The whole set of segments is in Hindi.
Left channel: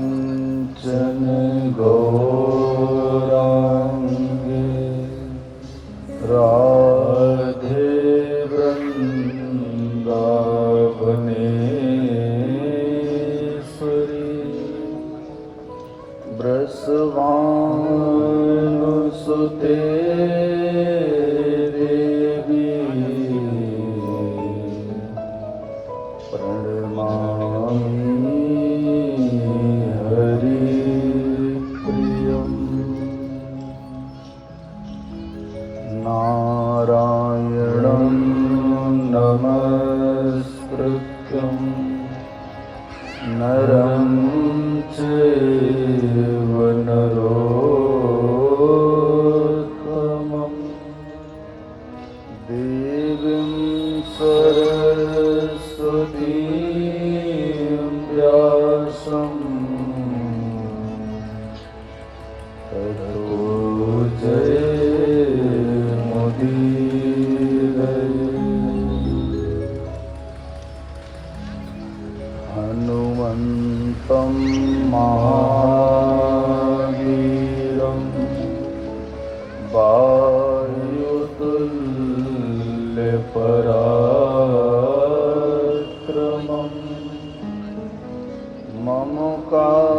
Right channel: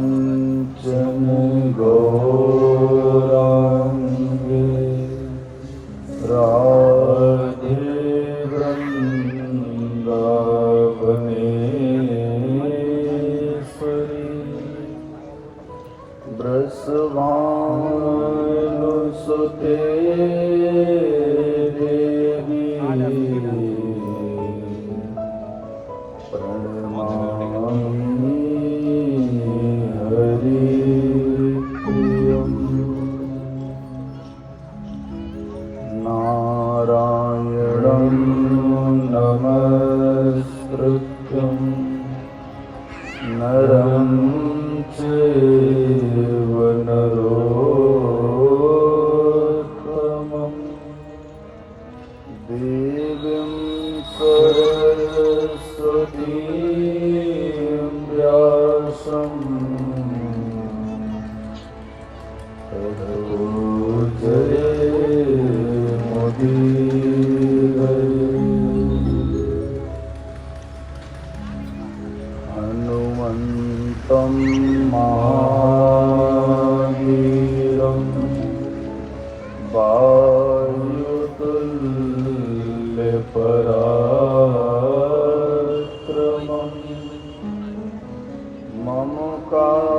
कांचन गौरांगे राधे वृंदावनेश्वरी वृषभानुसुते देवी नरं चैव नरोत्तमं देवीं सरस्वतीं व्यासं ततो जयमुदीरये। हनुमन्तं महावीरं वायुतुल्यपराक्रमं मम कार्यार्थमागच्छ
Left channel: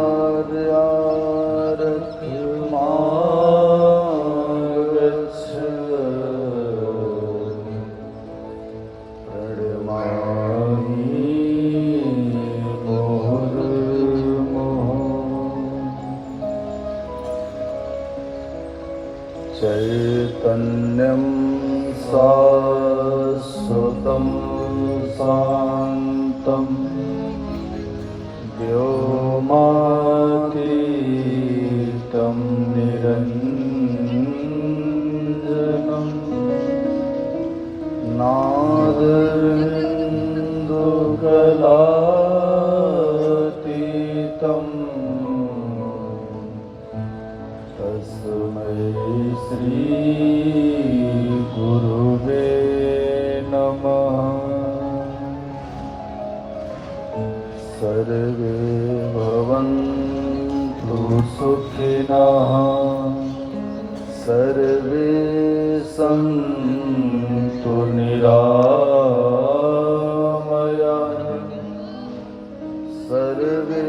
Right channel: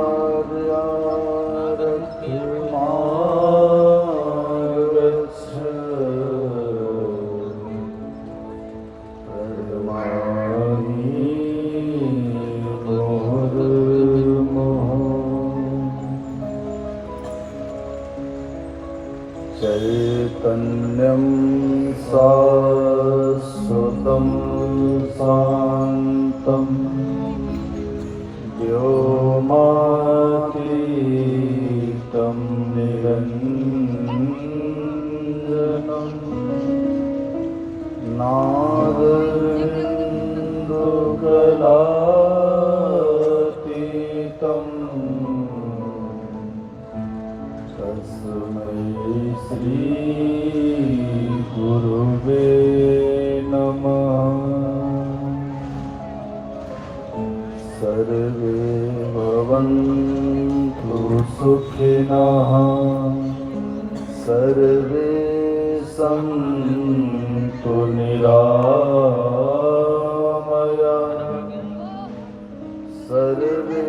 चैतन्यं शाश्वतं शान्तं व्योमातीतं निरञ्जनं नादेन्दुकलातीतं तस्मै श्री गुरुवे नमः। सर्वे भवन्तु सुखिनः सर्वे सन्तु निरामयाः सर्वे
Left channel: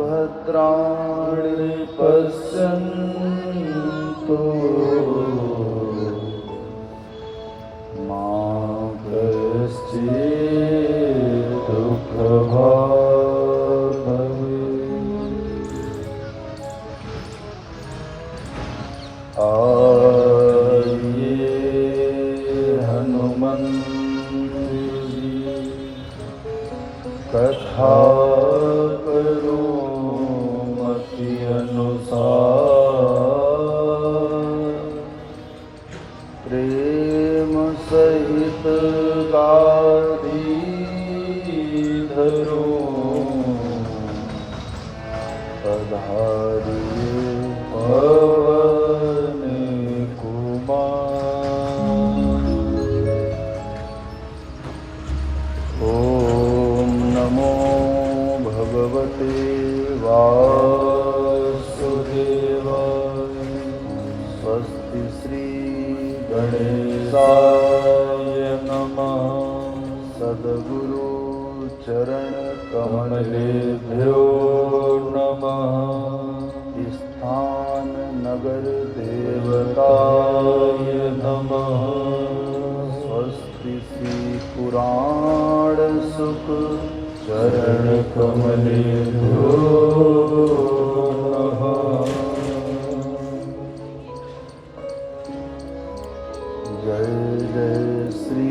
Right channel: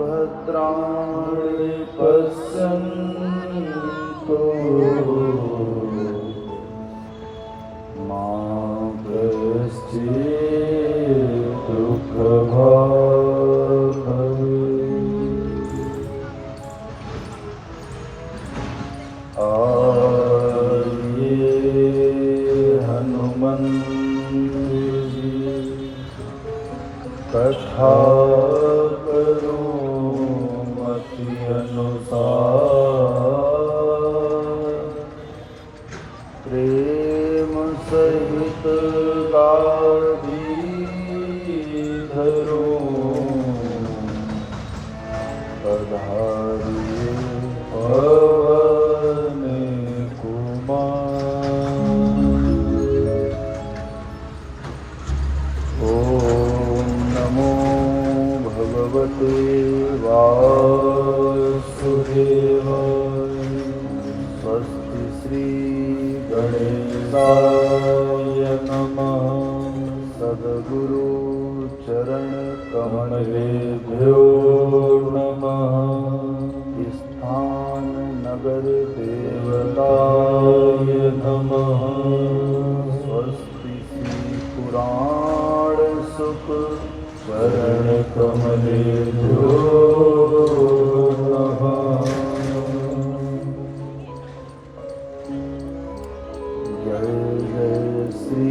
भद्राणि पश्यन्तु मा कश्चित् दुःखभाग् भवेत्। आये हनुमन्त जी कथा करो मति अनुसार प्रेम सहित गाधी धरो तधारू पवन कुमार। ओम नमो भगवते वासुदेवाय। स्वस्ति श्री गणेशाय नमः। सद्गुरु चरण कमलेभ्यो नमः। स्थान नगर देवताय नमः। स्वस्ति श्री पुराण सुख चरण कमलेभ्यो नमः। जय जय श्री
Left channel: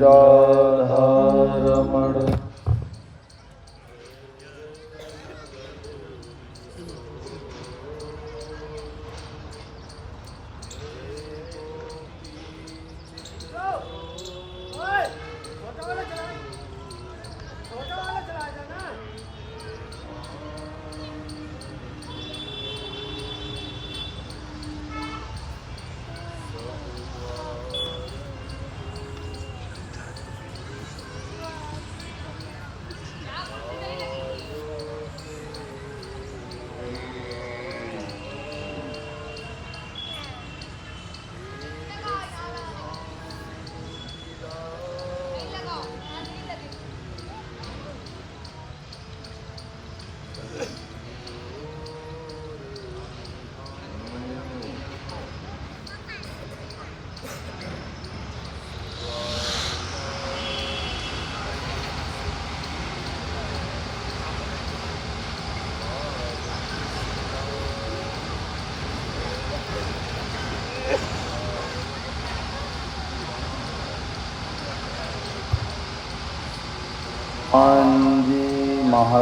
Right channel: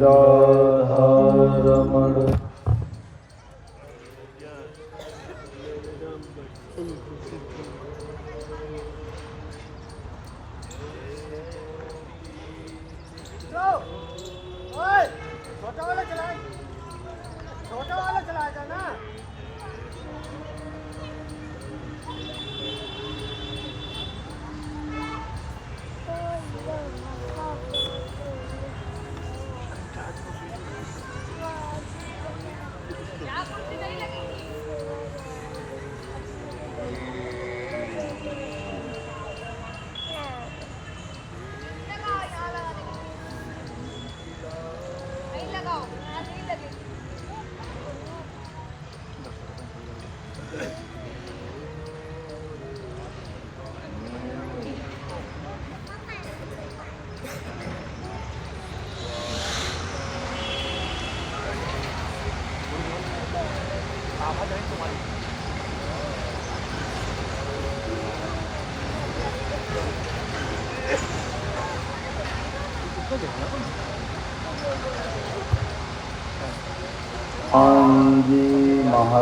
राधा रमण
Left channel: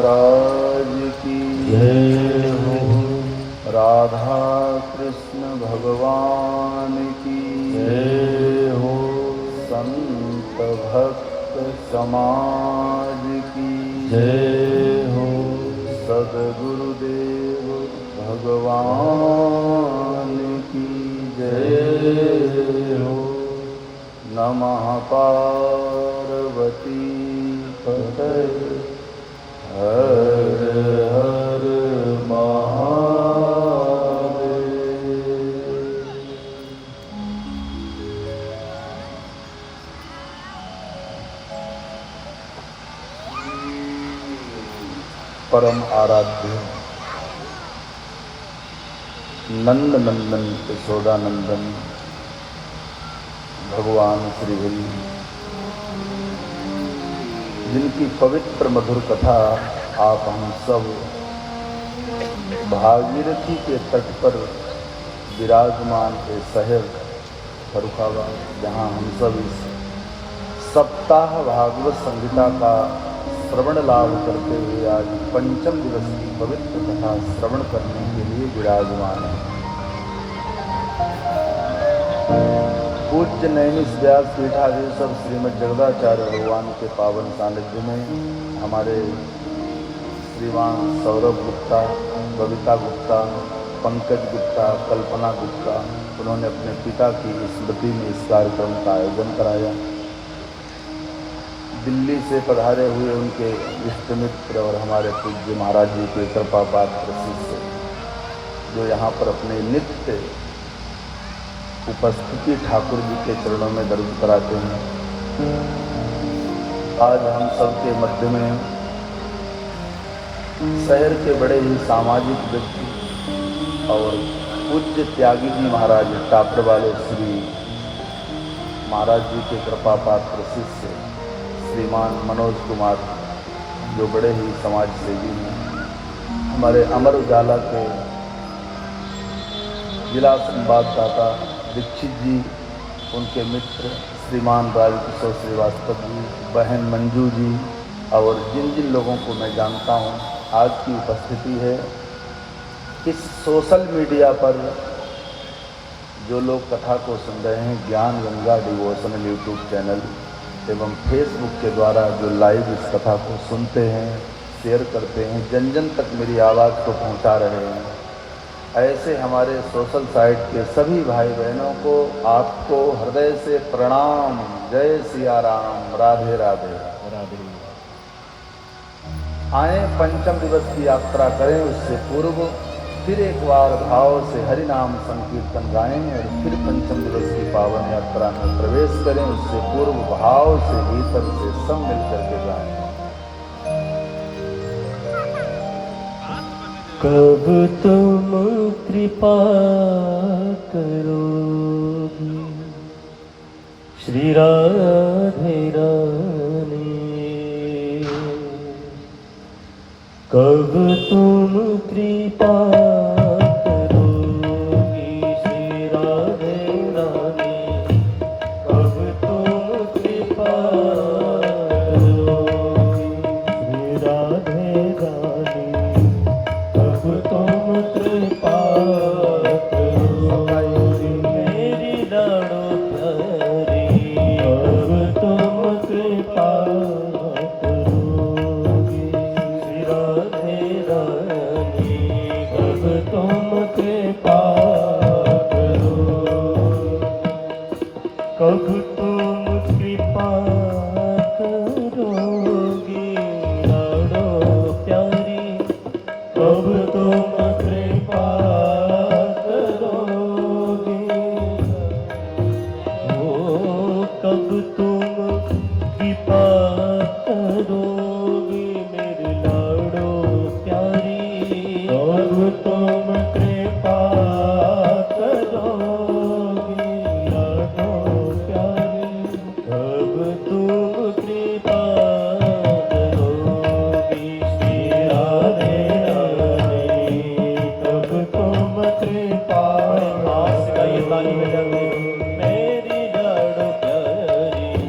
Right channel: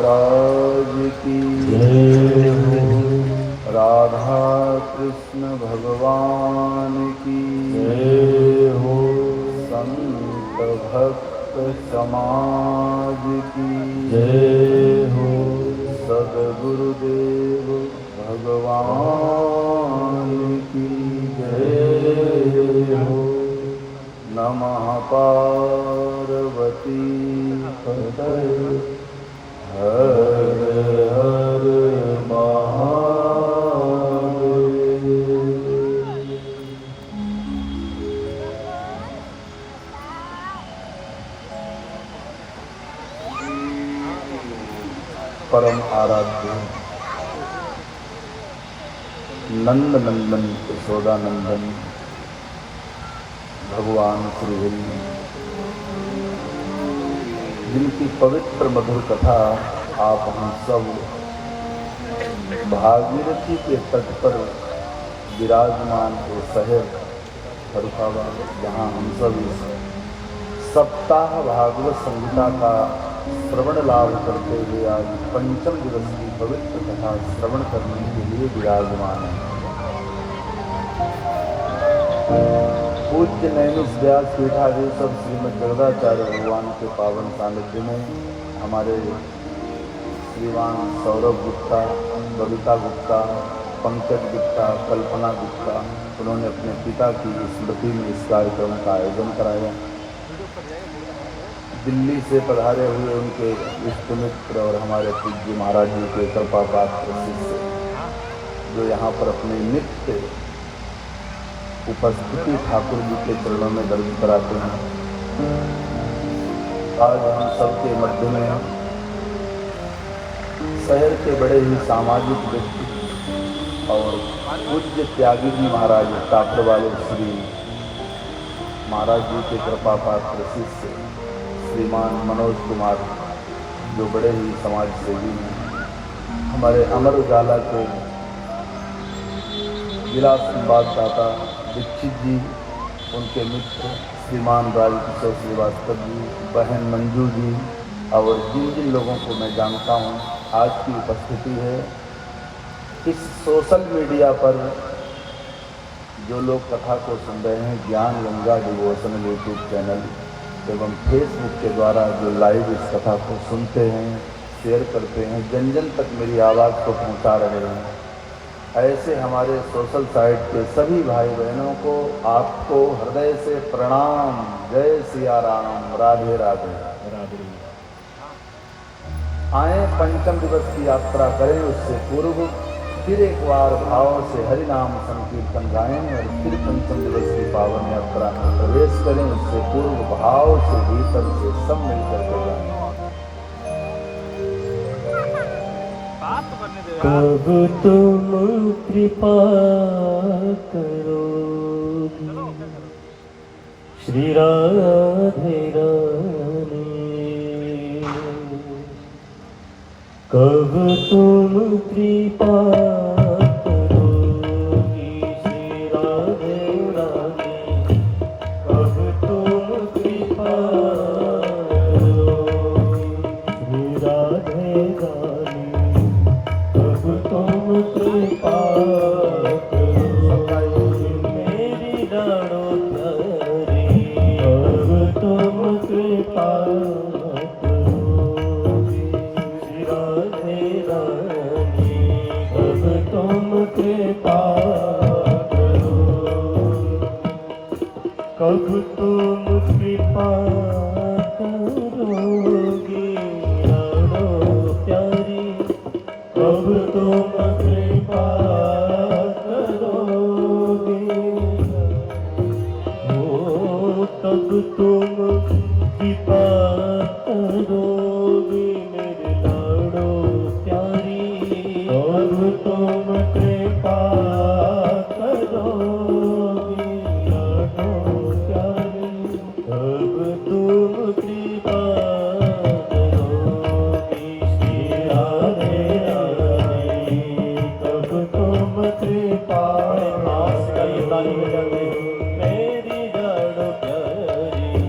महाराज की जय हो। राधा कृष्ण भगवान की जय हो। संत भक्त समाज की जय हो। सद्गुरुदेव भगवान की जय हो। नमः पार्वती हर हर हर महादेव। परम आराध्य नंद नंदन यशोदानंदन भगवान श्री हरि, जिनकी पवित्र मधुर कथा आप हम सब भागीरथी के तट पर विराजमान के शहर खड़कावा, जहाँ हम सब इस सप्ताह भागवत संहिता का श्रवण लाभ करते हुए आज पंचम दिवस की पवित्र कथा श्रवण करने के लिए विराजमान है। पूज्य नैमिष व्यास पीठाधीश सब श्रीमद जगदाचार्य भगवान के पावन सानिध्य में हमारे श्रीमान सौरभ गुप्ता, बबीता गुप्ता, पंकज गुप्ता, कल्पना गुप्ता, उन्होंने अपने पिता की स्मृति में इस कार्यक्रम का आयोजन कराया। दिल्ली से पधारे हुए उनके इष्ट मित्र और हमारे पूज्य महाराज जी के कृपा पात्र शिष्य, जो यहाँ पर अपने नित्य उपस्थिति ठाकुर जी के चरणों में दर्ज कराते हैं। आज हम सबके मध्य में शहर के बड़े ही सामाजिक व्यक्ति और पूज्य त्यागी जी महाराज टापर वाले श्री महाराज जी के कृपा पात्र शिष्य श्रीमान मनोज कुमार, जो बड़े ही समाज सेवी हैं। हमारे अमर उजाला के जिला संवाददाता दीक्षित जी, उनके मित्र श्रीमान राजकिशोर श्रीवास्तव जी, बहन मंजू जी और जिन जिन लोगों को मैं जानता हूँ, आज की उपस्थिति है। इस सोशल मीडिया पर जो लोग कथा को सुन रहे हैं, ज्ञान गंगा डिवोशनल यूट्यूब चैनल एवं फेसबुक के द्वारा जो लाइव इस कथा को सुनते हैं, शेयर करते हैं, जन जन तक मेरी आवाज़ को पहुँचा रहे हैं, ऐसे हमारे सोशल साइट के सभी भाई बहनों को आपको हृदय से प्रणाम। जय सिया राम, राधे राधे। आए पंचम दिवस की यात्रा करें, उससे पूर्व फिर एक बार भाव से हरि नाम संकीर्तन गाएं और फिर पंचम दिवस की पावन यात्रा में प्रवेश करें। उससे पूर्व भाव से कीर्तन से सब मिलकर के गाएं। कब तुम कृपा करोगे श्री राधे रानी, कब तुम कृपा करोगे श्री राधे रानी, कब तुम कृपा करोगे श्री राधे रानी, कब तुम कृपा करोगे मेरी लाडो प्यारी, कब तुम कृपा करोगे श्री राधे रानी, कब तुम कृपा करोगे, कब तुम कृपा करोगे लाडो प्यारी, कब तुम कृपा करोगे, ओ कब तुम कृपा करोगे मेरे लाडो प्यारी, कब तुम कृपा करोगे लाडो प्यारी, कब तुम कृपा करोगे श्री राधे रानी, कब तुम कृपा मेरी लाडो प्यारी,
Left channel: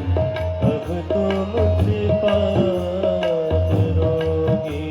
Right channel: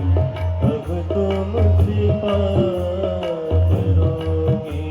कब तुम कृपा करोगे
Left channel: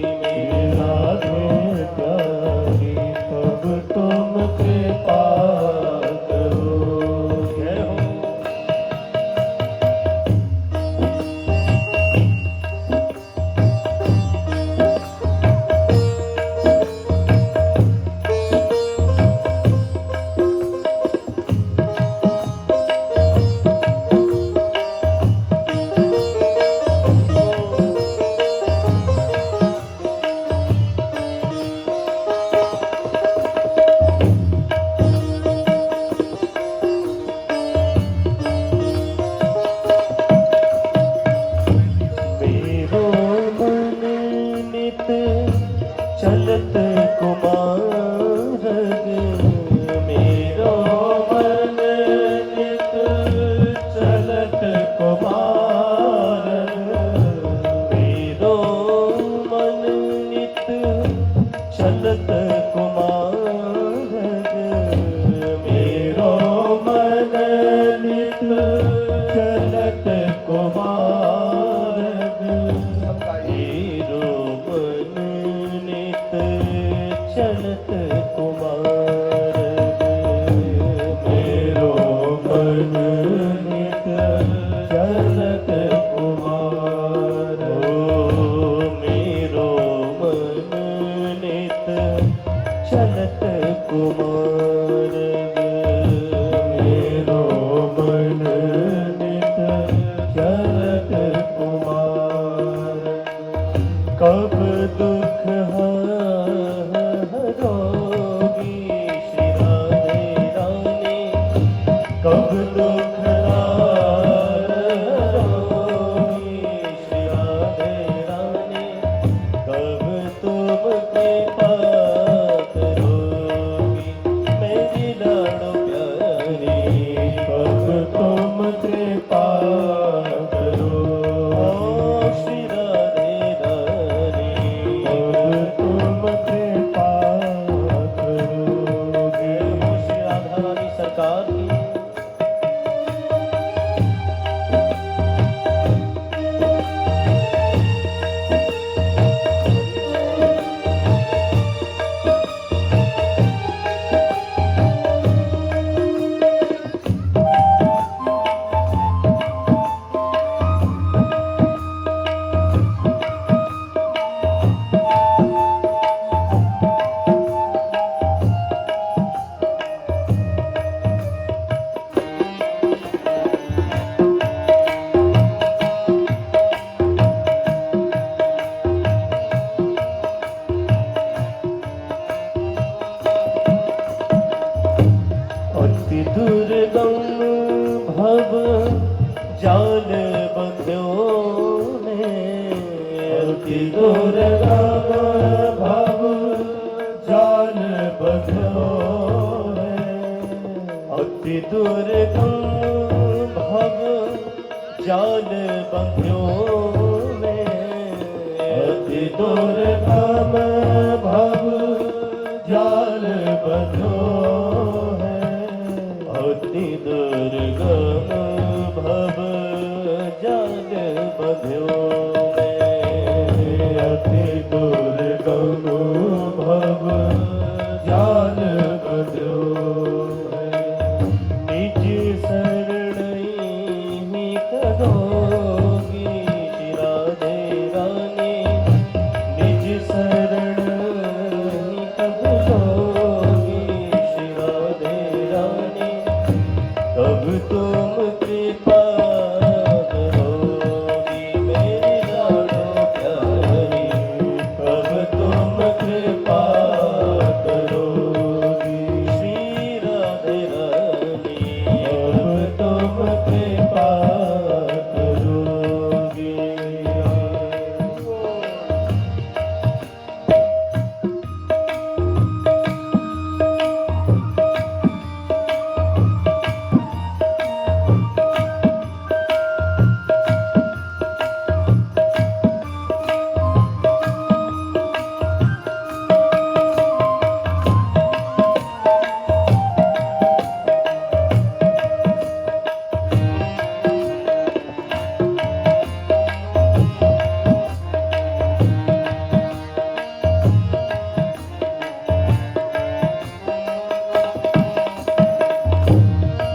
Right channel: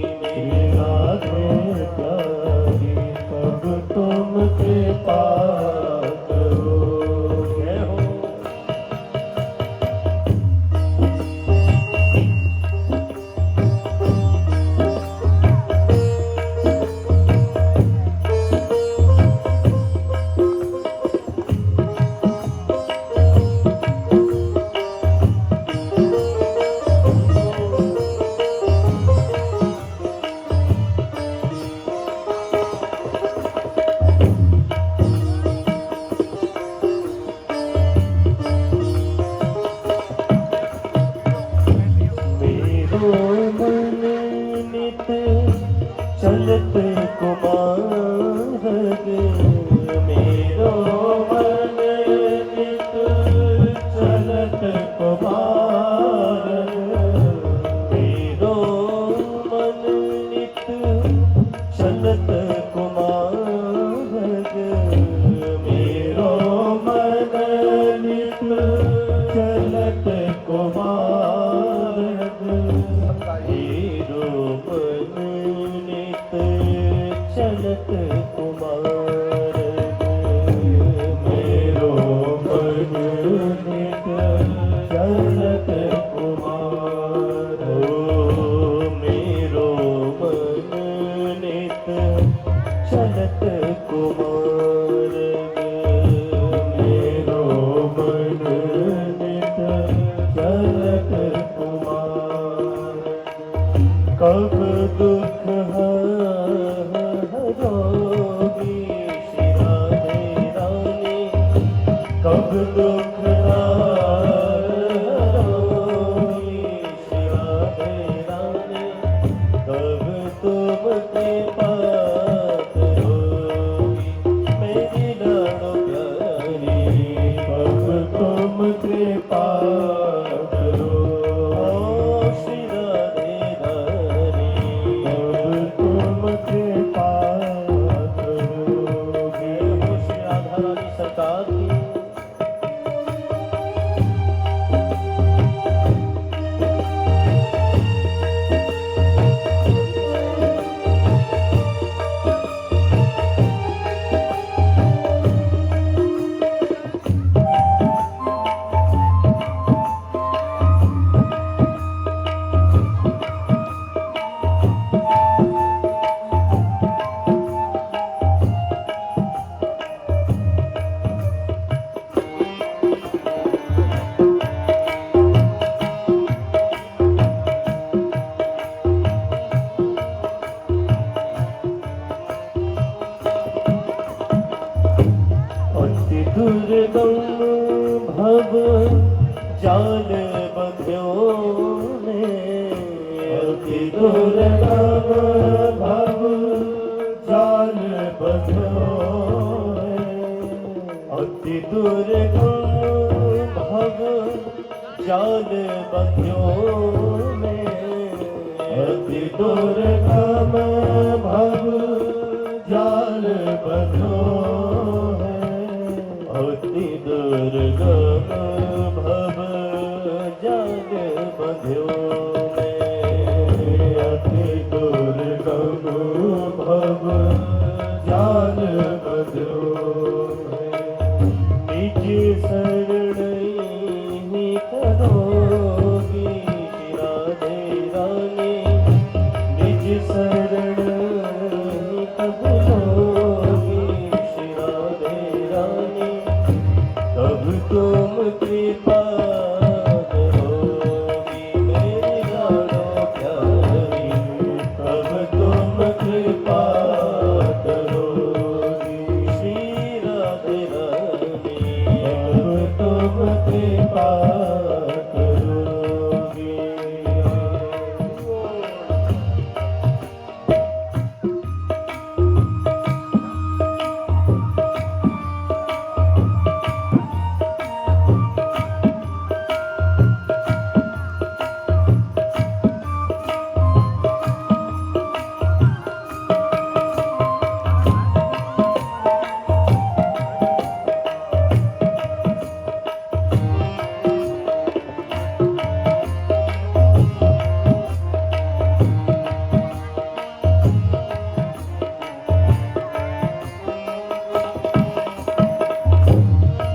अति दुर्गम भव जाल बंध्यो में, अति दुर्गम भव जाल बंध्यो में, अति दुर्गम भव जाल बंध्यो में, अति दुर्गम भव जाल बंध्यो में, अति दुर्गम भव जाल बंध्यो में, अति दुर्गम भव जाल बंध्यो में। निज शरण नित दोगी राधे रानी, निज शरण नित दोगी राधे रानी, कब तुम कृपा करोगी मेरी लाडो प्यारी, कब तुम कृपा करोगी श्री राधे रानी, कब तुम कृपा करोगी।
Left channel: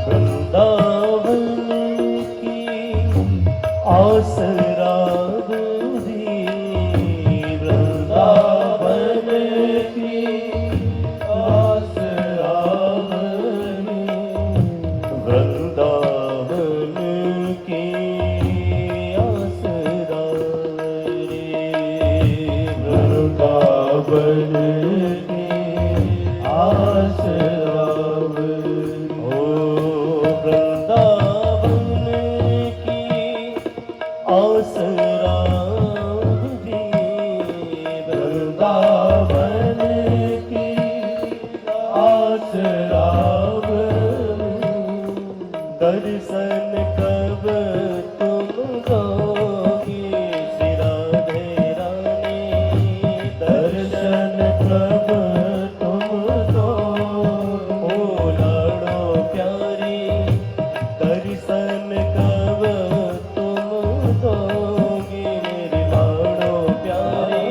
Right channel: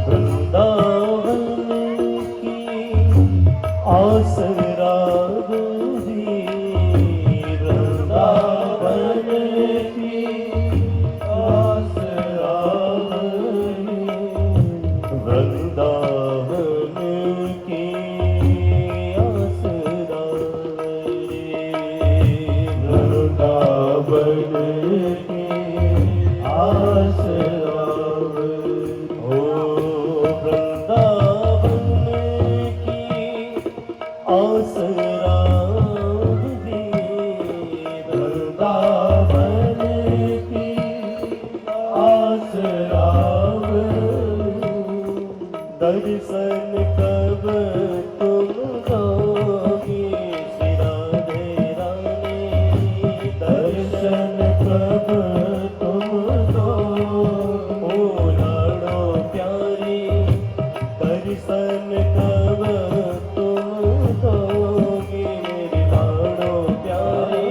वृंदावन की आस राग दी, वृंदावन की आस राग दी, वृंदावन की आस राग दी, वृंदावन की आस राग दी। ओ वृंदावन की आस राग दी, वृंदावन की आस राग दी। दर्शन कब तुम दोगी श्री राधे रानी, दर्शन कब तुम दोगी ओ लाडो प्यारी, दर्शन कब तुम दोगी मेरी लाडो प्यारी,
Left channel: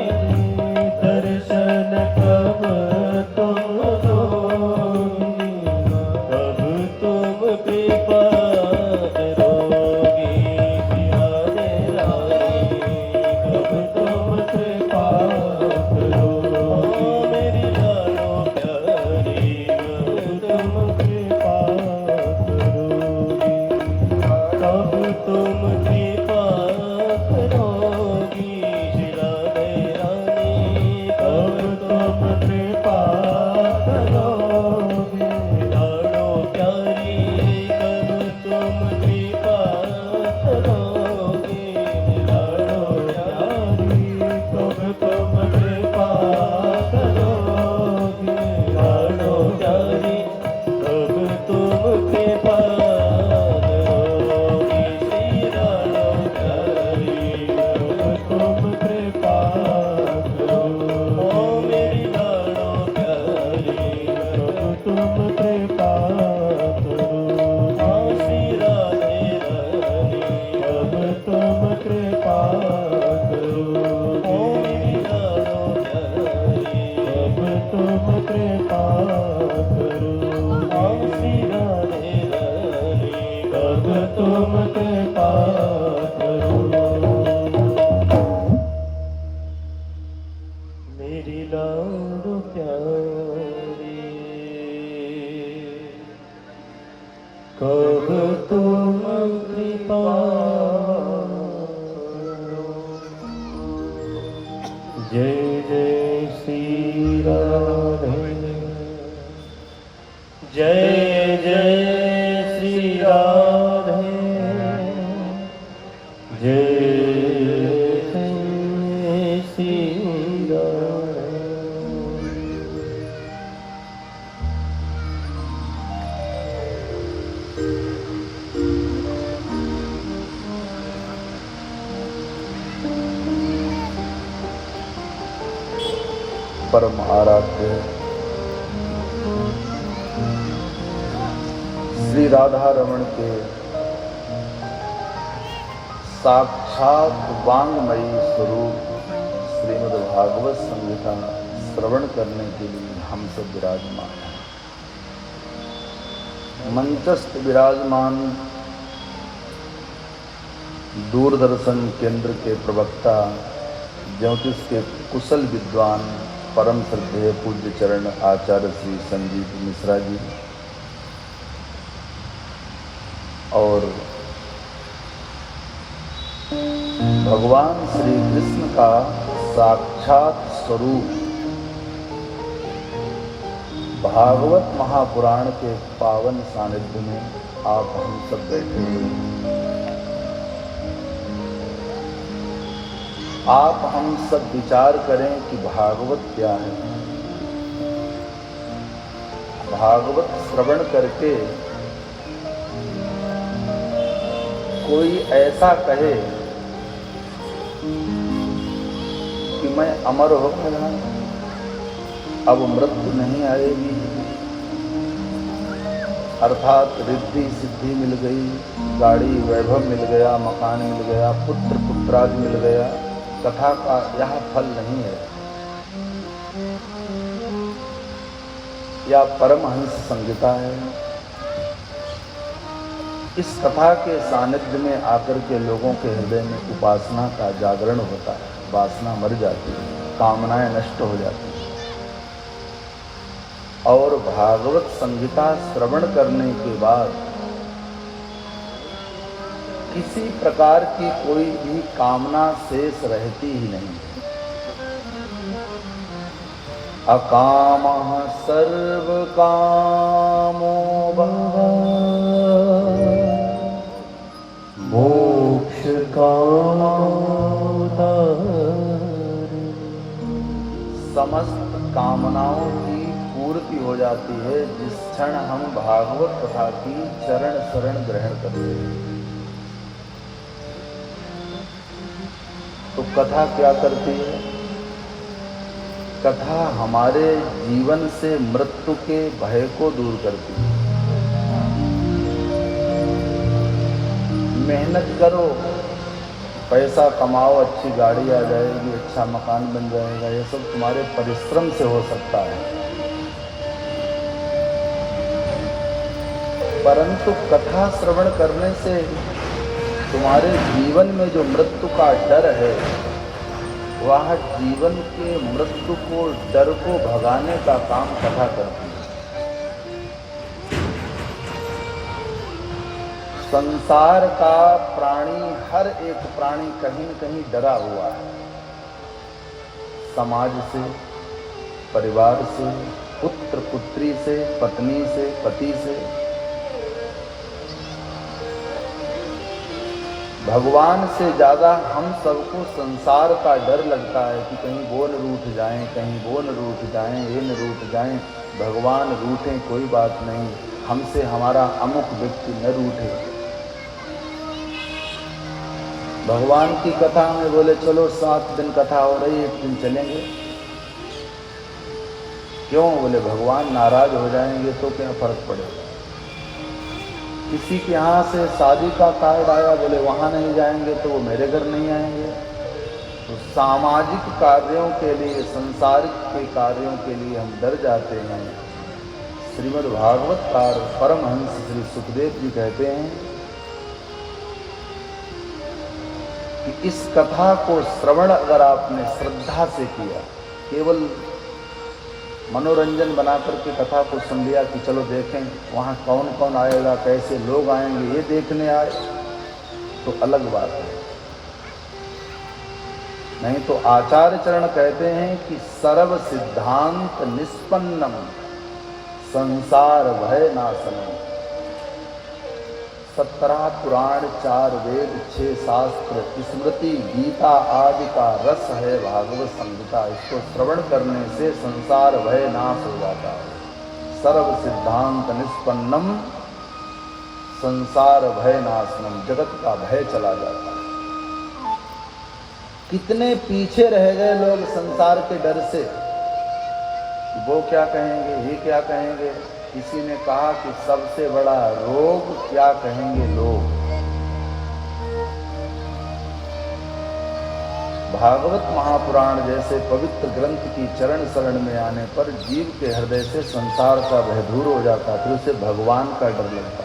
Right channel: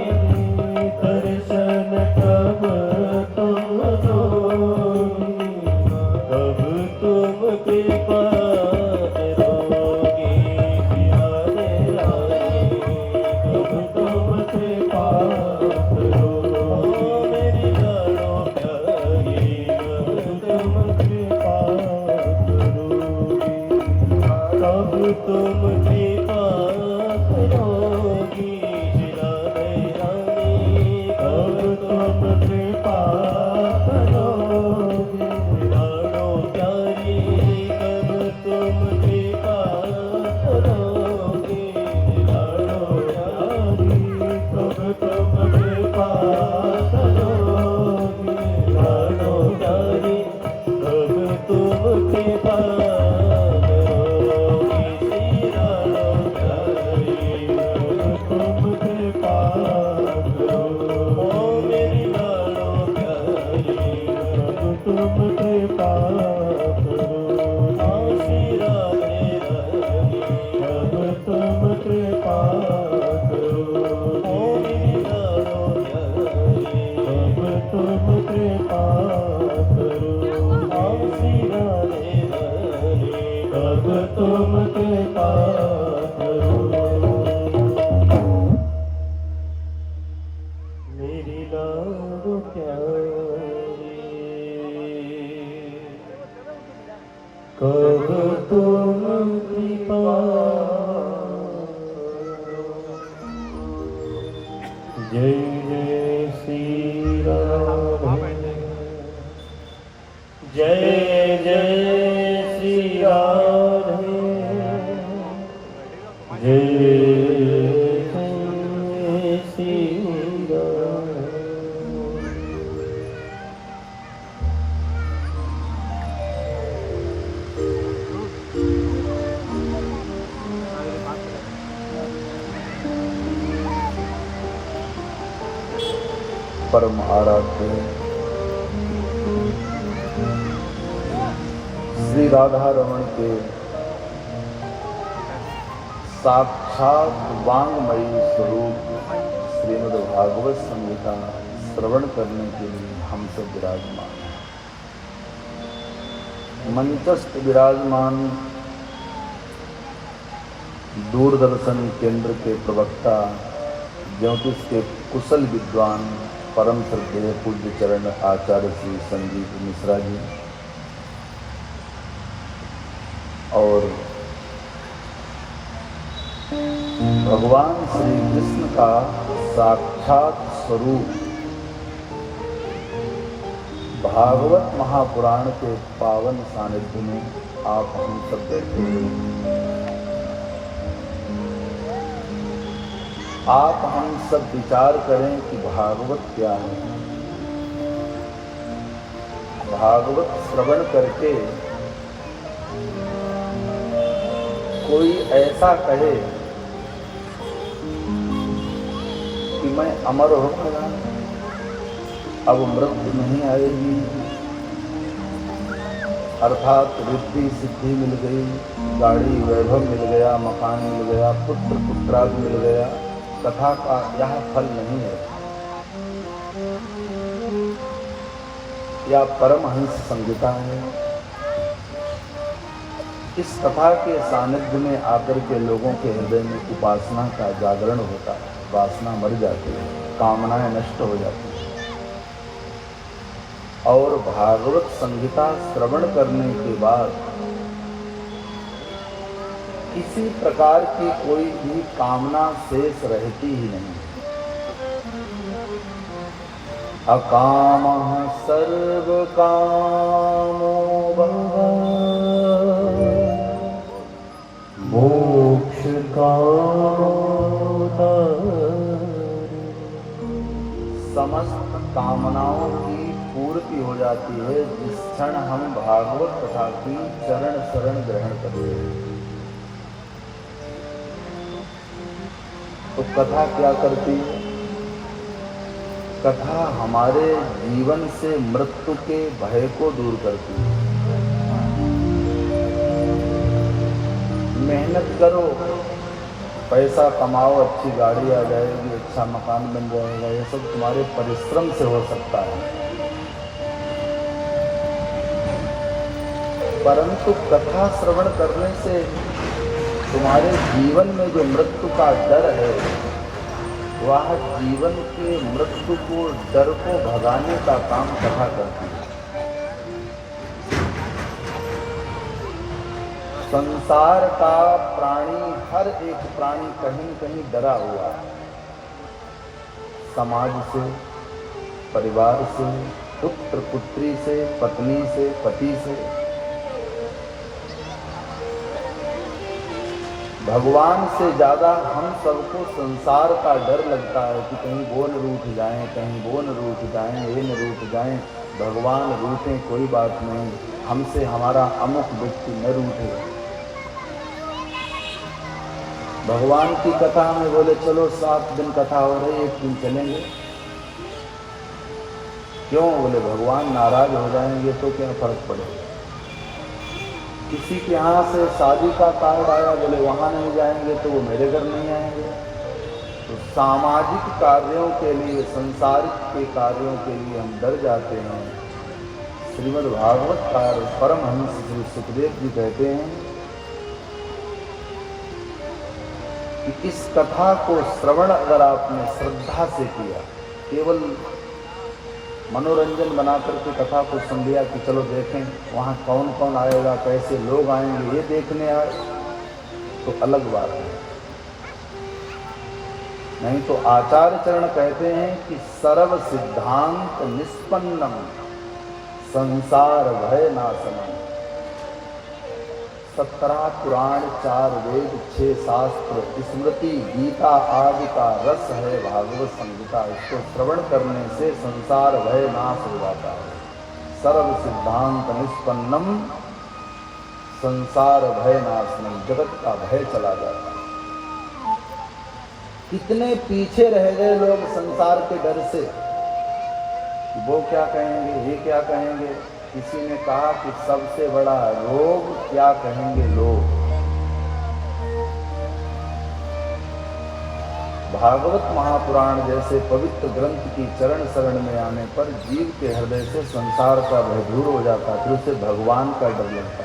दर्शन कब तुम दोगी, कब तुम कृपा करोगी राधे रानी, कब तुम कृपा करोगी मेरी लाडो प्यारी, कब तुम कृपा करोगी, कब तुम कृपा करोगी राधे रानी, कब तुम कृपा करोगी लाडो प्यारी, कब तुम कृपा करोगी लाडो प्यारी, कब तुम कृपा करोगी लाडो प्यारी, कब तुम कृपा करोगी श्री लाडो प्यारी, कब तुम कृपा करो ओ मेरी लाडो प्यारी, कब तुम कृपा करो श्री राधे रानी, कब तुम कृपा करो ओ मेरी लाडो प्यारी, कब तुम कृपा करो श्री राधे रानी, कब तुम कृपा करो मेरी लाडो प्यारी, कब तुम कृपा जय जय श्री राधे, जय जय परम आराध्य श्री राधा रमण के साक्षात वांगमयी स्वरूप श्रीमद् भागवत संहिता श्रवण करने के लिए हम सब विराजमान। मंचस्थ विराजमान दूरदर्शन केंद्र के प्रवक्ता ज्योतिष के कुशल विद्वान परम श्रद्धेय पूज्य चरण आचार्य श्री संजीव मिश्रा जी और भगवान श्री कृष्ण का साक्षात स्वरूप भागवत महापुराण के पावन सानिध्य में आप हम सब बैठे हैं। आप हम सब विचार करें कि भागवत क्या है। भागवत श्रवण करके कोई ऐसा कहे कि मैं अमर हो गया, अब मृत्यु नहीं आएगी, अर्थात रिद्धि सिद्धि मिल गई, गाड़ी वैभव मिल गया, मकान मिल गया, पुत्र पुत्रादि मिल गया, कथा का यह फल नहीं है। यह परमहंस संहिता है। इस कथा के सानिध्य में आकर के लोगों के हृदय में उपासना का जागरण होता है, वासना मर जाती है, कामनाएं नष्ट हो जाती है। और भागवत संहिता श्रवण करने के बाद किसी प्रकार की कोई भी कामना शेष रहती ही नहीं। अकामः सर्व कामो मोक्ष समस्त कामनाओं की पूर्ति हो जाती है जिस क्षण हम भागवत कथा की चरण शरण ग्रहण करते हैं। तो कथा क्या करती है? कथा हमारे जीवन से मृत्यु के भय को दूर करती है। मेहनत करो, पैसा कमाओ, अच्छी गाड़ी आ जाएगी, अच्छा मकान बन जाएगा, ये सब तुम्हारे परिश्रम से हो सकता है। परंतु कथा श्रवण करने से तुम्हारे जीवन में जो मृत्यु का डर है, वह जीवन के मृत्यु को डर को भगाने का काम कथा करती है। संसार का प्राणी, हर एक प्राणी कहीं न कहीं डरा हुआ है। समाज से, परिवार से, पुत्र पुत्री से, पत्नी से, पति से। भगवान से ज्यादा हम सबको संसार का डर लगता है कि कहीं बोल रूठ जाएं, कहीं बोल रूठ जाएं, ये न रूठ जाएं। भगवान रूठे कोई बात नहीं, हमसे हमारा अमुक व्यक्ति न रूठे। भगवान की कथा में बोले चलो 7 दिन कथा हो रही है, 1 दिन चलेंगे। क्यों? बोले भगवान नाराज हो जाएंगे तो क्या फर्क पड़ेगा। किसी के यहाँ से शादी का कार्ड आया, बोले वहां नहीं जाएंगे तो वो मेरे घर नहीं आएंगे। तो सामाजिक कार्यों के लिए, संसारिक के कार्यों के लिए हम डर जाते हैं। श्रीमद् भागवत का परमहंस श्री सुखदेव जी कहते हैं कि इस कथा को श्रवण अगर आपने श्रद्धा से किया, केवल मनोरंजन बना करके कथा को सुन लिया कि चलो देखें वहाँ कौन कौन आएगा, कैसे लोग आएंगे, ये देखने आए, तो अलग बात है। नहीं तो आचार्य चरण कहते हैं कि सर्व सिद्धांत निष्पन्नम संसार भय नाशनम। 17 पुराण, 4 वेद, 6 शास्त्र, स्मृति, गीता आदि का रस है भागवत संहिता। इसको श्रवण करने से संसार भय नाश हो जाता है। सर्व सिद्धांत निष्पन्नम संसार भय नाशनम, जगत का भय चला जाता है। कितने पीछे रह गए लोग संसार के डर से, कि वो क्या कहेंगे, ये क्या कहेंगे। किसी ने कहा कि सबसे बड़ा रोग क्या कहेंगे लोग। भागवत महापुराण जैसे पवित्र ग्रंथ की चरण शरण में आने पर जीव के हृदय से संसार का भय दूर हो जाता, फिर उसे भगवान का डर लगता।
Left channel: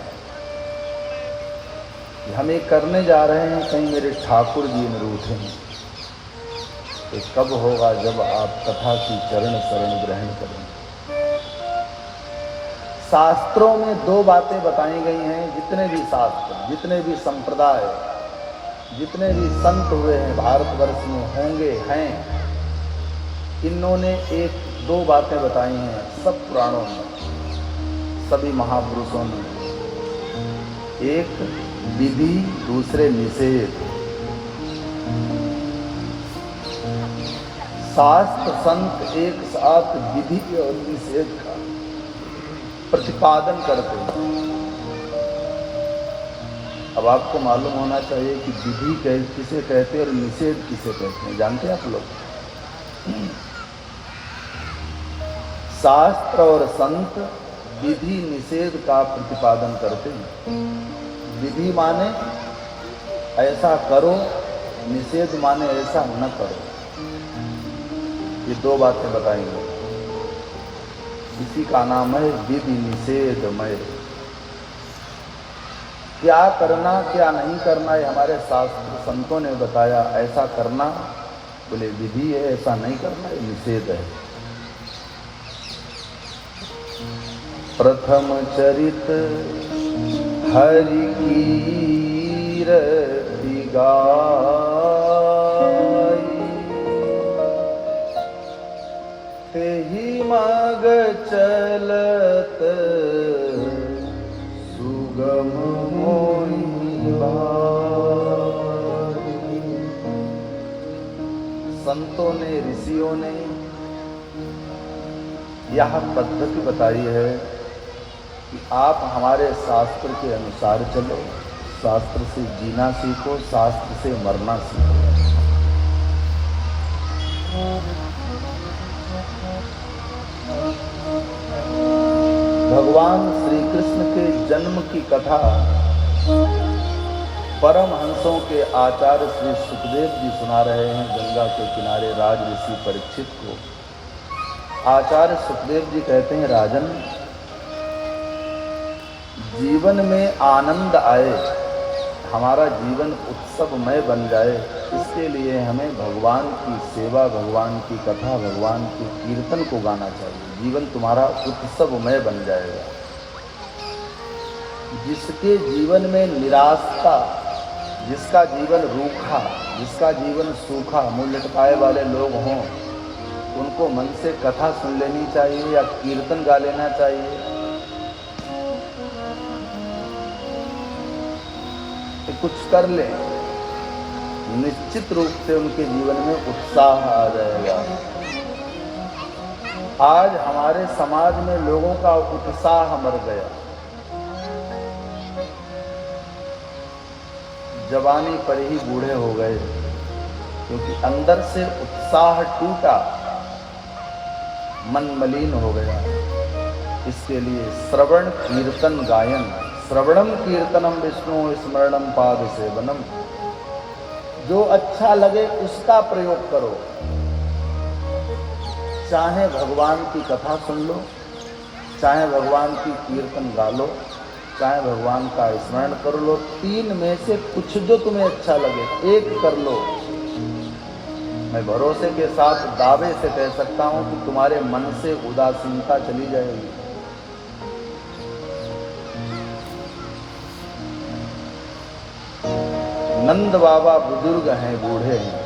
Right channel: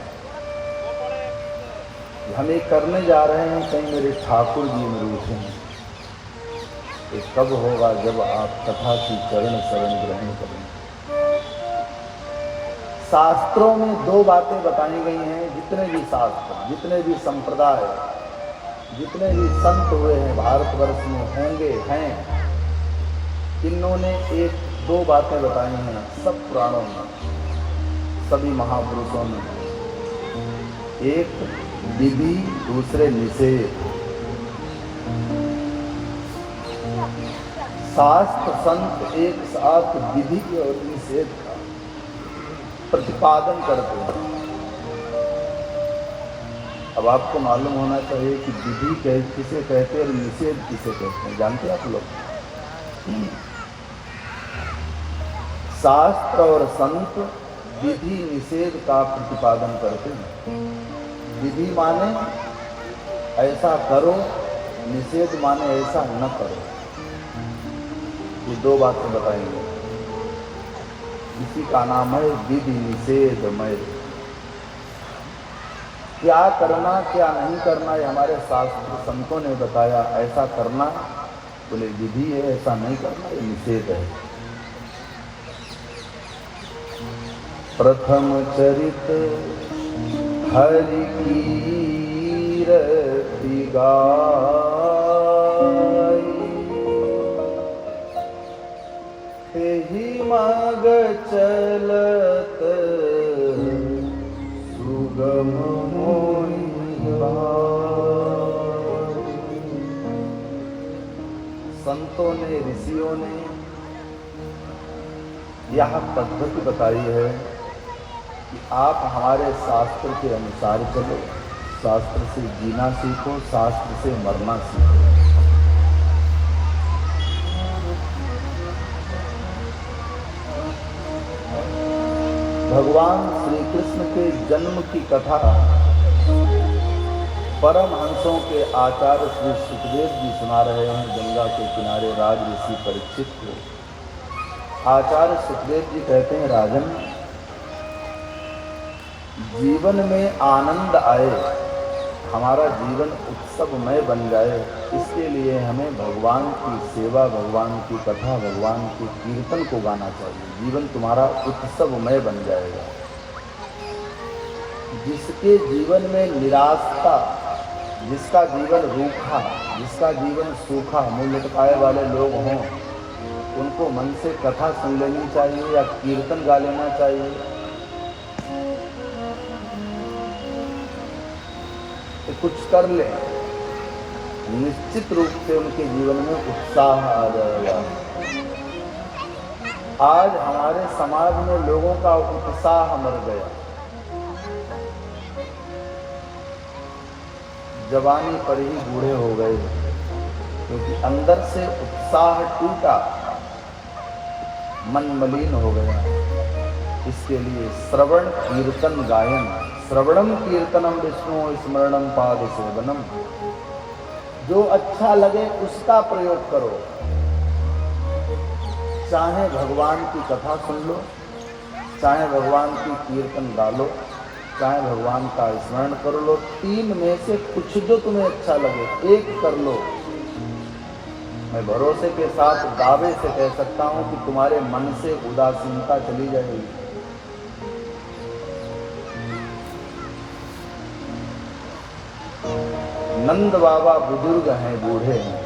हम ये करने जा रहे हैं, कहीं मेरे ठाकुर जी में रूठें। तो कब होगा जब आप कथा की चरण शरण ग्रहण करें। शास्त्रों में दो बातें बताई गई हैं। जितने भी शास्त्र, जितने भी संप्रदाय, जितने भी संत हुए हैं भारतवर्ष में, होंगे, हैं, इन्होंने एक दो बातें बताई हैं सब पुराणों में, सभी महापुरुषों ने। एक विधि, दूसरे निषेध। शास्त्र संत एक साथ विधि और निषेध का प्रतिपादन करते हैं। अब आपको मालूम होना चाहिए कि विधि किसे कहते हैं और निषेध किसे कहते हैं। जानते हैं आप लोग? शास्त्र और संत विधि निषेध का प्रतिपादन करते हैं। विधि माने ऐसा करो, निषेध माने ऐसा न करो। ये दो बातें बताएंगे। इसी का नाम है विधि निषेधमय। क्या करना क्या नहीं करना, ये हमारे शास्त्र संतों ने बताया। ऐसा करना बोले विधि है, ऐसा नहीं करना ये निषेध है। प्रथम चरित हरि कीरति गाई, तेहि मग चलत सुगम मोहि लागी। संतों ने, ऋषियों ने यह पद्धति बताई है कि आप हमारे शास्त्र के अनुसार चलो, शास्त्र से जीना सीखो, शास्त्र से मरना सीखो। भगवान श्री कृष्ण के जन्म की कथा परम हंसों के आचार्य श्री सुखदेव जी सुना रहे हैं गंगा के किनारे राज ऋषि परीक्षित को। आचार्य सुखदेव जी कहते हैं, राजन, जीवन में आनंद आए, हमारा जीवन उत्सवमय बन जाए, इसके लिए हमें भगवान की सेवा, भगवान की कथा, भगवान के कीर्तन को गाना चाहिए। जीवन तुम्हारा उत्सवमय बन जाएगा। जिसके जीवन में निराशा, जिसका जीवन रूखा, जिसका जीवन सूखा, मुंह लटकाए वाले लोग हों, उनको मन से कथा सुन लेनी चाहिए या कीर्तन गा लेना चाहिए। तो कुछ कर ले, निश्चित रूप से उनके जीवन में उत्साह आ जाएगा। आज हमारे समाज में लोगों का उत्साह मर गया। जवानी पर ही बूढ़े हो गए, क्योंकि अंदर से उत्साह टूटा, मन मलिन हो गया। इसके लिए श्रवण कीर्तन गायन, श्रवणम कीर्तनम विष्णु स्मरणम पाद सेवनम, जो अच्छा लगे उसका प्रयोग करो। चाहे भगवान की कथा सुन लो, चाहे भगवान की कीर्तन गा लो, चाहे भगवान का स्मरण कर लो। तीन में से कुछ जो तुम्हें अच्छा लगे एक कर लो। मैं भरोसे के साथ दावे से कह सकता हूं कि तुम्हारे मन से उदासीनता चली जाएगी। नंद बाबा बुजुर्ग हैं, बूढ़े हैं,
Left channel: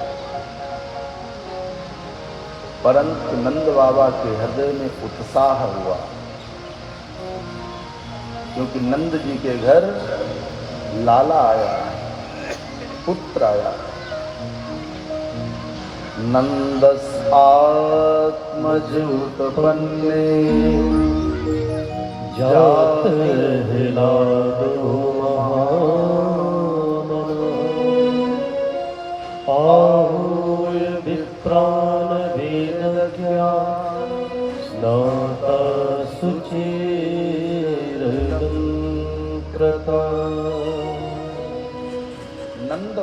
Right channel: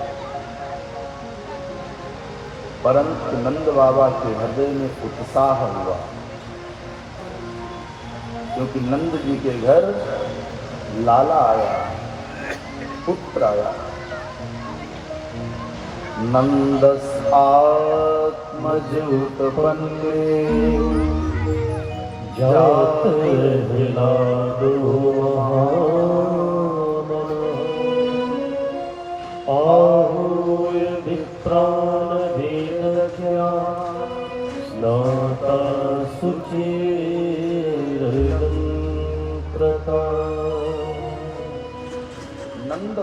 परंतु नंद बाबा के हृदय में उत्साह हुआ, क्योंकि नंद जी के घर लाला आया, पुत्र आया। नंदस आत्मज उत्पन्ने जात हिलादो आहूय विप्रान वेदज्ञा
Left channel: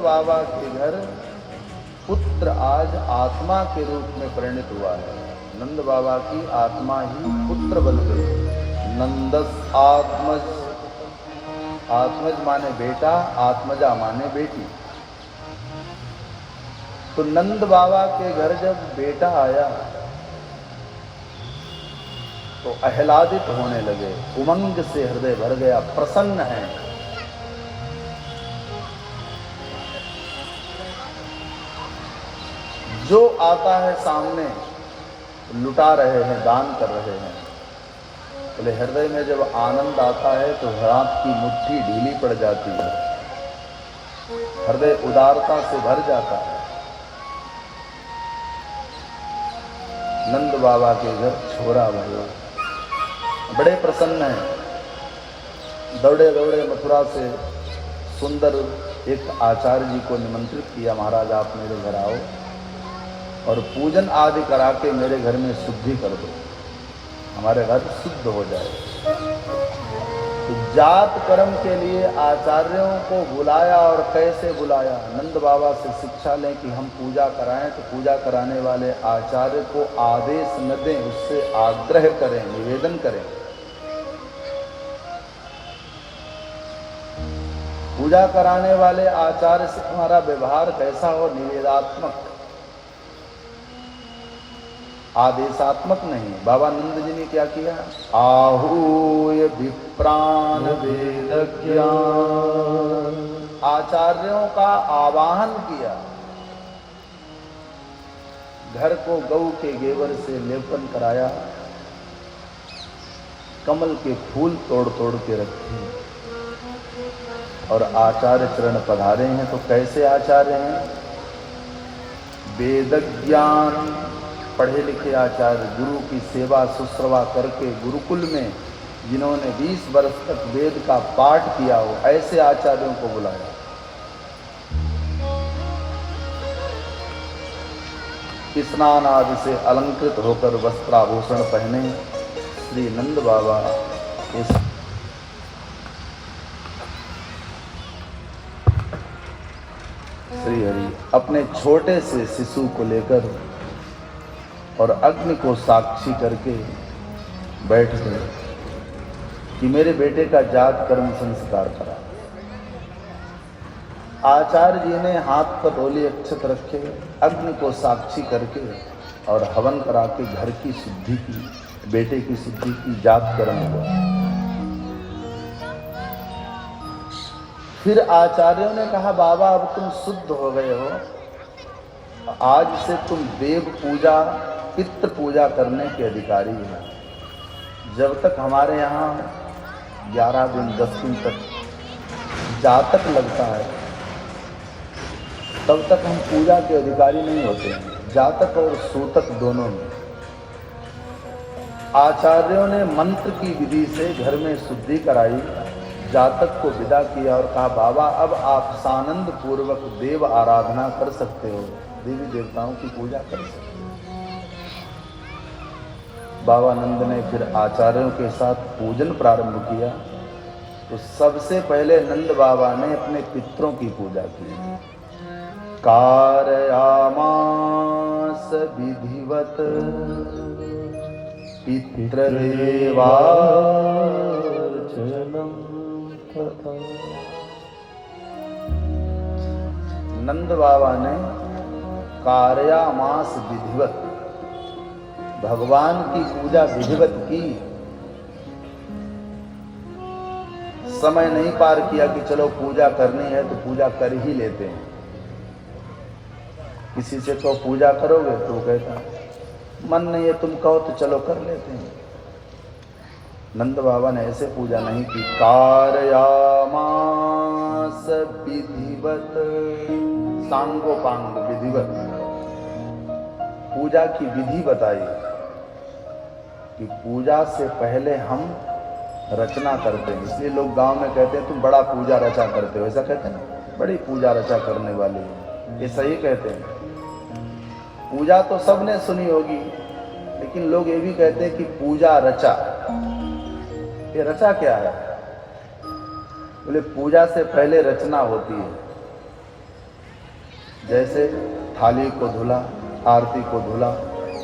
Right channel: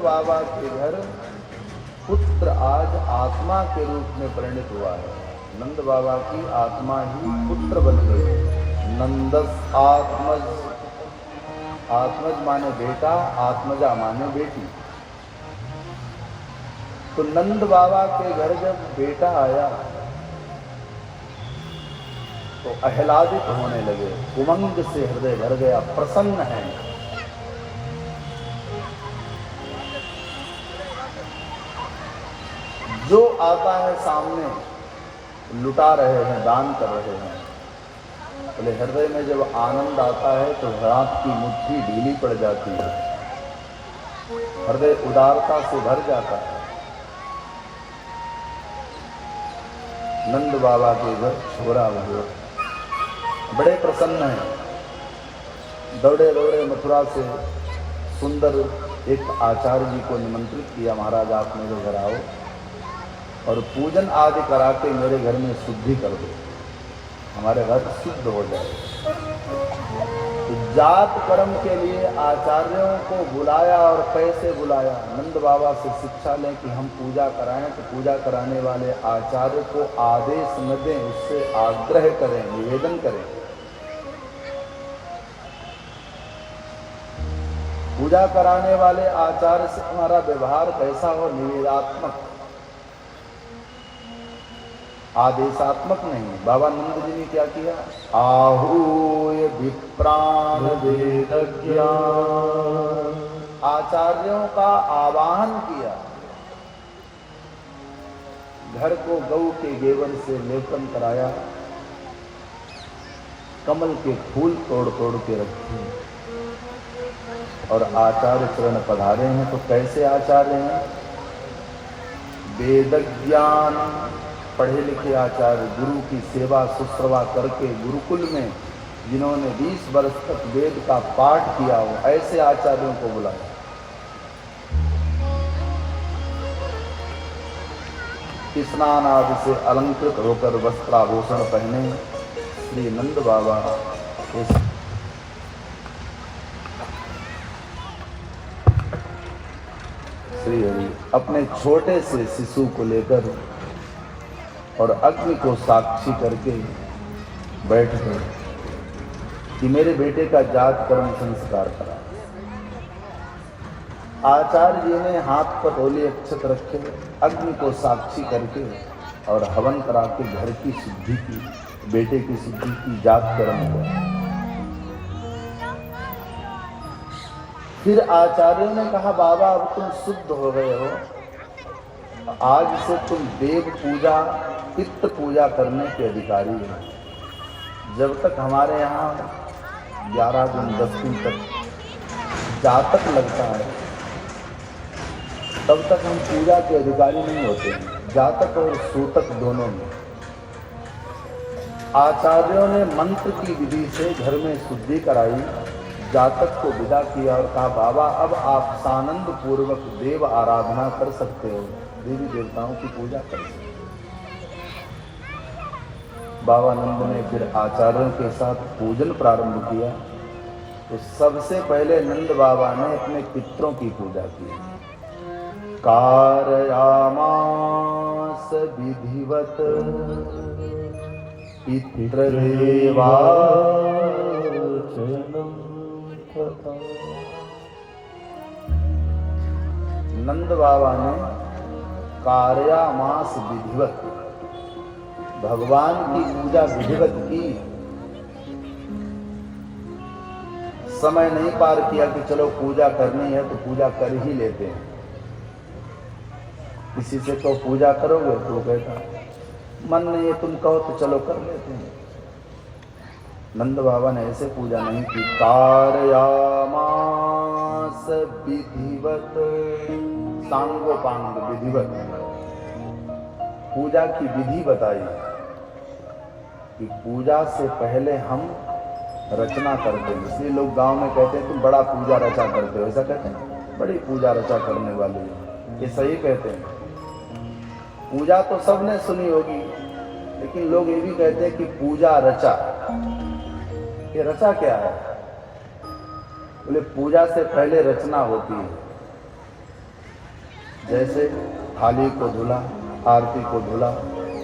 बाबा के घर पुत्र आज आत्मा के रूप में परिणित हुआ है। नंद बाबा की आत्मा ही पुत्र बन गई। नंदस आत्मज, आत्मज माने बेटा, आत्मजा माने बेटी। तो नंद बाबा के घर जब बेटा आया तो आह्लादित होने लगे, उमंग से हृदय भर गया, प्रसन्न है। जो आता है सामने लुटा रहे हैं, दान कर रहे हैं। बोले हृदय में जब आनंद आता है तो हाथ की मुट्ठी ढीली पड़ जाती है, हृदय उदारता से भर जाता है। नंद बाबा के घर छोरा हुआ, बड़े प्रसन्न हैं। दौड़े दौड़े मथुरा से सुंदर एक आचार्य जी को निमंत्रित किया, महाराज आप मेरे घर आओ और पूजन आदि करा के मेरे घर में शुद्धि कर दो, हमारे घर शुद्ध हो जाए। तो जात कर्म के लिए आचार्यों को बुलाया, और कैसे बुलाया? नंद बाबा से शिक्षा लें कि हम पूजा कराएं, तो पूजा कराने वाले आचार्य को आदेश न दें, उससे आग्रह करें, निवेदन करें। पूजा कराने वाले आचार्य से हमारा व्यवहार कैसा हो? निवेदात्मक, आदेशात्मक नहीं। बाबा नंद जी ने क्या किया? आहूय विप्रान वेदज्ञ, आचार्यों का आवाहन किया। घर को गौ के गेवर से लेपन कराया, कमल के फूल तोड़ तोड़ के रखे, और आचार्य चरण पधारे हैं। तो कैसे आचार्य हैं? वेदज्ञान, पढ़े लिखे आचार्य, गुरु की सेवा शुश्रूषा करके गुरुकुल में जिन्होंने 20 वर्ष तक वेद का पाठ किया हो, ऐसे आचार्यों को बुलाया। स्नान आदि से अलंकृत होकर वस्त्राभूषण पहने श्री नंद बाबा इस श्री हरि अपने छोटे से शिशु को लेकर और अग्नि को साक्षी करके बैठ गए कि मेरे बेटे का जात कर्म संस्कार करा। आचार्य जी ने हाथ पर ओले अक्षत रखे, अग्नि को साक्षी करके और हवन करा के घर की शुद्धि की, बेटे की शुद्धि की, जात कर्म हुआ। फिर आचार्यों ने कहा बाबा अब तुम शुद्ध हो गए हो, आज से तुम देव पूजा, पितृ पूजा करने के अधिकारी हो। जब तक हमारे यहाँ 11 दिन 10 दिन तक जातक लगता है, तब तक हम पूजा के अधिकारी नहीं होते हैं, जातक और सूतक दोनों में। आचार्यों ने मंत्र की विधि से घर में शुद्धि कराई, जातक को विदा किया और कहा बाबा अब आप सानंद पूर्वक देव आराधना कर सकते हो, देवी देवताओं की पूजा कर सकते हो। बाबा नंद ने फिर आचार्यों के साथ पूजन प्रारंभ किया। तो सबसे पहले नंद बाबा ने अपने पितरों की पूजा की। कारयामास विधिवत पितृदेवा नंद बाबा ने कार्यामास विधिवत, भगवान की पूजा विधिवत की। समय नहीं पार किया कि चलो पूजा करनी है तो पूजा कर ही लेते हैं। किसी से तो पूजा करोगे तो कहता मन नहीं है, तुम कहो तो चलो कर लेते हैं। नंद बाबा ने ऐसे पूजा नहीं की। कारयामास विधिवत, सांगोपांग विधिवत, पूजा की विधि बताई कि पूजा से पहले हम रचना करते हैं। इसलिए लोग गांव में कहते हैं तुम बड़ा पूजा रचा करते हो, ऐसा कहते हैं, बड़ी पूजा रचा करने वाली है, ये सही कहते हैं। पूजा तो सबने सुनी होगी, लेकिन लोग ये भी कहते हैं कि पूजा रचा। ये रचा क्या है? बोले पूजा से पहले रचना होती है। जैसे थाली को धुला, आरती को धुला,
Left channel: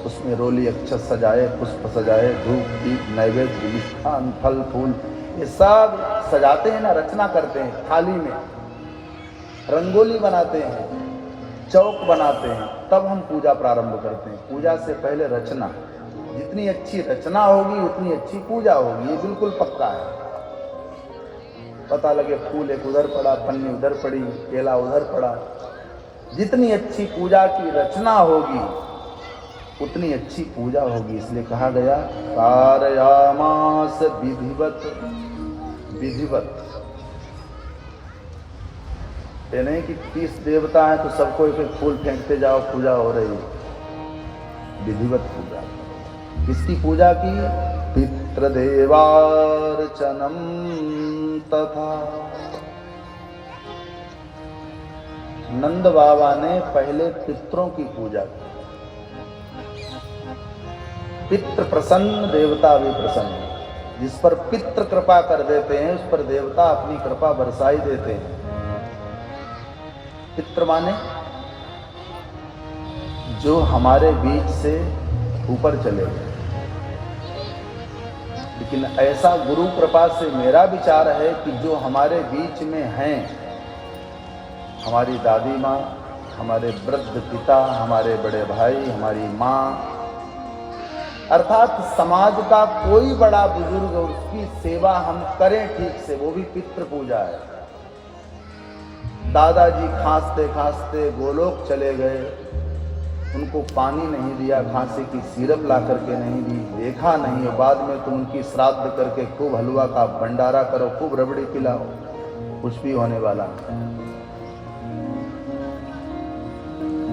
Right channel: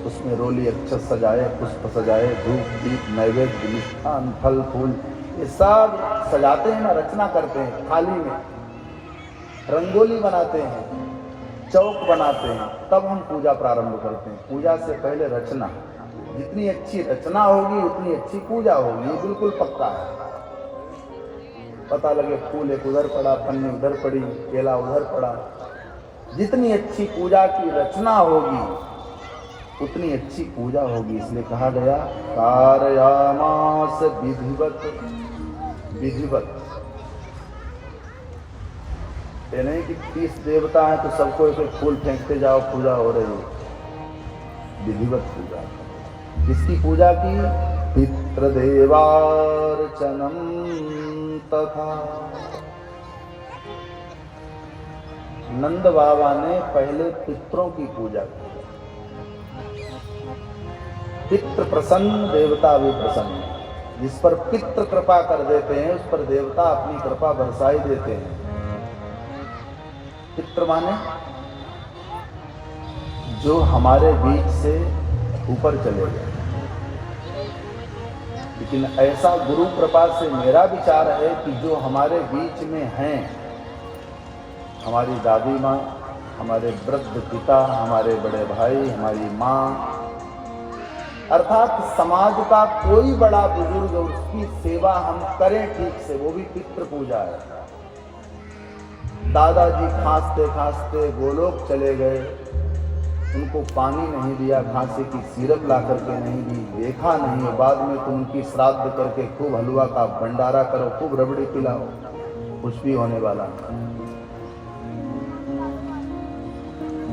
उसमें रोली अक्षत सजाए, पुष्प सजाए, धूप दीप नैवेद्य मिष्ठान फल फूल ये सब सजाते हैं ना, रचना करते हैं। थाली में रंगोली बनाते हैं, चौक बनाते हैं, तब हम पूजा प्रारंभ करते हैं। पूजा से पहले रचना, जितनी अच्छी रचना होगी उतनी अच्छी पूजा होगी, ये बिल्कुल पक्का है। पता लगे फूल एक उधर पड़ा, पन्नी उधर पड़ी, केला उधर पड़ा, जितनी अच्छी पूजा की रचना होगी उतनी अच्छी पूजा होगी। इसलिए कहा गया कारयामास विधिवत। विधिवत ये नहीं कि 30 देवता हैं तो सबको एक एक फूल फेंकते जाओ, पूजा हो रही है। विधिवत पूजा। किसकी पूजा की? पितृदेवार्चनम तथा। नंद बाबा ने पहले पितरों की पूजा। पितृ प्रसन्न, देवता भी प्रसन्न। जिस पर पितृ कृपा कर देते हैं उस पर देवता अपनी कृपा बरसाई देते हैं। पितृ माने जो हमारे बीच से ऊपर चले गए। लेकिन ऐसा गुरु कृपा से मेरा विचार है कि जो हमारे बीच में हैं, हमारी दादी माँ, हमारे वृद्ध पिता, हमारे बड़े भाई, हमारी माँ, अर्थात समाज का कोई बड़ा बुजुर्ग, उसकी सेवा हम करें ठीक से, वो भी पितृ पूजा है। दादाजी खांसते खांसते गोलोक चले गए, उनको पानी नहीं दिया, खांसी की सिरप ला करके नहीं दी, देखा नहीं, बाद में तुम उनकी श्राद्ध करके खूब हलवा का भंडारा करो, खूब रबड़ी पिलाओ, कुछ भी होने वाला नहीं।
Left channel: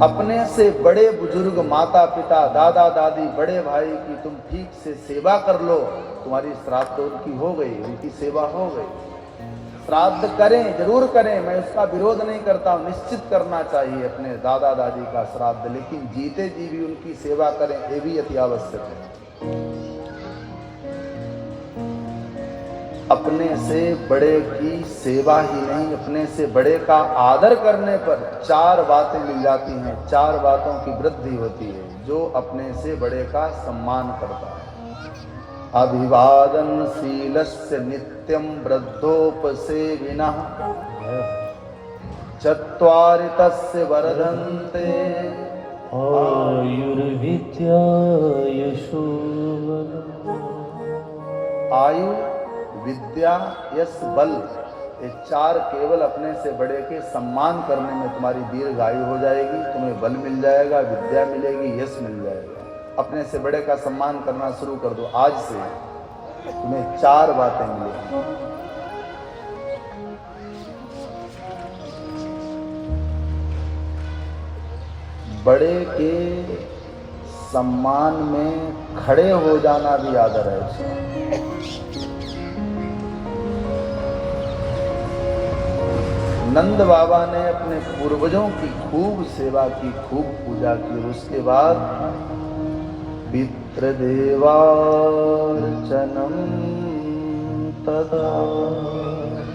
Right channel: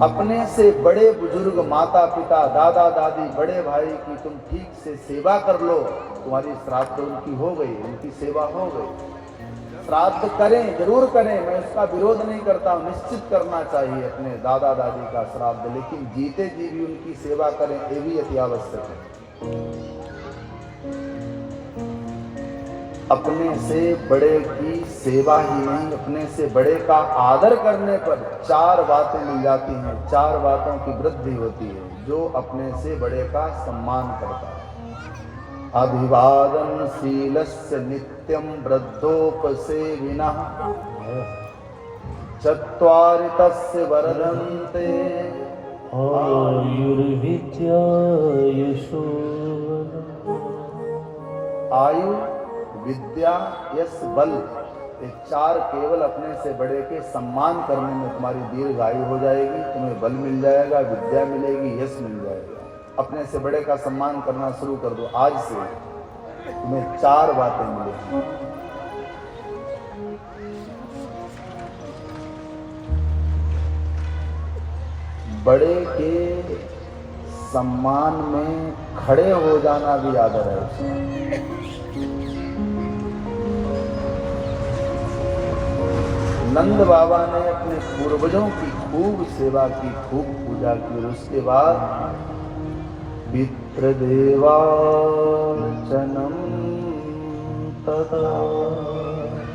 अपने से बड़े बुजुर्ग, माता पिता, दादा दादी, बड़े भाई की तुम ठीक से सेवा कर लो, तुम्हारी श्राद्ध उनकी हो गई, उनकी सेवा हो गई। श्राद्ध करें, जरूर करें, मैं उसका विरोध नहीं करता हूँ, निश्चित करना चाहिए अपने दादा दादी का श्राद्ध, लेकिन जीते जी भी उनकी सेवा करें, ये भी अति आवश्यक है। अपने से बड़े की सेवा ही नहीं, अपने से बड़े का आदर करने पर 4 बातें मिल जाती हैं, 4 बातों की वृद्धि होती है। जो अपने से बड़े का सम्मान करता है। अभिवादन शीलस्य नित्यं वृद्धोपसेविनः, चत्वारि तस्य वर्धन्ते आयुर्विद्या यशोवन। आयु, विद्या, यश, बल, ये 4 केवल अपने से बड़े के सम्मान करने में तुम्हारी दीर्घायु हो जाएगी, तुम्हें बल मिल जाएगा, विद्या मिलेगी, यश मिल जाएगा। अपने से बड़े का सम्मान करना शुरू कर दो आज से, तुम्हें 4 बातें मिलेंगी। बड़े के सम्मान में खड़े हो जाना भी आदर है। नंद बाबा ने अपने पूर्वजों की खूब सेवा की, खूब पूजा की। उसके बाद पितृदेवार्चनम तथा,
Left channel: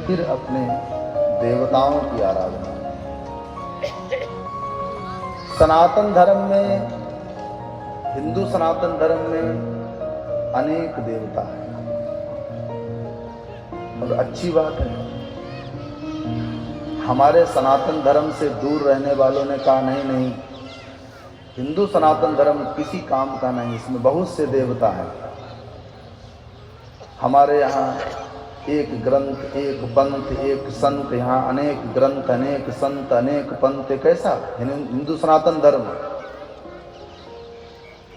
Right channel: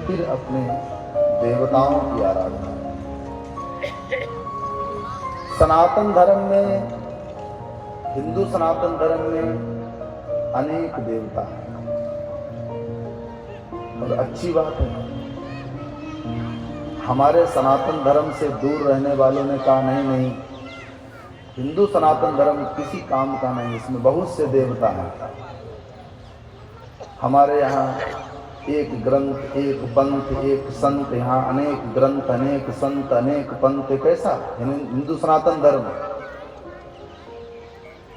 फिर अपने देवताओं की आराधना। सनातन धर्म में, हिंदू सनातन धर्म में अनेक देवता हैं और अच्छी बात है। हमारे सनातन धर्म से दूर रहने वालों ने कहा नहीं, हिंदू सनातन धर्म किसी काम का नहीं, इसमें बहुत से देवता हैं। हमारे यहाँ एक ग्रंथ, एक पंथ, एक संत, यहाँ अनेक ग्रंथ, अनेक संत, अनेक पंथ। कैसा हिंदू सनातन धर्म?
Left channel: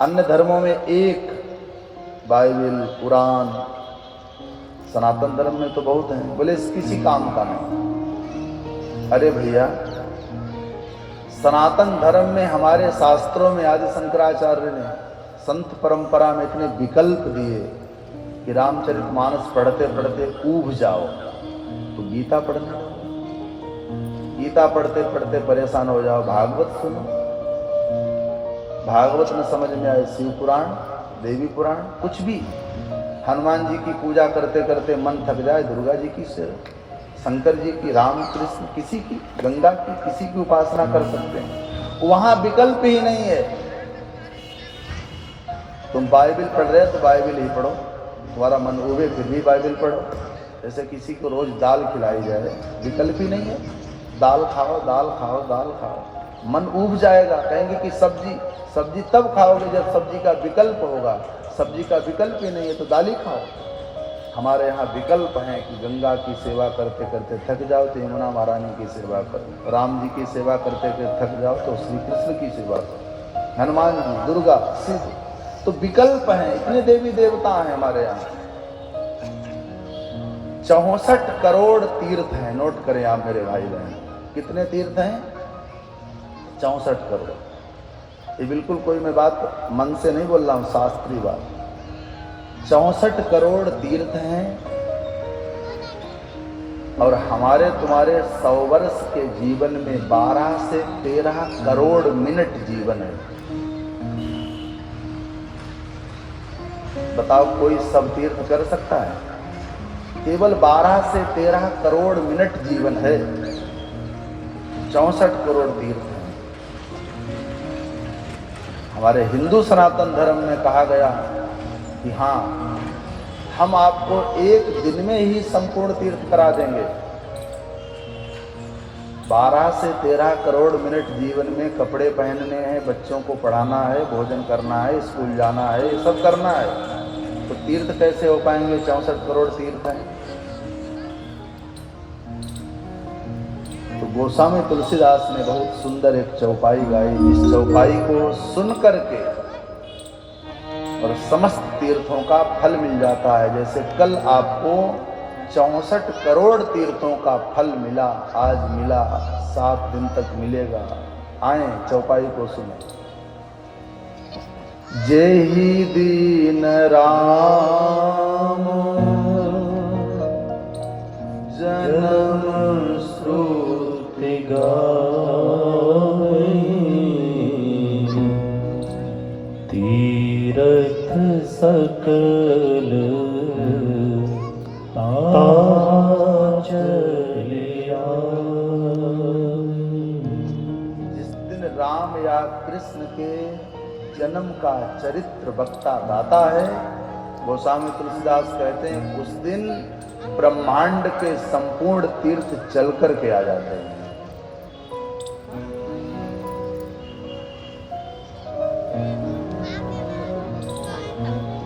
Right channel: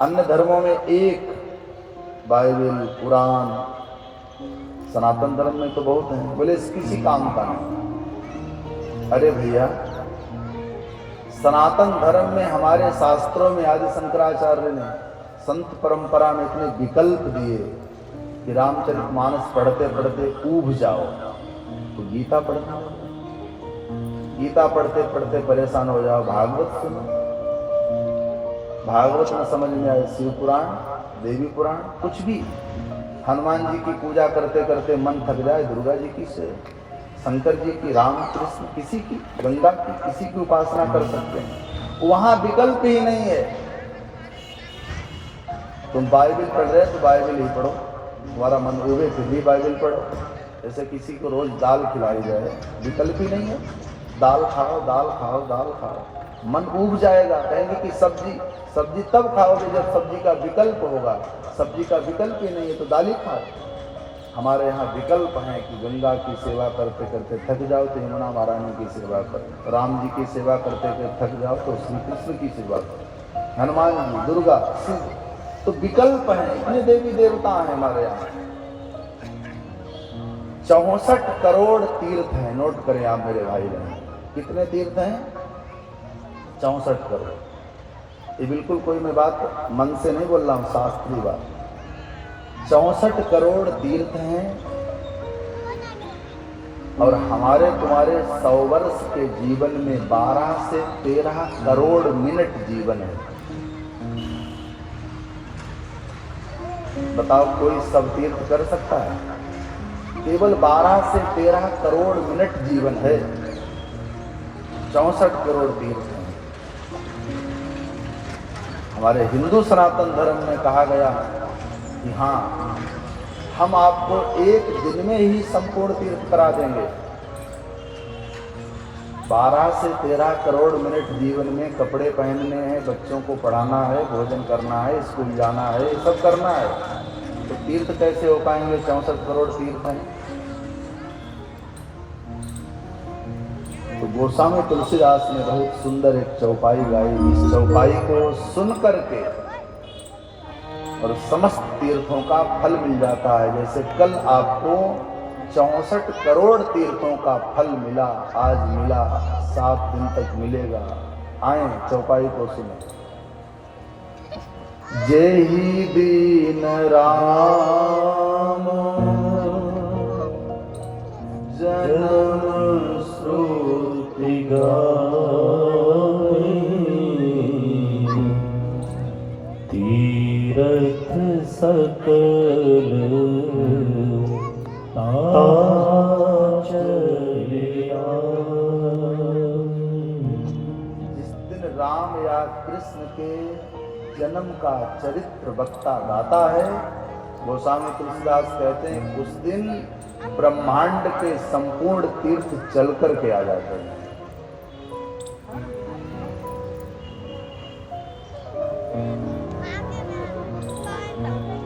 अन्य धर्मों में एक बाइबल, कुरान, सनातन धर्म में तो बहुत है। बोले किसी काम का नहीं। अरे भैया, सनातन धर्म में हमारे शास्त्रों में आदि शंकराचार्य ने संत परंपरा में इतने विकल्प दिए कि रामचरितमानस पढ़ते पढ़ते ऊब जाओ तो गीता पढ़ना, गीता पढ़ते पढ़ते परेशान हो जाओ, भागवत सुनो, भागवत में समझ में आए शिव पुराण, देवी पुराण, कुछ भी। हनुमान जी की पूजा करते करते मन थक जाए, दुर्गा जी की शंकर जी की, राम कृष्ण किसी की, गंगा की किसी की उपासना कर सकते हैं। वहां विकल्प ही नहीं है। तुम बाइबल पढ़ रहे हो तो बाइबल ही पढ़ो, तुम्हारा मन उबे फिर भी बाइबल पढ़ो। जैसे किसी को रोज दाल खिलाई जाए, विकल्प ही नहीं है। दाल खाओ, दाल खाओ, दाल खाओ, मन उब जाएगा। कहेंगे कि सब्जी, सब्जी तब खाओगे जब सब्जी का विकल्प होगा। सब्जी का विकल्प ही नहीं है तो दाल ही खाओ। हमारे यहाँ विकल्प है कि गंगा की सेवा करते करते थक जाओ तो यमुना महारानी की सेवा करो, राम जी की सेवा करते करते थक जाओ तो श्री कृष्ण की सेवा करो, हनुमान जी, दुर्गा, शिव। तो विकल्प है, इतने देवी देवता हैं हमारे यहाँ। 64 करोड़ तीर्थ हैं। नोट करें आप मेरे भाई बहन, कितने तीर्थ हैं? 64 करोड़। ये बिल्कुल कोई मैं बात मन से नहीं बोल रहा हूँ, शास्त्रीय बात। 64 करोड़ तीर्थ हैं और हमारे तुम्हारे 100 वर्ष के जीवन में 12 से 13 करोड़ मिनट जीवन है। बताओ कोई सब तीर्थ कर सकता है? केवल 12 से 13 करोड़ मिनट जीवन है। 64 करोड़ तीर्थ हैं। हमारे हिंदू सनातन धर्म में कहा गया कि हाँ, हम आपको एक दिन में ही संपूर्ण तीर्थ करा देंगे। 12 से 13 करोड़ मिनट जीवन में कपड़े पहनने हैं, बच्चों को पढ़ाना है, भोजन करना है, स्कूल जाना है, ये सब करना है। तो तीर्थ कैसे हो पाएंगे? 64 करोड़ तीर्थ हैं। तो गोस्वामी तुलसीदास ने बहुत सुंदर एक चौपाई गाई। इस चौपाई को सुन करके और समस्त तीर्थों का फल मिल जाता है। जैसे कल आपको 64 करोड़ तीर्थों का फल मिला, आज मिला, 7 दिन तक मिलेगा। आए चौपाई को सुने। जेहि दीन राम जन्म श्रुति गाई, तीर्थ सकल जिस दिन राम या कृष्ण के जन्म का चरित्र वक्ता गाता है, गोस्वामी तुलसीदास कहते हैं उस दिन ब्रह्मांड के संपूर्ण तीर्थ चल करके आ जाते हैं।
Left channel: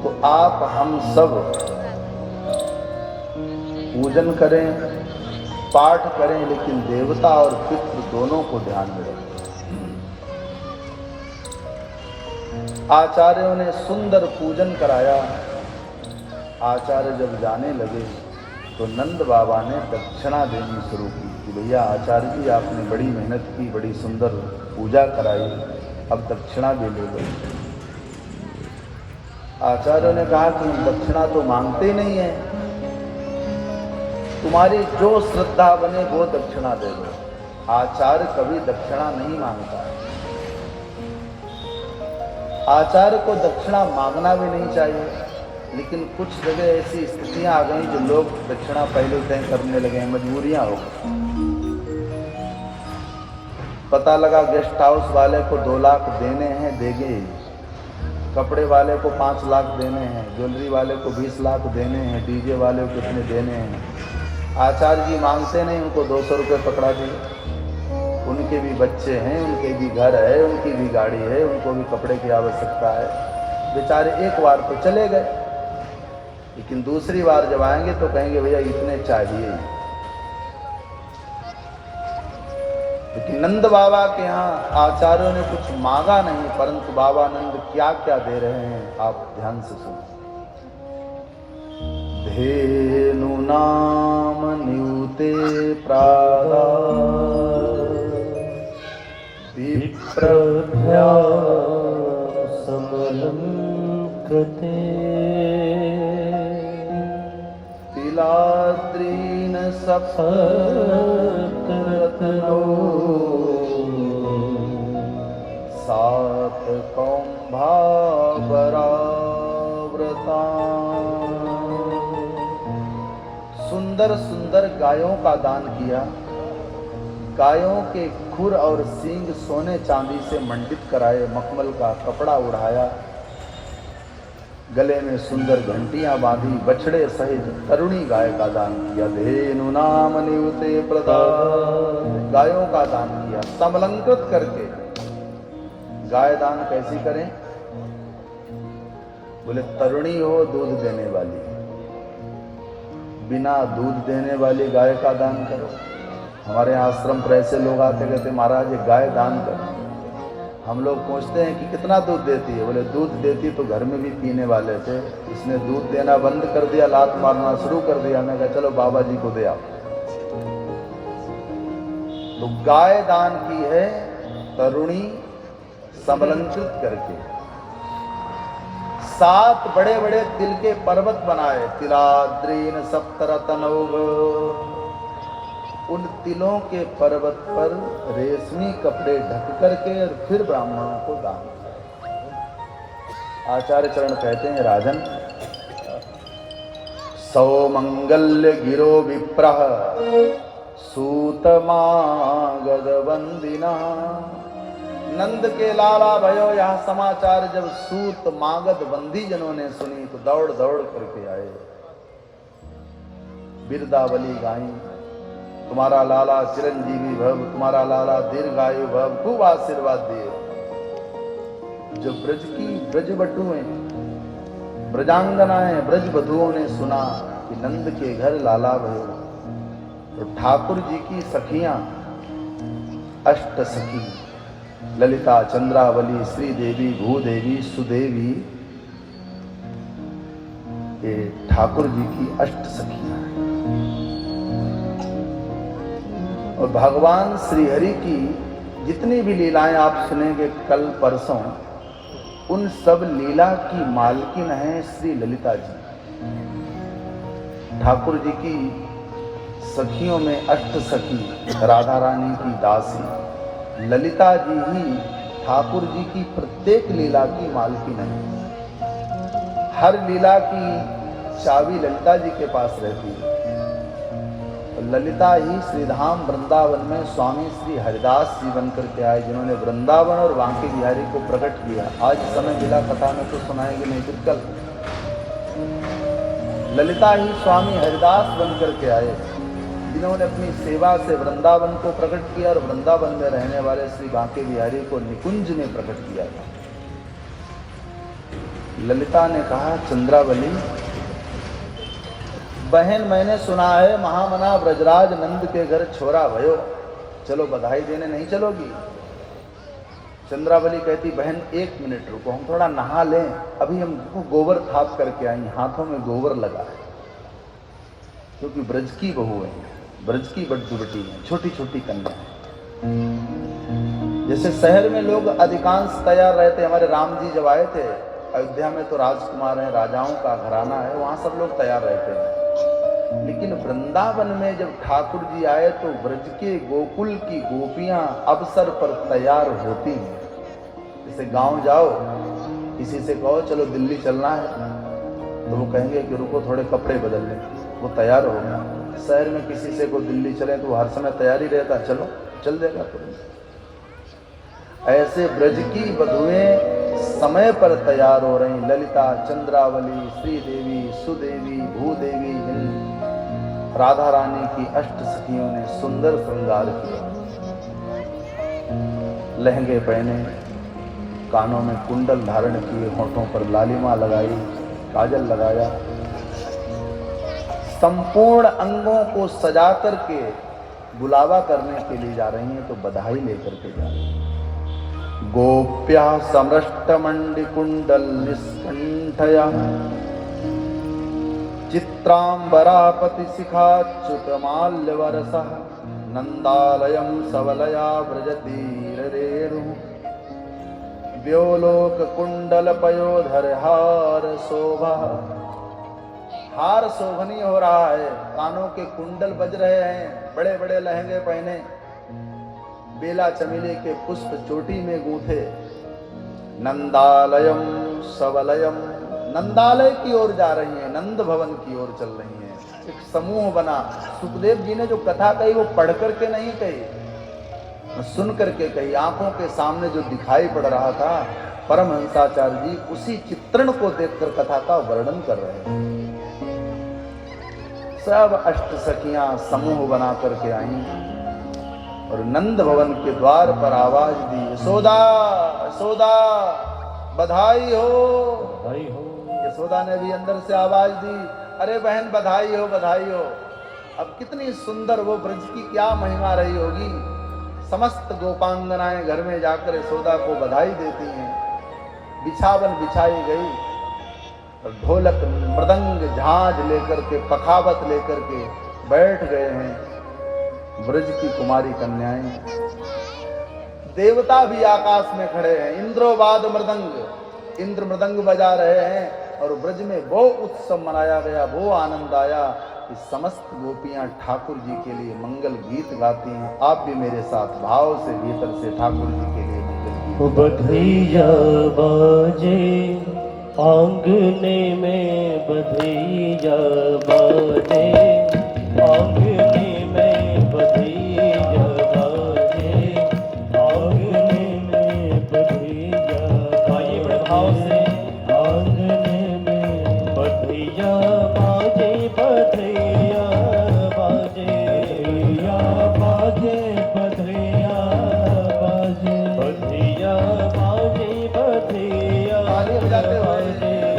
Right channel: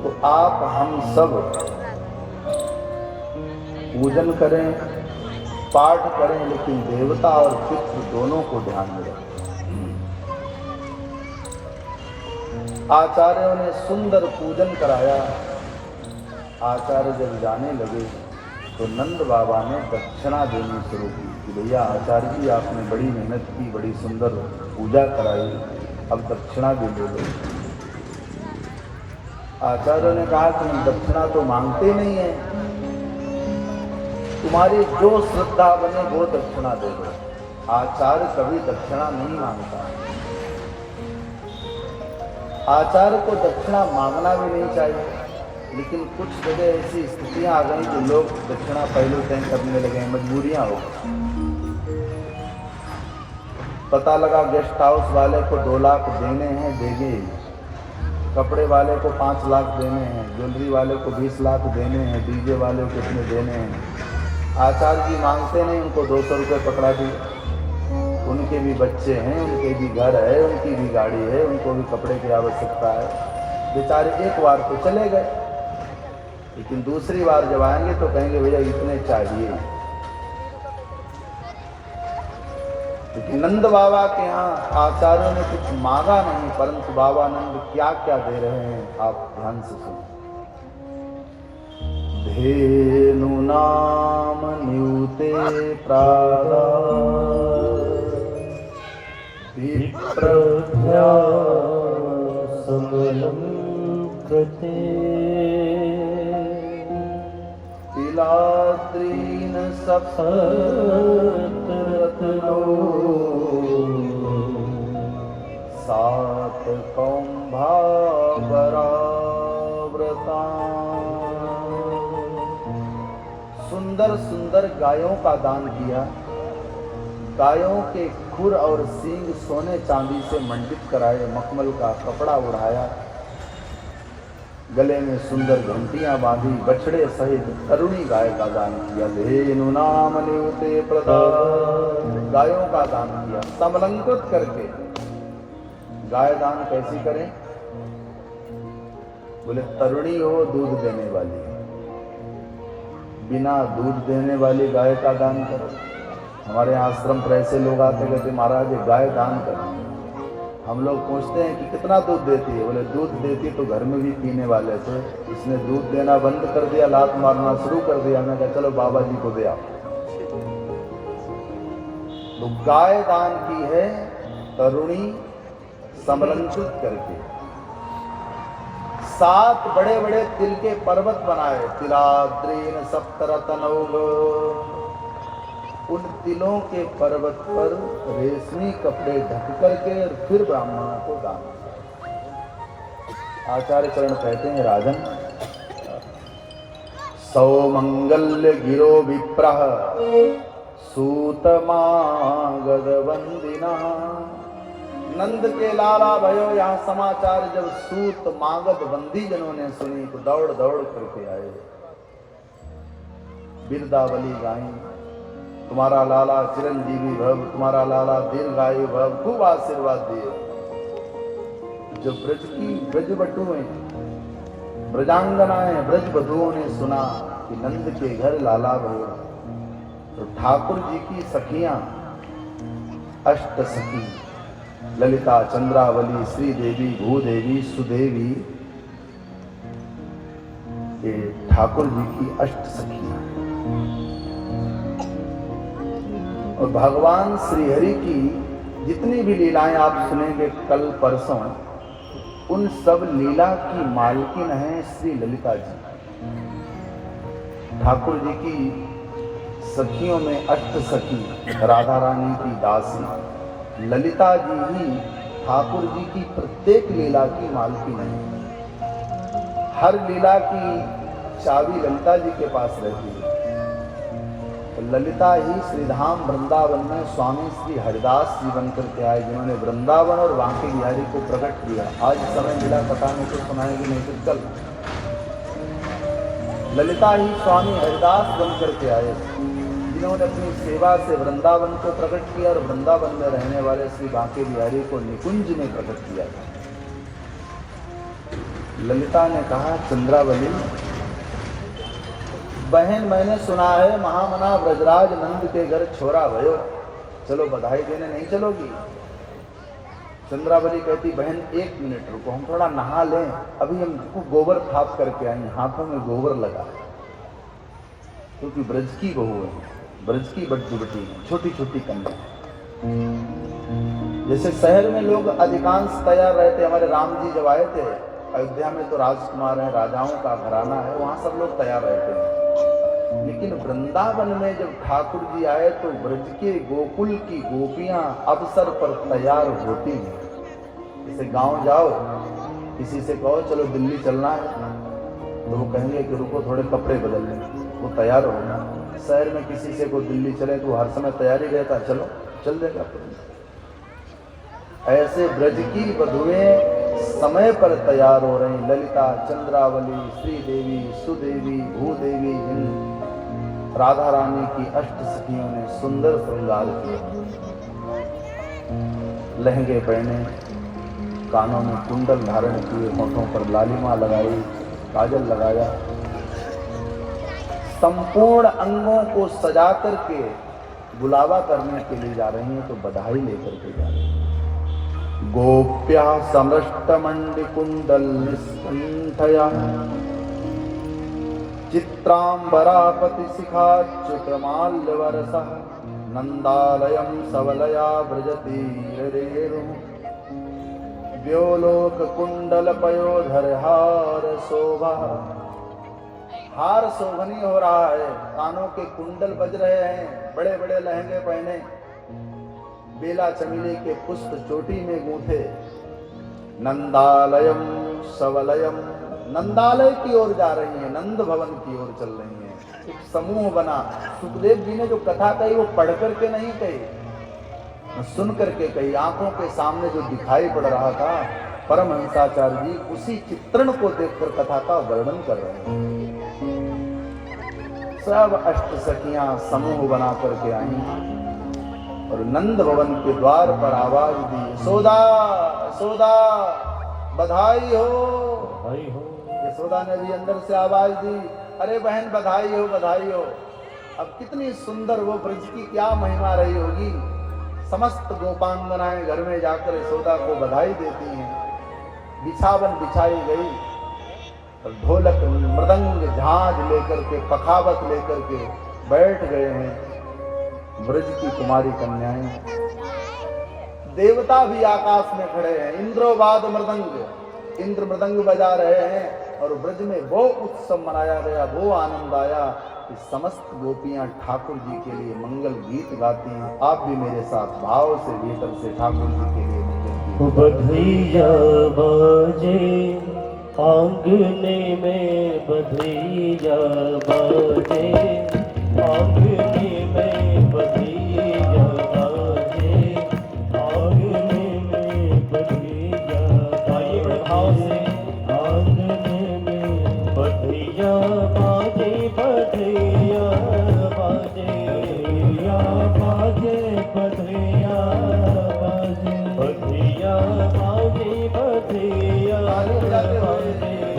तो आप हम सब पूजन करें, पाठ करें, लेकिन देवता और पितृ दोनों को ध्यान दें। आचार्यों ने सुंदर पूजन कराया। आचार्य जब जाने लगे तो नंद बाबा ने दक्षिणा देनी शुरू की कि भैया आचार्य जी, आपने बड़ी मेहनत की, बड़ी सुंदर पूजा कराई, अब दक्षिणा भी ले दो। आचार्यों ने कहा कि दक्षिणा तो मांगते ही नहीं है, तुम्हारी जो श्रद्धा बने वो दक्षिणा दे दो। आचार्य कभी दक्षिणा नहीं मांगता। आचार्य को दक्षिणा मांगना भी नहीं चाहिए, लेकिन कुछ जगह ऐसी स्थितियां आ गई जो लोग दक्षिणा पहले दिन करने लगे, मजबूरियां हो गई। पता लगा गेस्ट हाउस वाले को 2 लाख देने हैं, देंगे। कपड़े वाले को 5 लाख देने हैं, ज्वेलरी वाले को 20 लाख देने हैं, डीजे वाले को कितने देने हैं। आचार्य जी मांगते नहीं, उनको 200 रुपये पकड़ा दिए। उनके भी बच्चे हैं, उनके भी घर है, उनकी भी गाड़ी है, उनको भी कपड़े की आवश्यकता है। बेचारे एक बार तो चले गए, लेकिन दूसरी बार जब आएंगे तो कहेंगे भैया इतने चाहिए। लेकिन नंद बाबा के यहाँ आचार्यों ने कुछ मांगा नहीं, परंतु बाबा नंद क्या क्या दे रहे हैं आप ध्यान से सुनो। धेनु नाम न्यूते प्रागा विप्रभ्या समलं कृते तिलाद्रीन सप्तरत्नो सात कौंभावराव्रता। सुंदर सुंदर सुंदर गायों का दान किया। गायों के खुर और सींग सोने चांदी से मंडित कराए, मखमल का कपड़ा उड़ाया, गले में सुंदर घंटियां बांधी, बछड़े सहित तरुणी गाय का दान किया। धेनु नाम नियुते प्रदान, गायों का दान किया समलंकृत करके। गाय दान कैसे करें? बोले तरुणी हो, दूध देने वाली, बिना दूध देने वाली गाय का दान करो। हमारे आश्रम पर ऐसे लोग आते कहते महाराज ये गाय दान करो। हम लोग पूछते हैं कि कितना दूध देती है? बोले दूध देती तो घर में भी पीने वाले थे, इसने दूध देना बंद कर दिया, लात मारना शुरू कर दिया। मैं कहा चलो बाबा जी को दे आओ। तो गाय दान की है तरुणी समलंकृत करके। 7 बड़े बड़े तिल के पर्वत बनाए, तिलाद्रीन सप्तरतनौघ। उन तिलों के पर्वत पर रेशमी कपड़े ढक करके और फिर ब्राह्मणों को दान। आचार्य चरण कहते हैं राजन, सौमंगल्य गिरो विप्रः सूत मागध वंदिना। नंद के लाला भयो यह समाचार जब सूत मागध बंदी जनों ने सुनी तो दौड़ दौड़ करके आए, बिरदावली गाई, तुम्हारा लाला चिरंजीवी भव, तुम्हारा लाला दीर्घायु भव, खूब आशीर्वाद दिए। जो ब्रज की ब्रजबटुएं, ब्रजांगनाएं, ब्रज बधुओं ने सुना कि नंद के घर लाला भयो, तो ठाकुर जी की सखियां, अष्ट सखी ललिता, चंद्रावली, श्रीदेवी, भूदेवी, सुदेवी, ये ठाकुर जी की अष्ट सखियां। और भगवान श्रीहरि की जितनी भी लीलाएं आप सुनेंगे कल परसों, उन सब लीला की मालकिन है श्री ललिता जी। ठाकुर जी की सखियों में अष्ट सखी राधा रानी की दासी ललिता जी ही ठाकुर जी की प्रत्येक लीला की मालकिन है। हर लीला की चाबी ललिता जी के पास रहती है। ललिता ही श्रीधाम वृंदावन में स्वामी श्री हरिदास जी बनकर के आए, जिन्होंने वृंदावन और बांके बिहारी को प्रकट किया। आज समय मिला कथा में तो सुनाएंगे, नहीं तो कल। ललिता ही स्वामी हरिदास बनकर के आए, जिन्होंने अपनी सेवा से वृंदावन को प्रकट किया और वृंदावन में रहने वाले श्री बांके बिहारी को निकुंज में प्रकट किया। ललिता ने कहा, चंद्रावली बहन, मैंने सुना है महामना ब्रजराज नंद के घर छोरा भयो, चलो बधाई देने नहीं चलोगी? चंद्रावली कहती, बहन 1 मिनट रुको, हम थोड़ा नहा लें, अभी हम गोबर थाप करके आएंगे। हाथों में गोबर लगा, क्योंकि ब्रज की बहू है, ब्रज की बड़ी बेटी, छोटी छोटी कन्या। जैसे शहर में लोग अधिकांश तैयार रहते, हमारे राम जी जब आए थे अयोध्या में तो राजकुमार है, राजाओं का घराना है, वहां सब लोग तैयार रहते हैं। लेकिन वृंदावन में जब ठाकुर जी आए तो ब्रज के गोकुल की गोपियां अवसर पर तैयार होती हैं। जैसे गांव जाओ, किसी से कहो चलो दिल्ली चलना है, तो वो कहेंगे कि रुको थोड़े कपड़े बदल लें, वो तैयार होना। शहर में किसी से को दिल्ली चले तो हर समय तैयारी रहता, चलो चल देगा। ऐसे ब्रज की वधुएं समय पर तैयार हो रही। ललिता, चंद्रावली, श्रीदेवी, सुदेवी, भूदेवी, राधा रानी की अष्ट सखियों ने सुंदर श्रृंगार किया। लहंगे पहने, कानों में कुंडल धारण किए, होठों पर लालिमा लगाई, काजल लगाया, संपूर्ण अंगों को सजा करके बुलावा करने के लिए जा रही हैं, तो बधाई लेकर के जा रही हैं। गोप्या समृष्टमण्डिकुण्डलनिस्कण्ठया चित्राम्बरापतिशिखाच्युतमाल्यवरसः नन्दालयं सवलया व्रजतीररेणुः व्योलोककुण्डलपयोधरहार शोभा। हार शोभनीय हो रहा है, कानों के कुंडल बज रहे हैं, बड़े बड़े लहंगे पहने, बेला चमेली के पुष्प चोटी में गूंथे। नंदालयम सवलयम, नंदालय की ओर जा रही है, नंद भवन की ओर चल रही है। एक समूह बना। सुखदेव जी ने जो कथा कही वो पढ़ करके नहीं कही, सुन करके कही। आंखों के सामने जो दिखाई पड़ रहा था, परमहंसाचार्य जी उसी चित्रण को देखकर कथा का वर्णन कर रहे हैं। सब अष्ट सखियां समूह बना करके आई और नंद भवन के द्वार पर आवाज दी, यशोदा यशोदा बधाई हो। भाई हो। यशोदा ने भी अंदर से आवाज दी, अरे बहन बधाई हो बधाई हो। अब कितनी सुंदर वो ब्रज की क्या महिमा रही होगी। समस्त गोपांगनाएं घर में जाकर यशोदा को बधाई देती हैं। बिछावन बिछाई गई और ढोलक मृदंग झांझ लेकर के पखावत लेकर के बैठ गए हैं ब्रज की कुमारी कन्याएं। देवता भी आकाश में खड़े हैं, इंद्रोवाद मृदंग, इंद्र मृदंग बजा रहे हैं और ब्रज में वो उत्सव मनाया गया, वो आनंद आया कि समस्त गोपियां ठाकुर जी के लिए मंगल गीत गाती हैं। आप भी मेरे साथ भाव से भीतर से ठाकुर जी के लिए मंगल गीत। बधैया बाजे आंगने में, बधैया बाजे आंगने में, बधैया बाजे आंगने में, बधैया। आइए बड़े भाव से। आंगने में बधैया बाजे, बधैया बाजे, बधैया बाजे, बधैया बाजे, बधैया बाजे, बधैया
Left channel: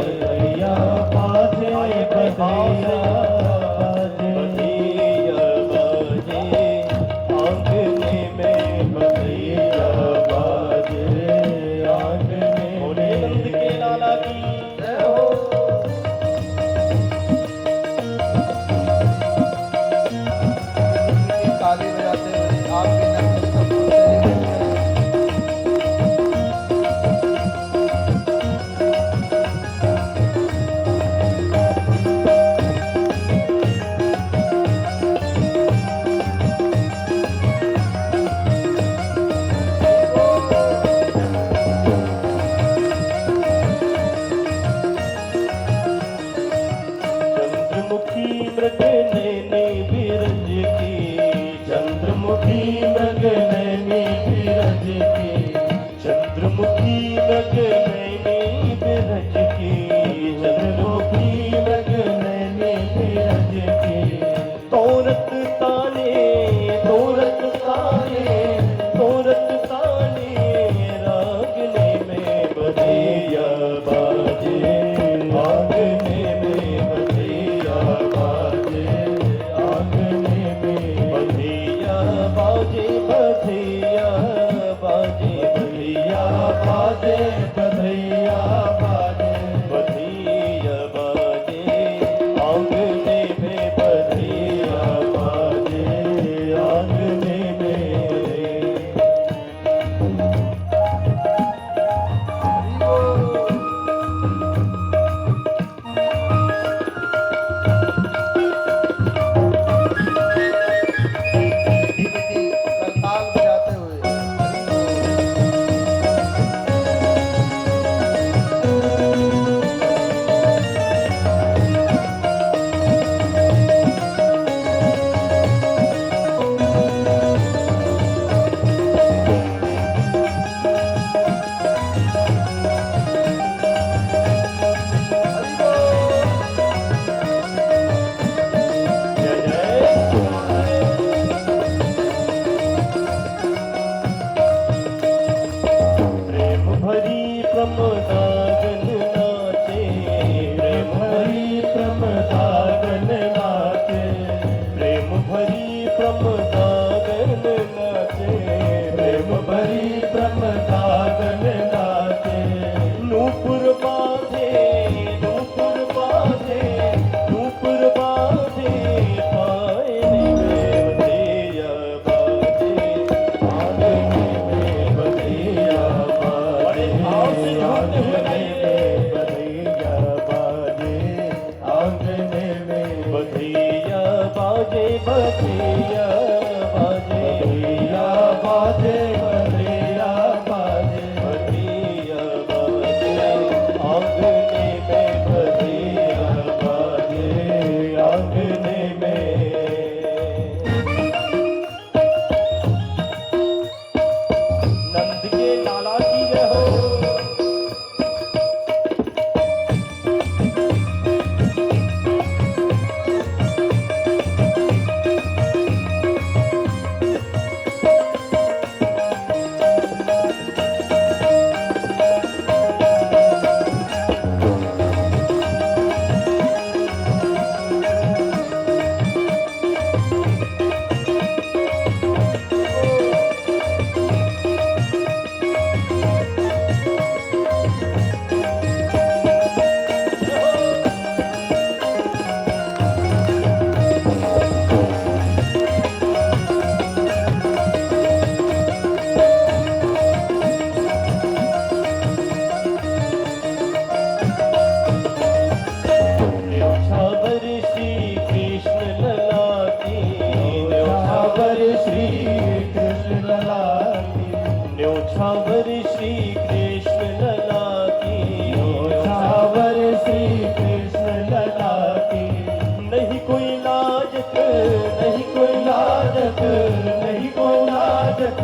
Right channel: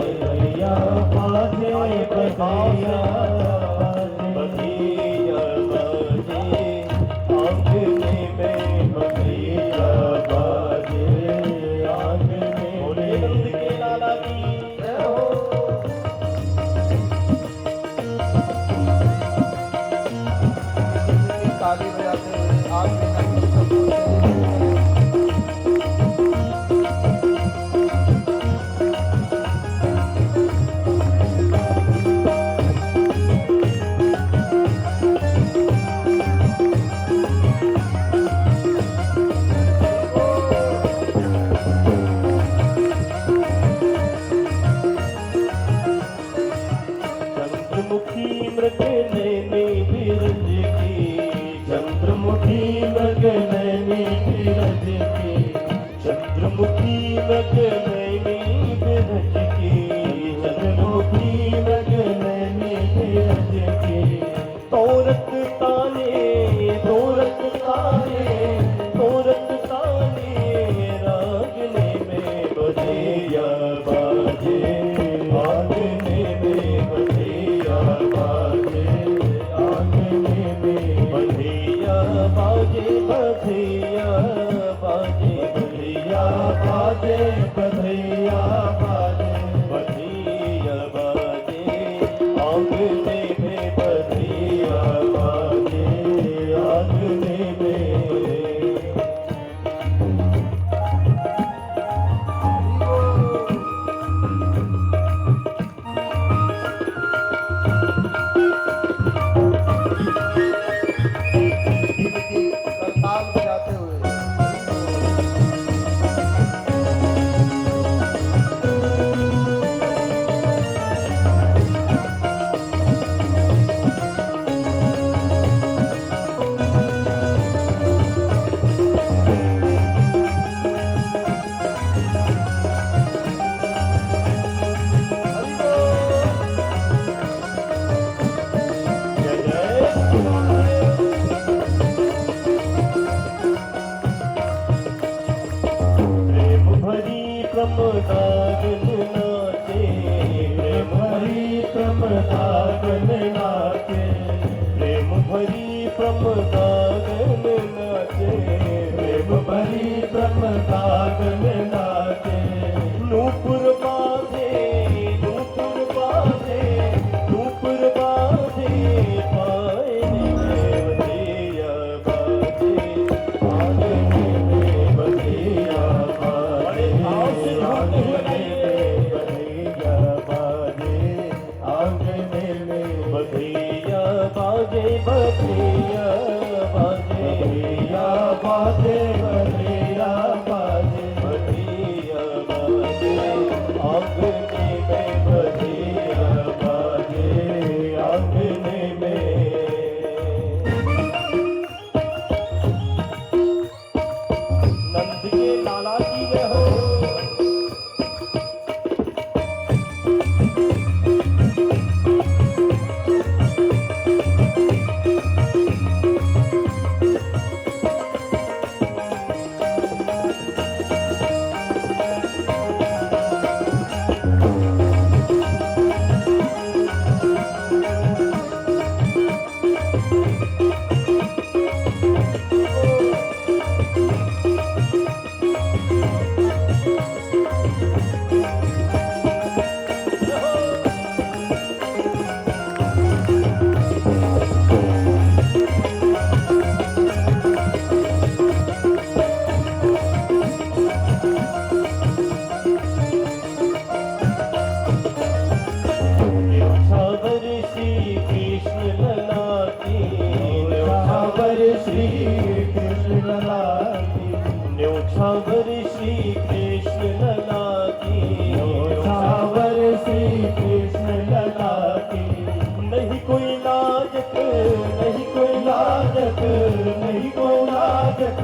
जग नहीं बोला जग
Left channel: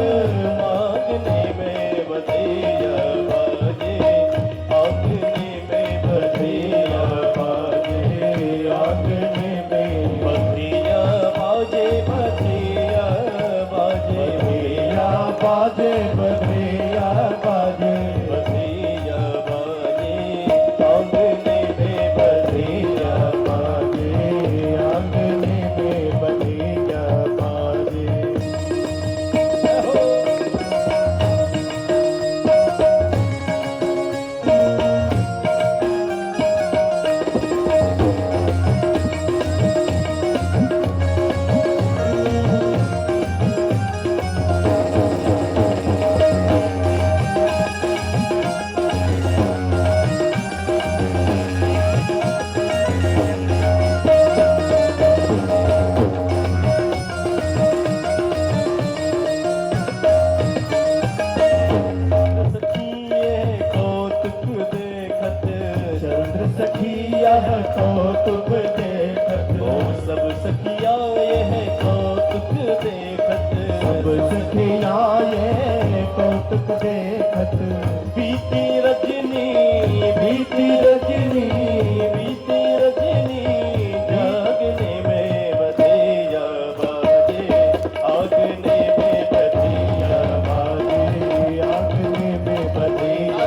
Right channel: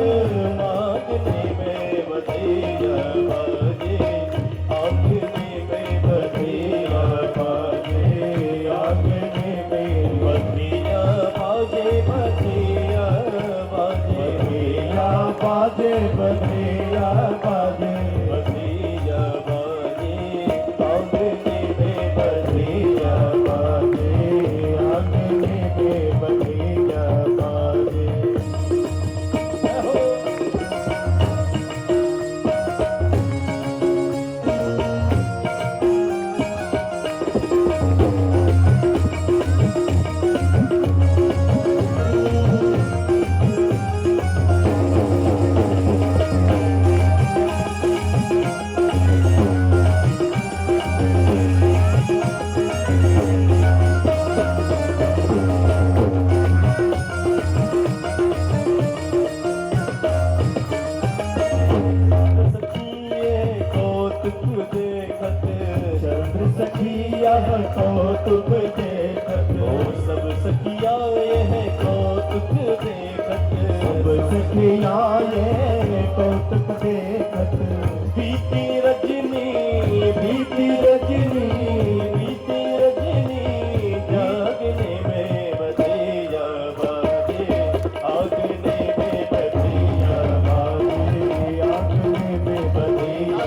मांगने में बधैया बाजे आंगने में बधैया बाजे आंगने में बधैया बाजे बधैया बाजे बधैया बाजे बधैया बाजे आंगने में बधैया बाजे आंगने में बधैया बाजे। सखिया कौतुक देखत सब सखिया ये कौतुक देखत सब सखिया ये कौतुक देखत बीती रजनी बीती रजनी बीती रजनी जागने में बधैया बाजे आगने में बधैया बाजे आगने में बधैया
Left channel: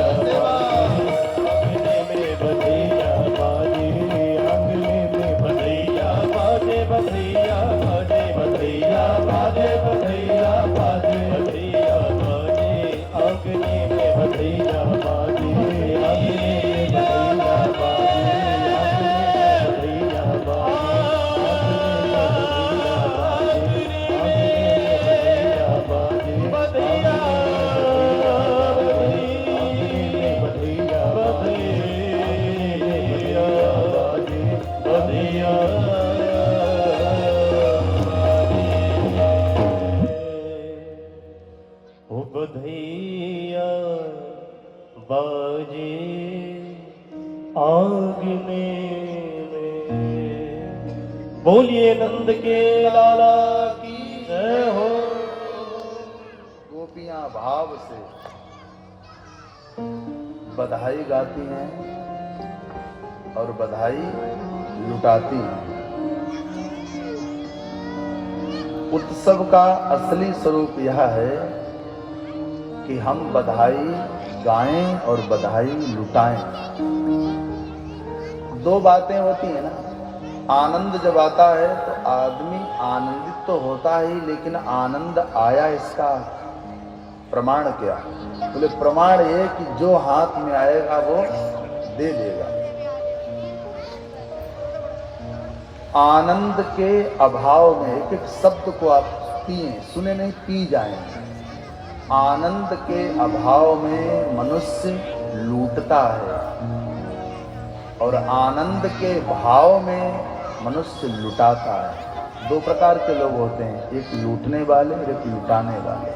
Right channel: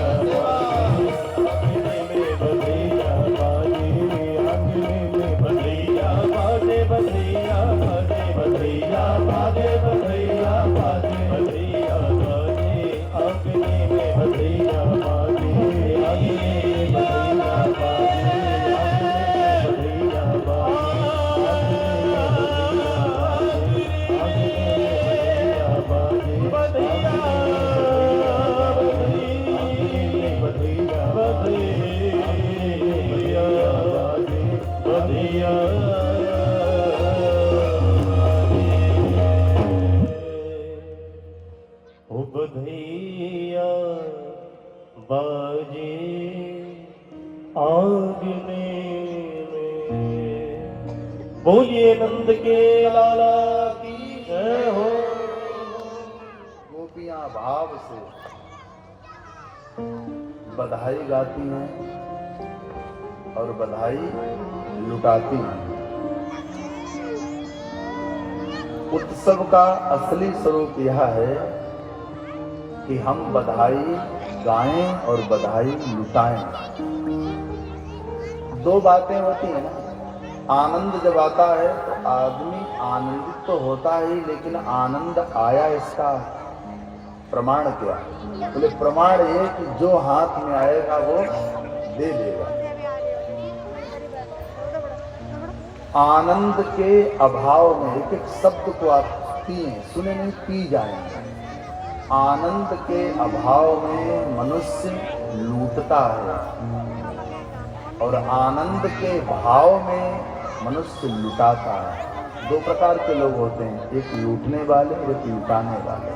बधैया बाजे आंगने में। बोलिए नंद के लाला की जय हो। गोपियां भाव से बधाई गाती हैं और बधाई लुटाती हैं। उत्सव का असली स्वरूप यह है कि हम बधाई गाएं और बधाई लुटाएं। दो बातें होती हैं ना, आनंद जब आता है तो आदमी आनंदित तो होता ही, लेकिन आनंद आया इसका प्रमाण क्या? बोले प्रमाण ये कि जो हाथ में आएगा वो दे देगा। आनंद के अभाव में एक एक शब्द को आप सुने नहीं, पी जाएंगे। आनंद के अभाव में मनुष्य लूटता है और आनंद के भाव में मनुष्य लुटाता है। दो प्रकार के लोग होते हैं, एक लूटने वाले, एक लुटाने वाले।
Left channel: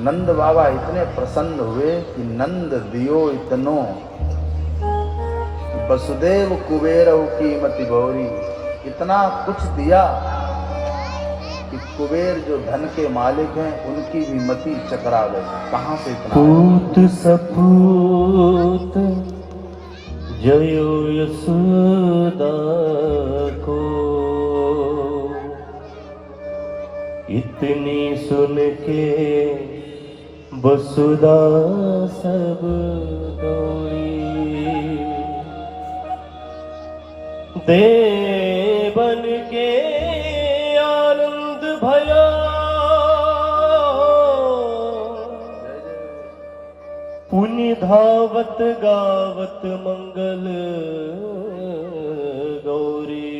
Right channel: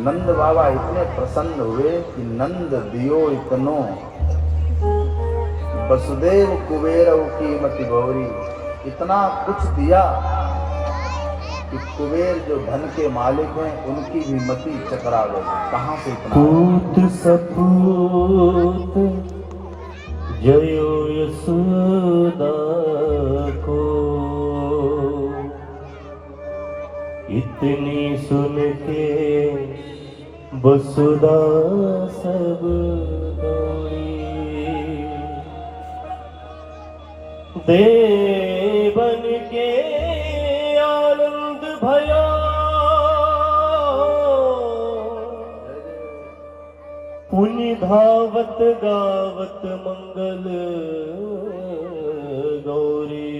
नंद बाबा इतने प्रसन्न हुए कि नंद दियो इतनो वसुदेव कुबेर की मति गौरी। इतना कुछ दिया कि कुबेर जो धन के मालिक हैं उनकी भी मति चकरा गई। कहां से पूत सपूत जयो यशोदा को, इतनी सुन के वसुदा सब दौड़ी। देवन के आनंद भया पुनि धावत गावत मंगल गौरी।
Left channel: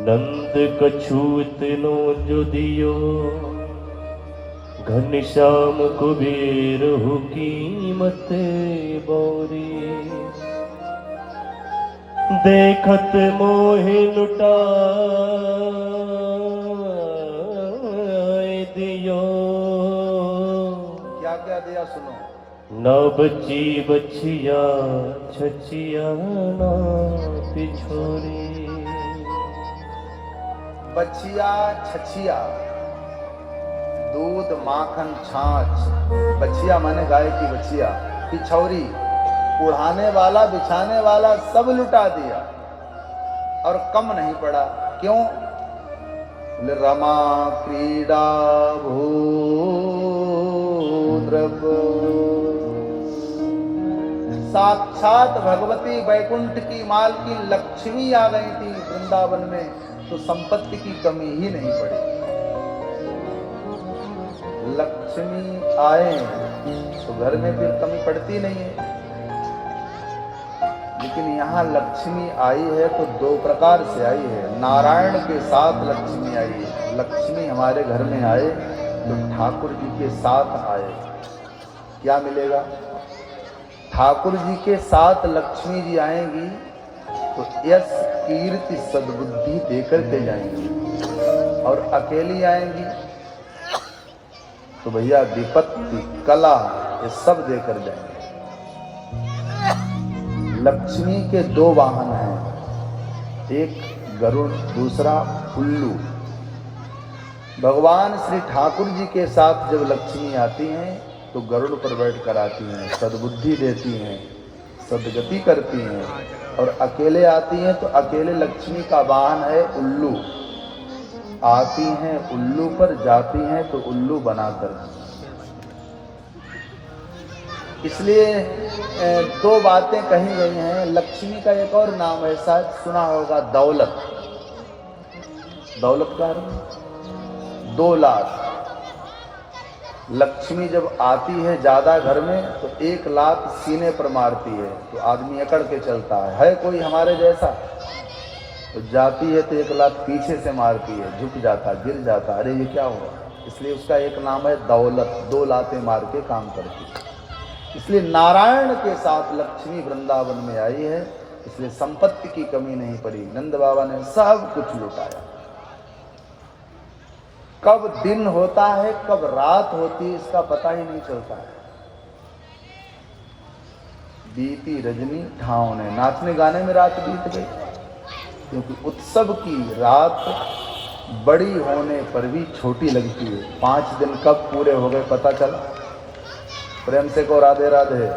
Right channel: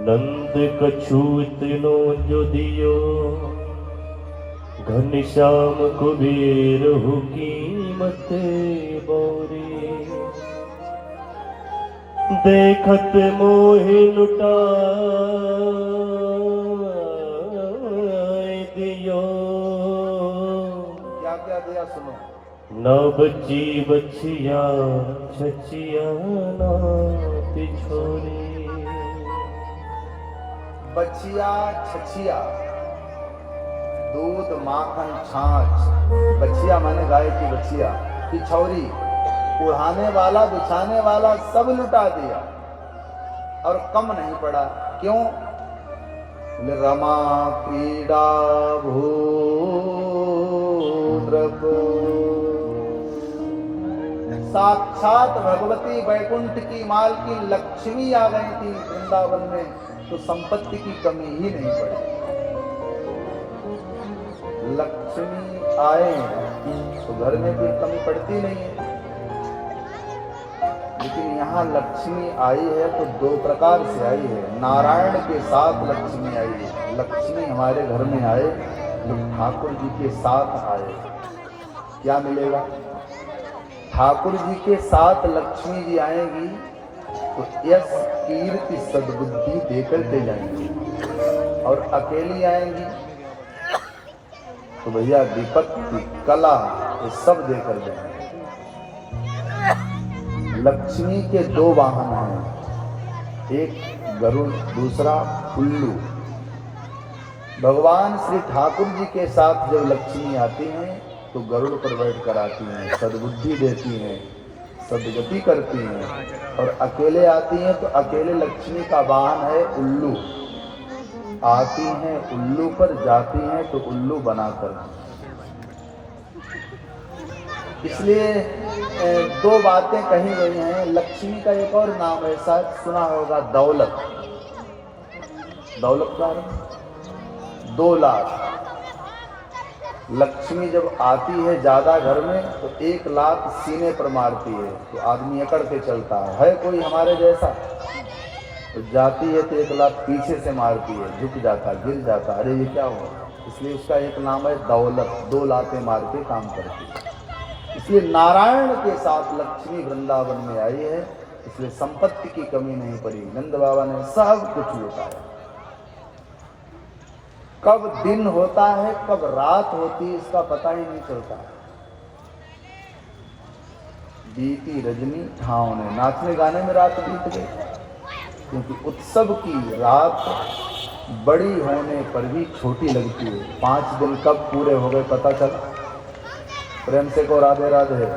नंद कछूत नो जो दियो घनश्याम कुबेर कीमत बौरी। देखत मोहि लुटा दियो। क्या क्या दिया सुनो। न बची बछिया छछिया ना पिछोरी। बछिया छछिया, दूध माखन छाछ, बछिया माने गाय की बछिया, पिछौरी, उड़ाने वाला बिछाने वाला सब लुटा दिया और कम नहीं पड़ा। क्यों? रमा क्रीड़ा भूद्रक, साक्षात भगवती बैकुंठ की मालकी लक्ष्मी आ गई थी वृंदावन में, तो संपत्ति की कमी ही नहीं पड़ी। लक्ष्मी आए तो घर में कोई कमी पड़ती नहीं है। लेकिन यहाँ लक्ष्मी आई है तो दो प्रकार से आई है। नारायण के साथ लक्ष्मी आई है। लक्ष्मी हमारे घर में आए तो ठाकुर जी के साथ आए, क्या मिलेगा? ठाकुर जी के साथ लक्ष्मी जी आएंगी तो यश कीर्ति सद्बुद्धि देकर के जाएंगी, और अकेली आएंगी तो भैया विपत्ति कला ये सब देकर जाएंगे। लक्ष्मी के दो वाहन हैं, एक गरुड़, दूसरा उल्लू। भगवान श्री ठाकुर जी के साथ जब लक्ष्मी आती हैं तो गरुड़ पर बैठ कर आती हैं, सद्बुद्धि देती हैं, सद्गति करती हैं। और अकेले आती हैं तो अकेले लक्ष्मी का वाहन है उल्लू। आती हैं उल्लू पर, जाती हैं तो उल्लू बनाकर। इसलिए दो बातें कही गई हैं। लक्ष्मी का एक और नाम है, शायद सुना होगा, दौलत। दौलत का 2 लाख। लक्ष्मी जब आती है ज्यादा घर में तो 1 लाख सीने पर मारती है तो आदमी अकड़ के चलता है कोई हमारे जैसा? तो जाती है तो 1 लाख पीछे से मारती है, झुक जाता, गिर जाता, अरे ये क्या हुआ? इसलिए उसका एक नाम है दौलत, 2 लातें मार के काम करती है। इसलिए नारायण के साथ लक्ष्मी वृंदावन में आई है, इसलिए संपत्ति की कमी नहीं पड़ी। नंद बाबा ने सब कुछ लुटाया। कब दिन होता है कब रात होती है इसका पता ही नहीं चलता। बीती रजनी ठाव ने, नाचने गाने में रात बीत गई, क्योंकि उत्सव की रात बड़ी होने पर भी छोटी लगती है। 5 दिन कब पूरे हो गए पता चल। प्रेम से को राधे राधे।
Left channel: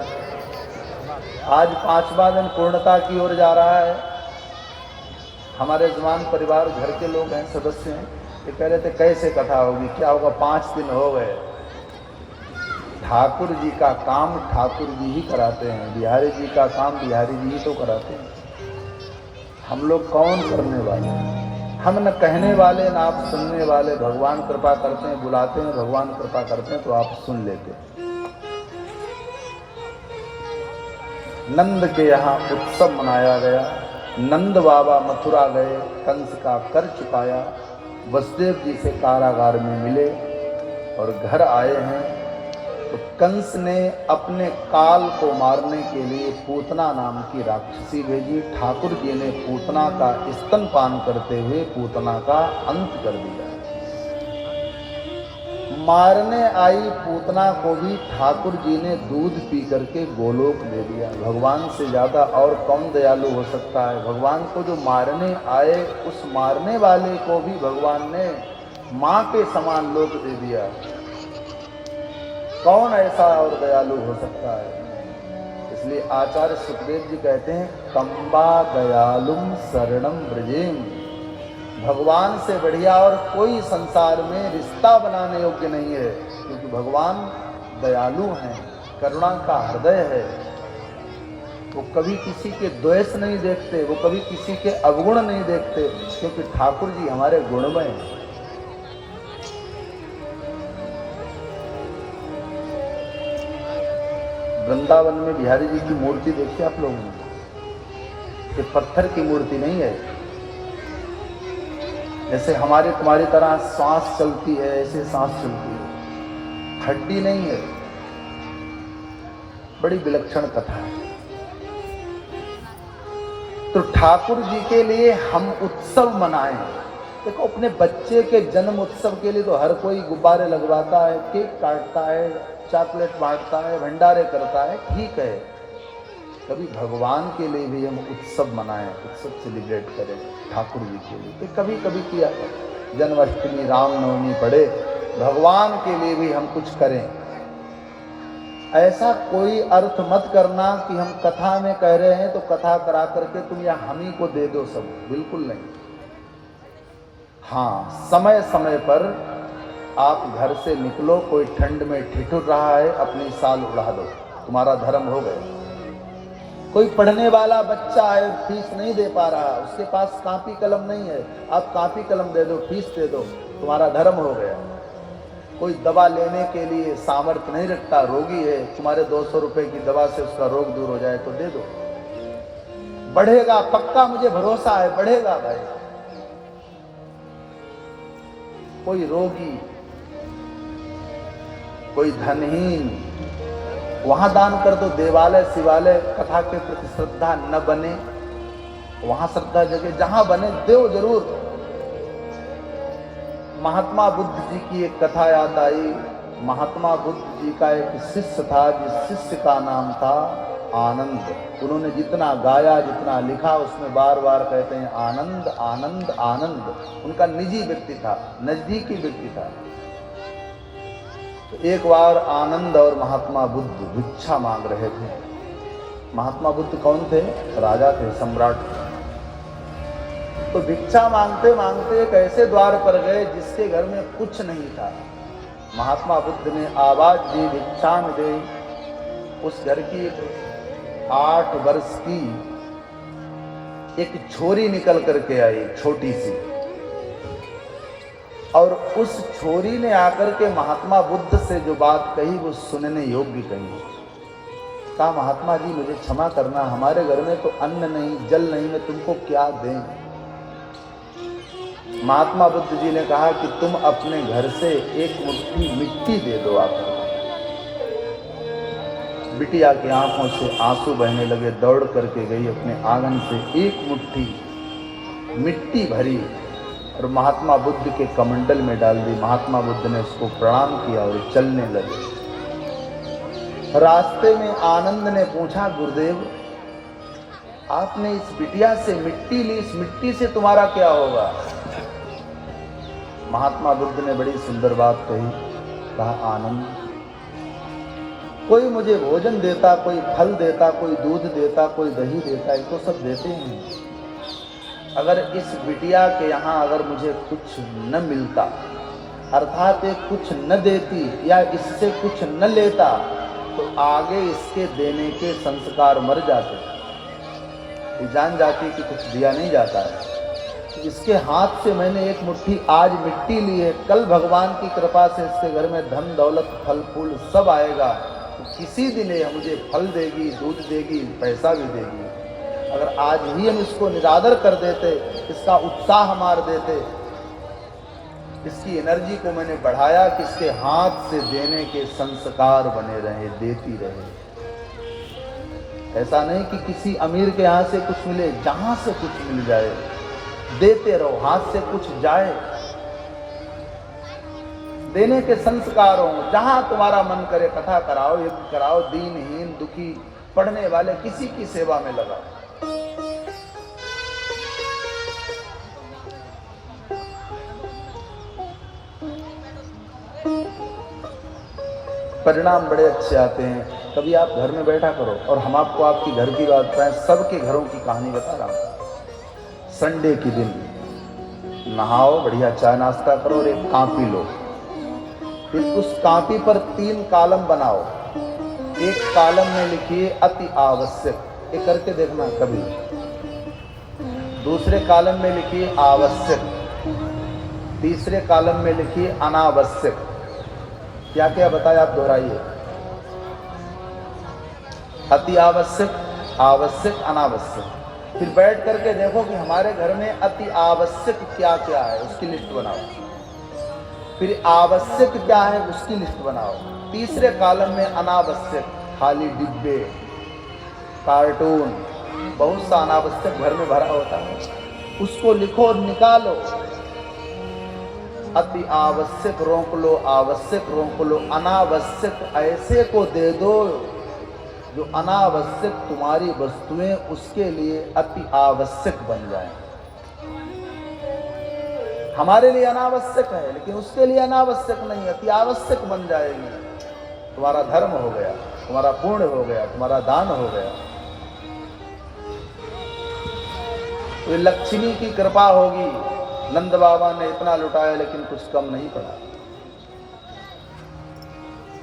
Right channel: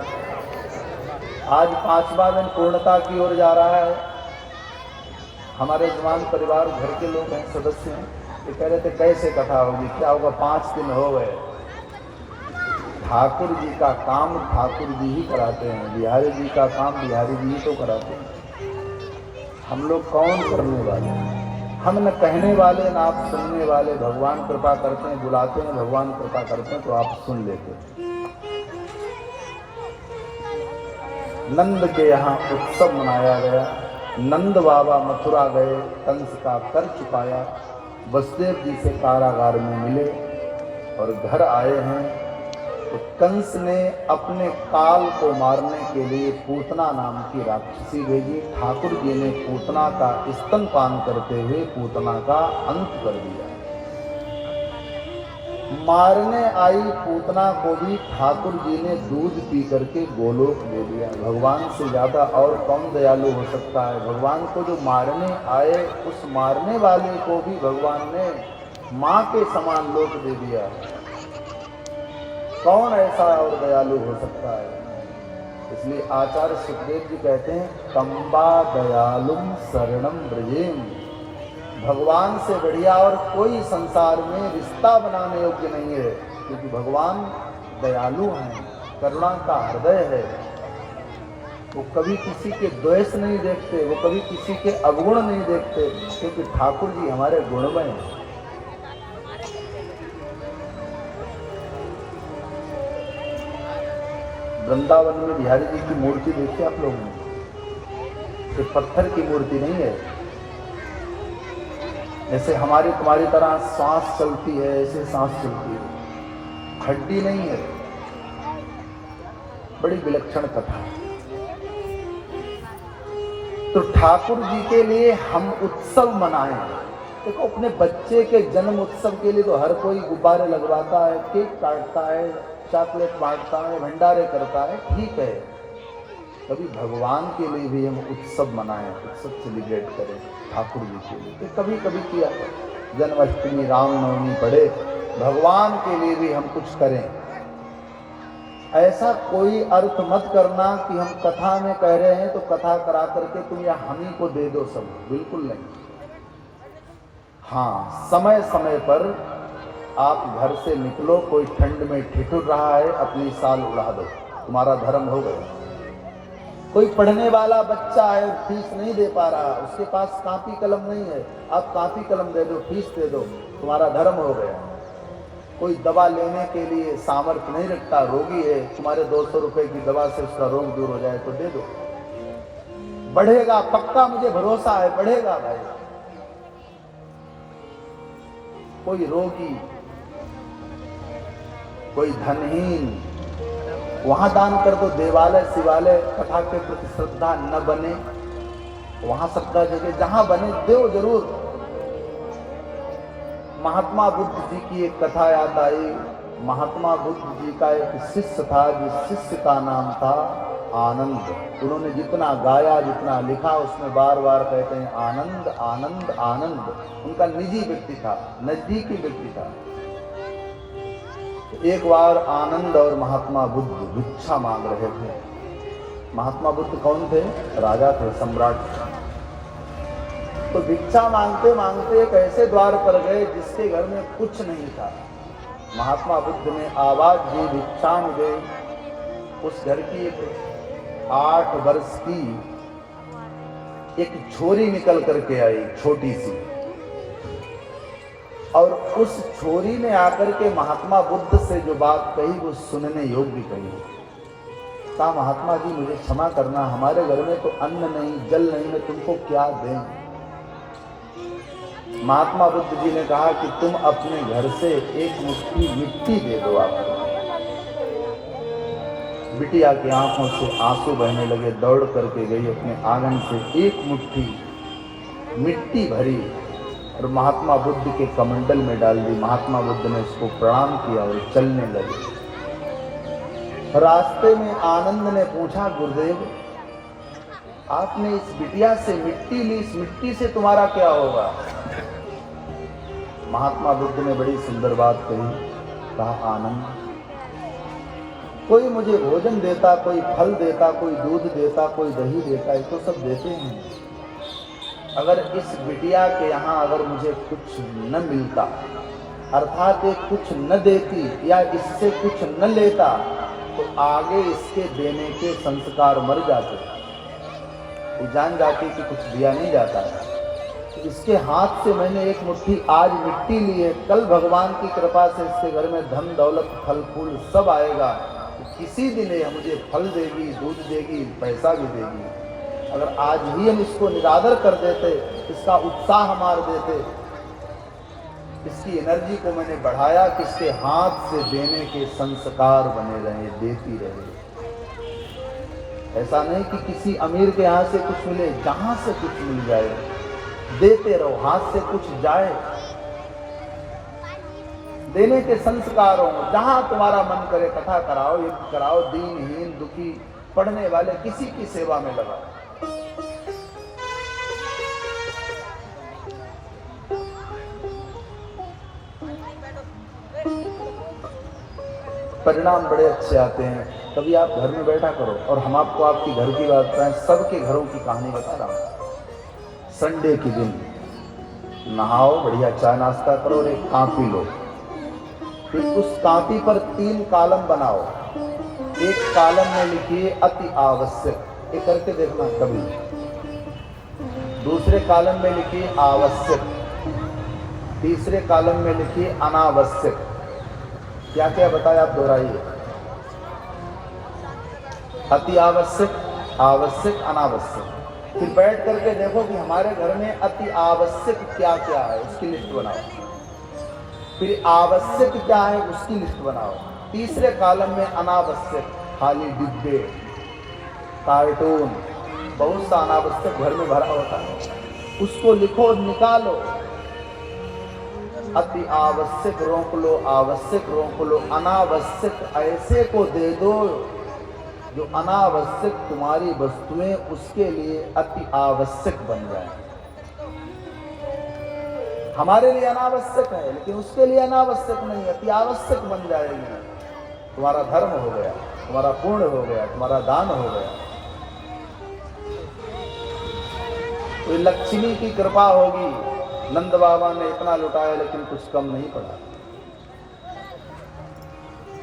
आज 5वां दिन पूर्णता की ओर जा रहा है। हमारे जवान परिवार घर के लोग हैं, सदस्य हैं, ये कह रहे थे कैसे कथा होगी, क्या होगा, 5 दिन हो गए। ठाकुर जी का काम ठाकुर जी ही कराते हैं, बिहारी जी का काम बिहारी जी ही तो कराते हैं। हम लोग कौन करने वाले? हम न कहने वाले न आप सुनने वाले। भगवान कृपा करते हैं, बुलाते हैं, भगवान कृपा करते हैं तो आप सुन लेते हैं। नंद के यहाँ उत्सव मनाया गया। नंद बाबा मथुरा गए, कंस का कर चुकाया, वसुदेव जी से कारागार में मिले और घर आए हैं तो कंस ने अपने काल को मारने के लिए पूतना नाम की राक्षसी भेजी। ठाकुर जी ने पूतना का स्तनपान करते हुए पूतना का अंत कर दिया। मारने आई पूतना को भी ठाकुर जी ने दूध पी करके गोलोक दे दिया। भगवान से ज्यादा और कौन दयालु हो सकता है? भगवान को जो मारने आए उस मारने वाले को भी भगवान ने माँ के समान लोक दे दिया। कौन ऐसा और दयालु हो सकता है? इसलिए आचार्य सुखदेव जी कहते हैं, कंबा दयालुम शरणम ब्रजेम। भगवान से बढ़िया और कोई संसार में रिश्ता बनाने योग्य नहीं है, क्योंकि भगवान दयालु हैं, करुणा का हृदय है। वो कभी किसी के द्वेष नहीं देखते, वो कभी किसी के अवगुण नहीं देखते, क्योंकि ठाकुर जी हमारे गुणमय हैं। वृंदावन में बिहारी जी की मूर्ति देखी आप लोगों ने? सिर्फ पत्थर की मूर्ति नहीं है। जैसे हमारे तुम्हारी तरह सांस चलती है ऐसे सांस चलती है, हड्डी नहीं है। बड़ी विलक्षण कथा है। तो ठाकुर जी के लिए हम उत्सव मनाएं। देखो, अपने बच्चे के जन्म उत्सव के लिए तो हर कोई गुब्बारे लगवाता है, केक काटता है, चॉकलेट बांटता है, भंडारे करता है, ठीक है। कभी भगवान के लिए भी हम उत्सव मनाएं, उत्सव सेलिब्रेट करें ठाकुर जी के लिए। कभी कभी किया जन्माष्टमी, रामनवमी पड़े, भगवान के लिए भी हम कुछ करें। ऐसा कोई अर्थ मत करना कि हम कथा में कह रहे हैं तो कथा करा करके तुम या हम ही को दे दो सब, बिल्कुल नहीं। हाँ, समय समय पर आप घर से निकलो, कोई ठंड में ठिठुर रहा है, अपनी साल उड़ा दो, तुम्हारा धर्म हो गया। कोई पढ़ने वाला बच्चा है, फीस नहीं दे पा रहा, उसके पास कॉपी कलम नहीं है, आप कॉपी कलम दे दो, फीस दे दो, तुम्हारा धर्म हो गया। कोई दवा लेने के लिए सामर्थ्य नहीं रखता, रोगी है, तुम्हारे 200 रुपए की दवा से उसका रोग दूर हो जाए तो दे दो, बढ़ेगा, पक्का मुझे भरोसा है, बढ़ेगा भाई। कोई रोगी, कोई धनहीन, वहां दान कर दो। देवालय शिवालय कथा के प्रति श्रद्धा न बने, वहां श्रद्धा जगह, जहां बने दो जरूर। महात्मा बुद्ध जी की एक कथा याद आई। महात्मा बुद्ध जी का एक शिष्य था, जिस शिष्य का नाम था आनंद। उन्होंने जितना गाया, जितना लिखा, उसमें बार बार कहते हैं आनंद आनंद आनंद। उनका निजी व्यक्ति था, नजदीकी व्यक्ति था। एक बार आनंद और महात्मा बुद्ध भिक्षा मांग रहे थे। महात्मा बुद्ध कौन थे? राजा थे, सम्राट थे। तो भिक्षा मांगते मांगते एक ऐसे द्वार पर गए जिसके घर में कुछ नहीं था। महात्मा बुद्ध ने आवाज दी, भिक्षा दे। उस घर की 8 वर्ष की एक छोरी निकल करके आई, छोटी सी, और उस छोरी ने आकर के महात्मा बुद्ध से जो बात कही वो सुनने योग्य कही। कहा, महात्मा जी मुझे क्षमा करना, हमारे घर में तो अन्न नहीं, जल नहीं, मैं तुमको क्या दें? महात्मा बुद्ध जी ने कहा कि तुम अपने घर से एक मुट्ठी मिट्टी दे दो आकर। बिटिया की आंखों से आंसू बहने लगे, दौड़ करके गई, अपने आंगन से एक मुट्ठी मिट्टी भरी और महात्मा बुद्ध के कमंडल में डाल दी। महात्मा बुद्ध ने उसको प्रणाम किया और चलने लगे। रास्ते में आनंद ने पूछा, गुरुदेव आपने इस बिटिया से मिट्टी ली, इस मिट्टी से तुम्हारा क्या होगा? महात्मा बुद्ध ने बड़ी सुंदर बात कही। कहा, आनंद, कोई मुझे भोजन देता, कोई फल देता, कोई दूध देता, कोई दही देता, ये तो सब देते हैं। अगर इस बिटिया के यहाँ अगर मुझे कुछ न मिलता, अर्थात ये कुछ न देती या इससे कुछ न लेता, तो आगे इसके देने के संस्कार मर जाते। ये जान जाती कि कुछ दिया नहीं जाता है। इसके हाथ से मैंने एक मुट्ठी आज मिट्टी ली है, कल भगवान की कृपा से इसके घर में धन दौलत फल फूल सब आएगा। किसी दिन ये मुझे फल देगी, दूध देगी, पैसा भी देगी। अगर आज ही हम इसको निरादर कर देते, इसका उत्साह मार देते, इसकी एनर्जी को मैंने बढ़ाया कि इसके हाथ से देने के संस्कार बने रहे, देती रहे। ऐसा नहीं कि किसी अमीर के यहाँ से कुछ मिले, जहां से कुछ मिल जाए देते रहो, हाथ से कुछ जाए, देने के संस्कार हो। जहां तुम्हारा मन करे कथा कराओ, युद्ध कराओ, दीनहीन दुखी पढ़ने वाले किसी की सेवा में लगाओ। परिणाम बड़े अच्छे आते हैं। कभी आप घर में बैठा करो और हम आपको आपकी घर की बात बताएं, सबके घरों की कहानी बता रहा हूं। संडे के दिन नहाओ, बढ़िया चाय नाश्ता करो और एक कॉपी लो। फिर उस कॉपी पर 3 कॉलम बनाओ। एक कॉलम में लिखिए अति आवश्यक, ये करके देखना कभी। दूसरे कॉलम में लिखिए आवश्यक, तीसरे कॉलम में लिखिए अनावश्यक। क्या क्या बताया आप दोहराइए। अति आवश्यक, आवश्यक, अनावश्यक। फिर बैठ करके देखो कि हमारे घर में अति आवश्यक क्या क्या है, उसकी लिस्ट बनाओ। फिर आवश्यक क्या है, उसकी लिस्ट बनाओ। तीसरे कॉलम में अनावश्यक, खाली डिब्बे, कार्टून, बहुत सा अनावश्यक घर में भरा होता है, उसको लिखो, निकालो। अति आवश्यक रोक लो, आवश्यक रोक लो, अनावश्यक ऐसे को दे दो जो अनावश्यक तुम्हारी वस्तुएं उसके लिए अति आवश्यक बन जाए। हमारे लिए अनावश्यक है लेकिन उसके लिए अनावश्यक नहीं, अति आवश्यक बन जाएगी। तुम्हारा धर्म हो गया, तुम्हारा पुण्य हो गया, तुम्हारा दान हो गया। ये लक्ष्मी की कृपा होगी। नंद बाबा ने इतना लुटाया लेकिन कुछ कम नहीं पड़ा।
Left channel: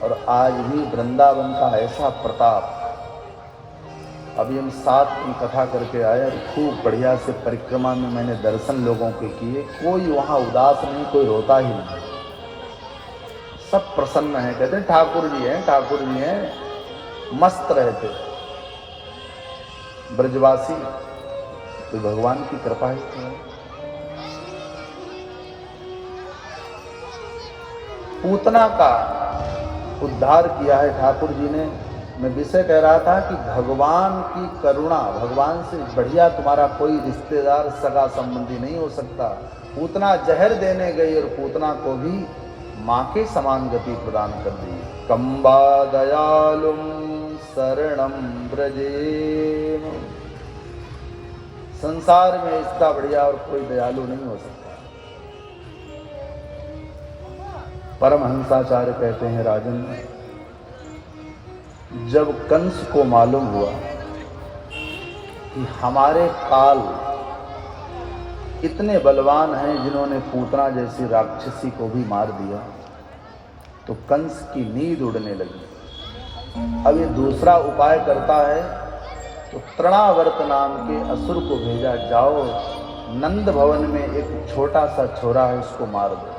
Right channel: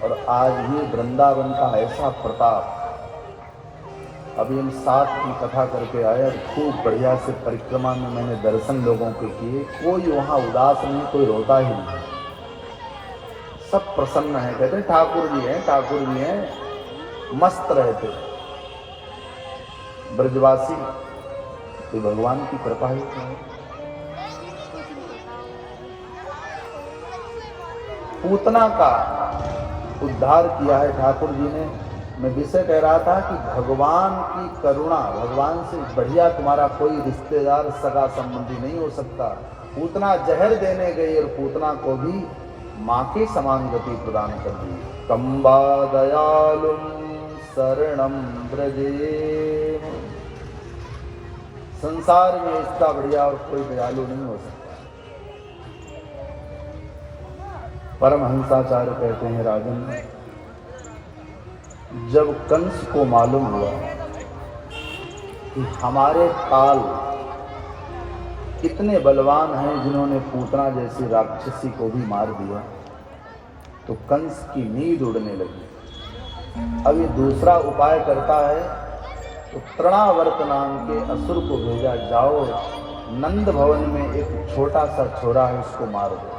और आज भी वृंदावन का ऐसा प्रताप। अभी हम 7 की कथा करके आए, खूब बढ़िया से परिक्रमा में मैंने दर्शन लोगों के किए। कोई वहां उदास नहीं, कोई रोता ही नहीं, सब प्रसन्न है। कहते हैं ठाकुर जी हैं, ठाकुर जी हैं, मस्त रहते ब्रजवासी। तो भगवान की कृपा ही तो है। पूतना का उद्धार किया है ठाकुर जी ने। मैं विषय कह रहा था कि भगवान की करुणा, भगवान से बढ़िया तुम्हारा कोई रिश्तेदार सगा संबंधी नहीं हो सकता। पूतना जहर देने गई और पूतना को भी माँ के समान गति प्रदान कर दी। कंबा दयालुम शरणम ब्रजे। संसार में इसका बढ़िया और कोई दयालु नहीं हो सकता। परमहंसाचार्य कहते हैं राजन, जब कंस को मालूम हुआ कि हमारे काल इतने बलवान हैं जिन्होंने पूतना जैसी राक्षसी को भी मार दिया, तो कंस की नींद उड़ने लगी। अभी दूसरा उपाय करता है, तो तृणावर्त नाम के असुर को भेजा, जाओ नंद भवन में एक छोटा सा छोरा है उसको मार दो।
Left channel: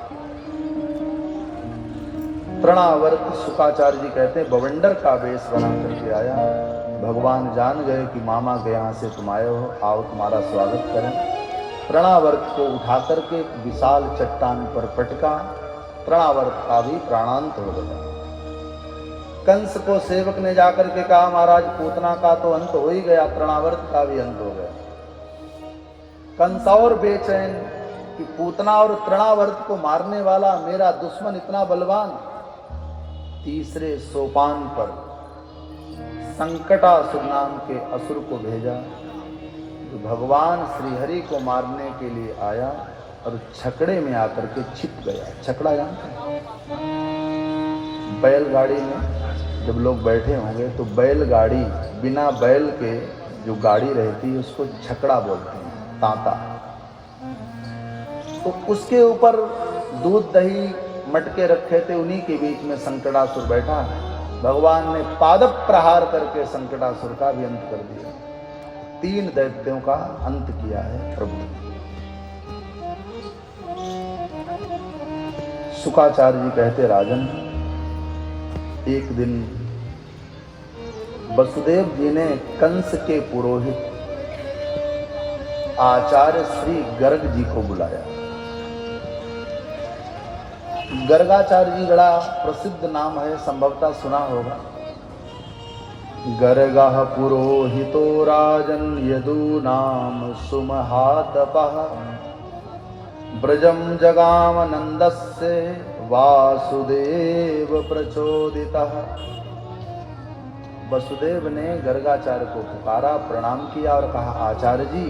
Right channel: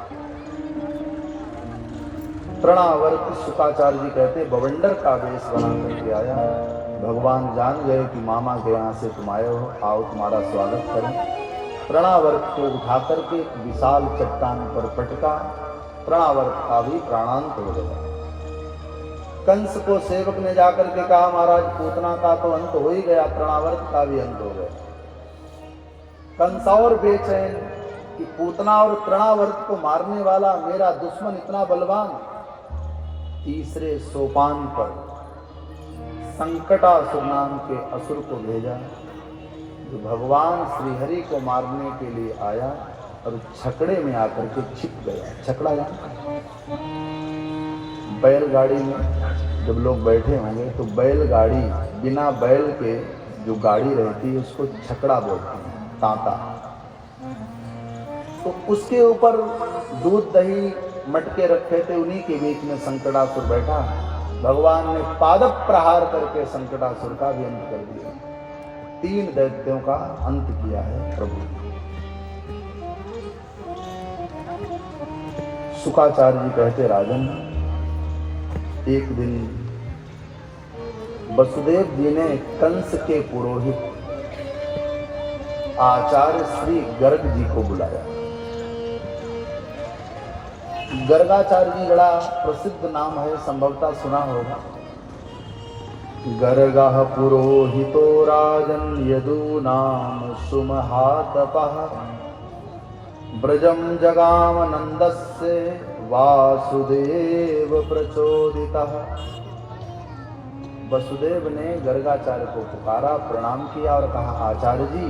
तृणावर्त शुकाचार्य जी कहते हैं बवंडर का वेश बना करके आया। भगवान जान गए कि मामा के यहाँ से तुम आए हो, आओ तुम्हारा स्वागत करें। तृणावर्त को उठा करके विशाल चट्टान पर पटका। तृणावर्त का भी प्राणांत हो गया। कंस को सेवक ने जाकर के कहा, महाराज पूतना का तो अंत हो ही गया, तृणावर्त का भी अंत हो गया। कंस और बेचैन कि पूतना और तृणावर्त को मारने वाला मेरा दुश्मन इतना बलवान। तीसरे सोपान पर संकटासुर नाम के असुर को भेजा, जो भगवान श्रीहरि को मारने के लिए आया और छकड़े में आकर के छिप गया। छकड़ा बैलगाड़ी में जब लोग बैठे होंगे तो बैलगाड़ी, बिना बैल के जो गाड़ी रहती है उसको छकड़ा बोलते हैं, तांता। तो उसके ऊपर दूध दही मटके रखे थे, उन्हीं के बीच में संकटासुर बैठा। भगवान ने पादप प्रहार करके संकटासुर का भी अंत कर दिया। 3 दैत्यों का अंत किया है प्रभु। शुकाचार्य जी कहते राजन, एक दिन वसुदेव जी ने कंस के पुरोहित आचार्य श्री गर्ग जी को बुलाया। गर्गाचार्य जी बड़ा प्रसिद्ध नाम है, संभवतः सुना होगा। गर्गः पुरोहितो राजन् यदूनां सुमहातपः ब्रजं जगाम नन्दस्य वासुदेव प्रचोदितः। वसुदेव ने गर्गाचार्य को पुकारा, प्रणाम किया और कहा, आचार्य जी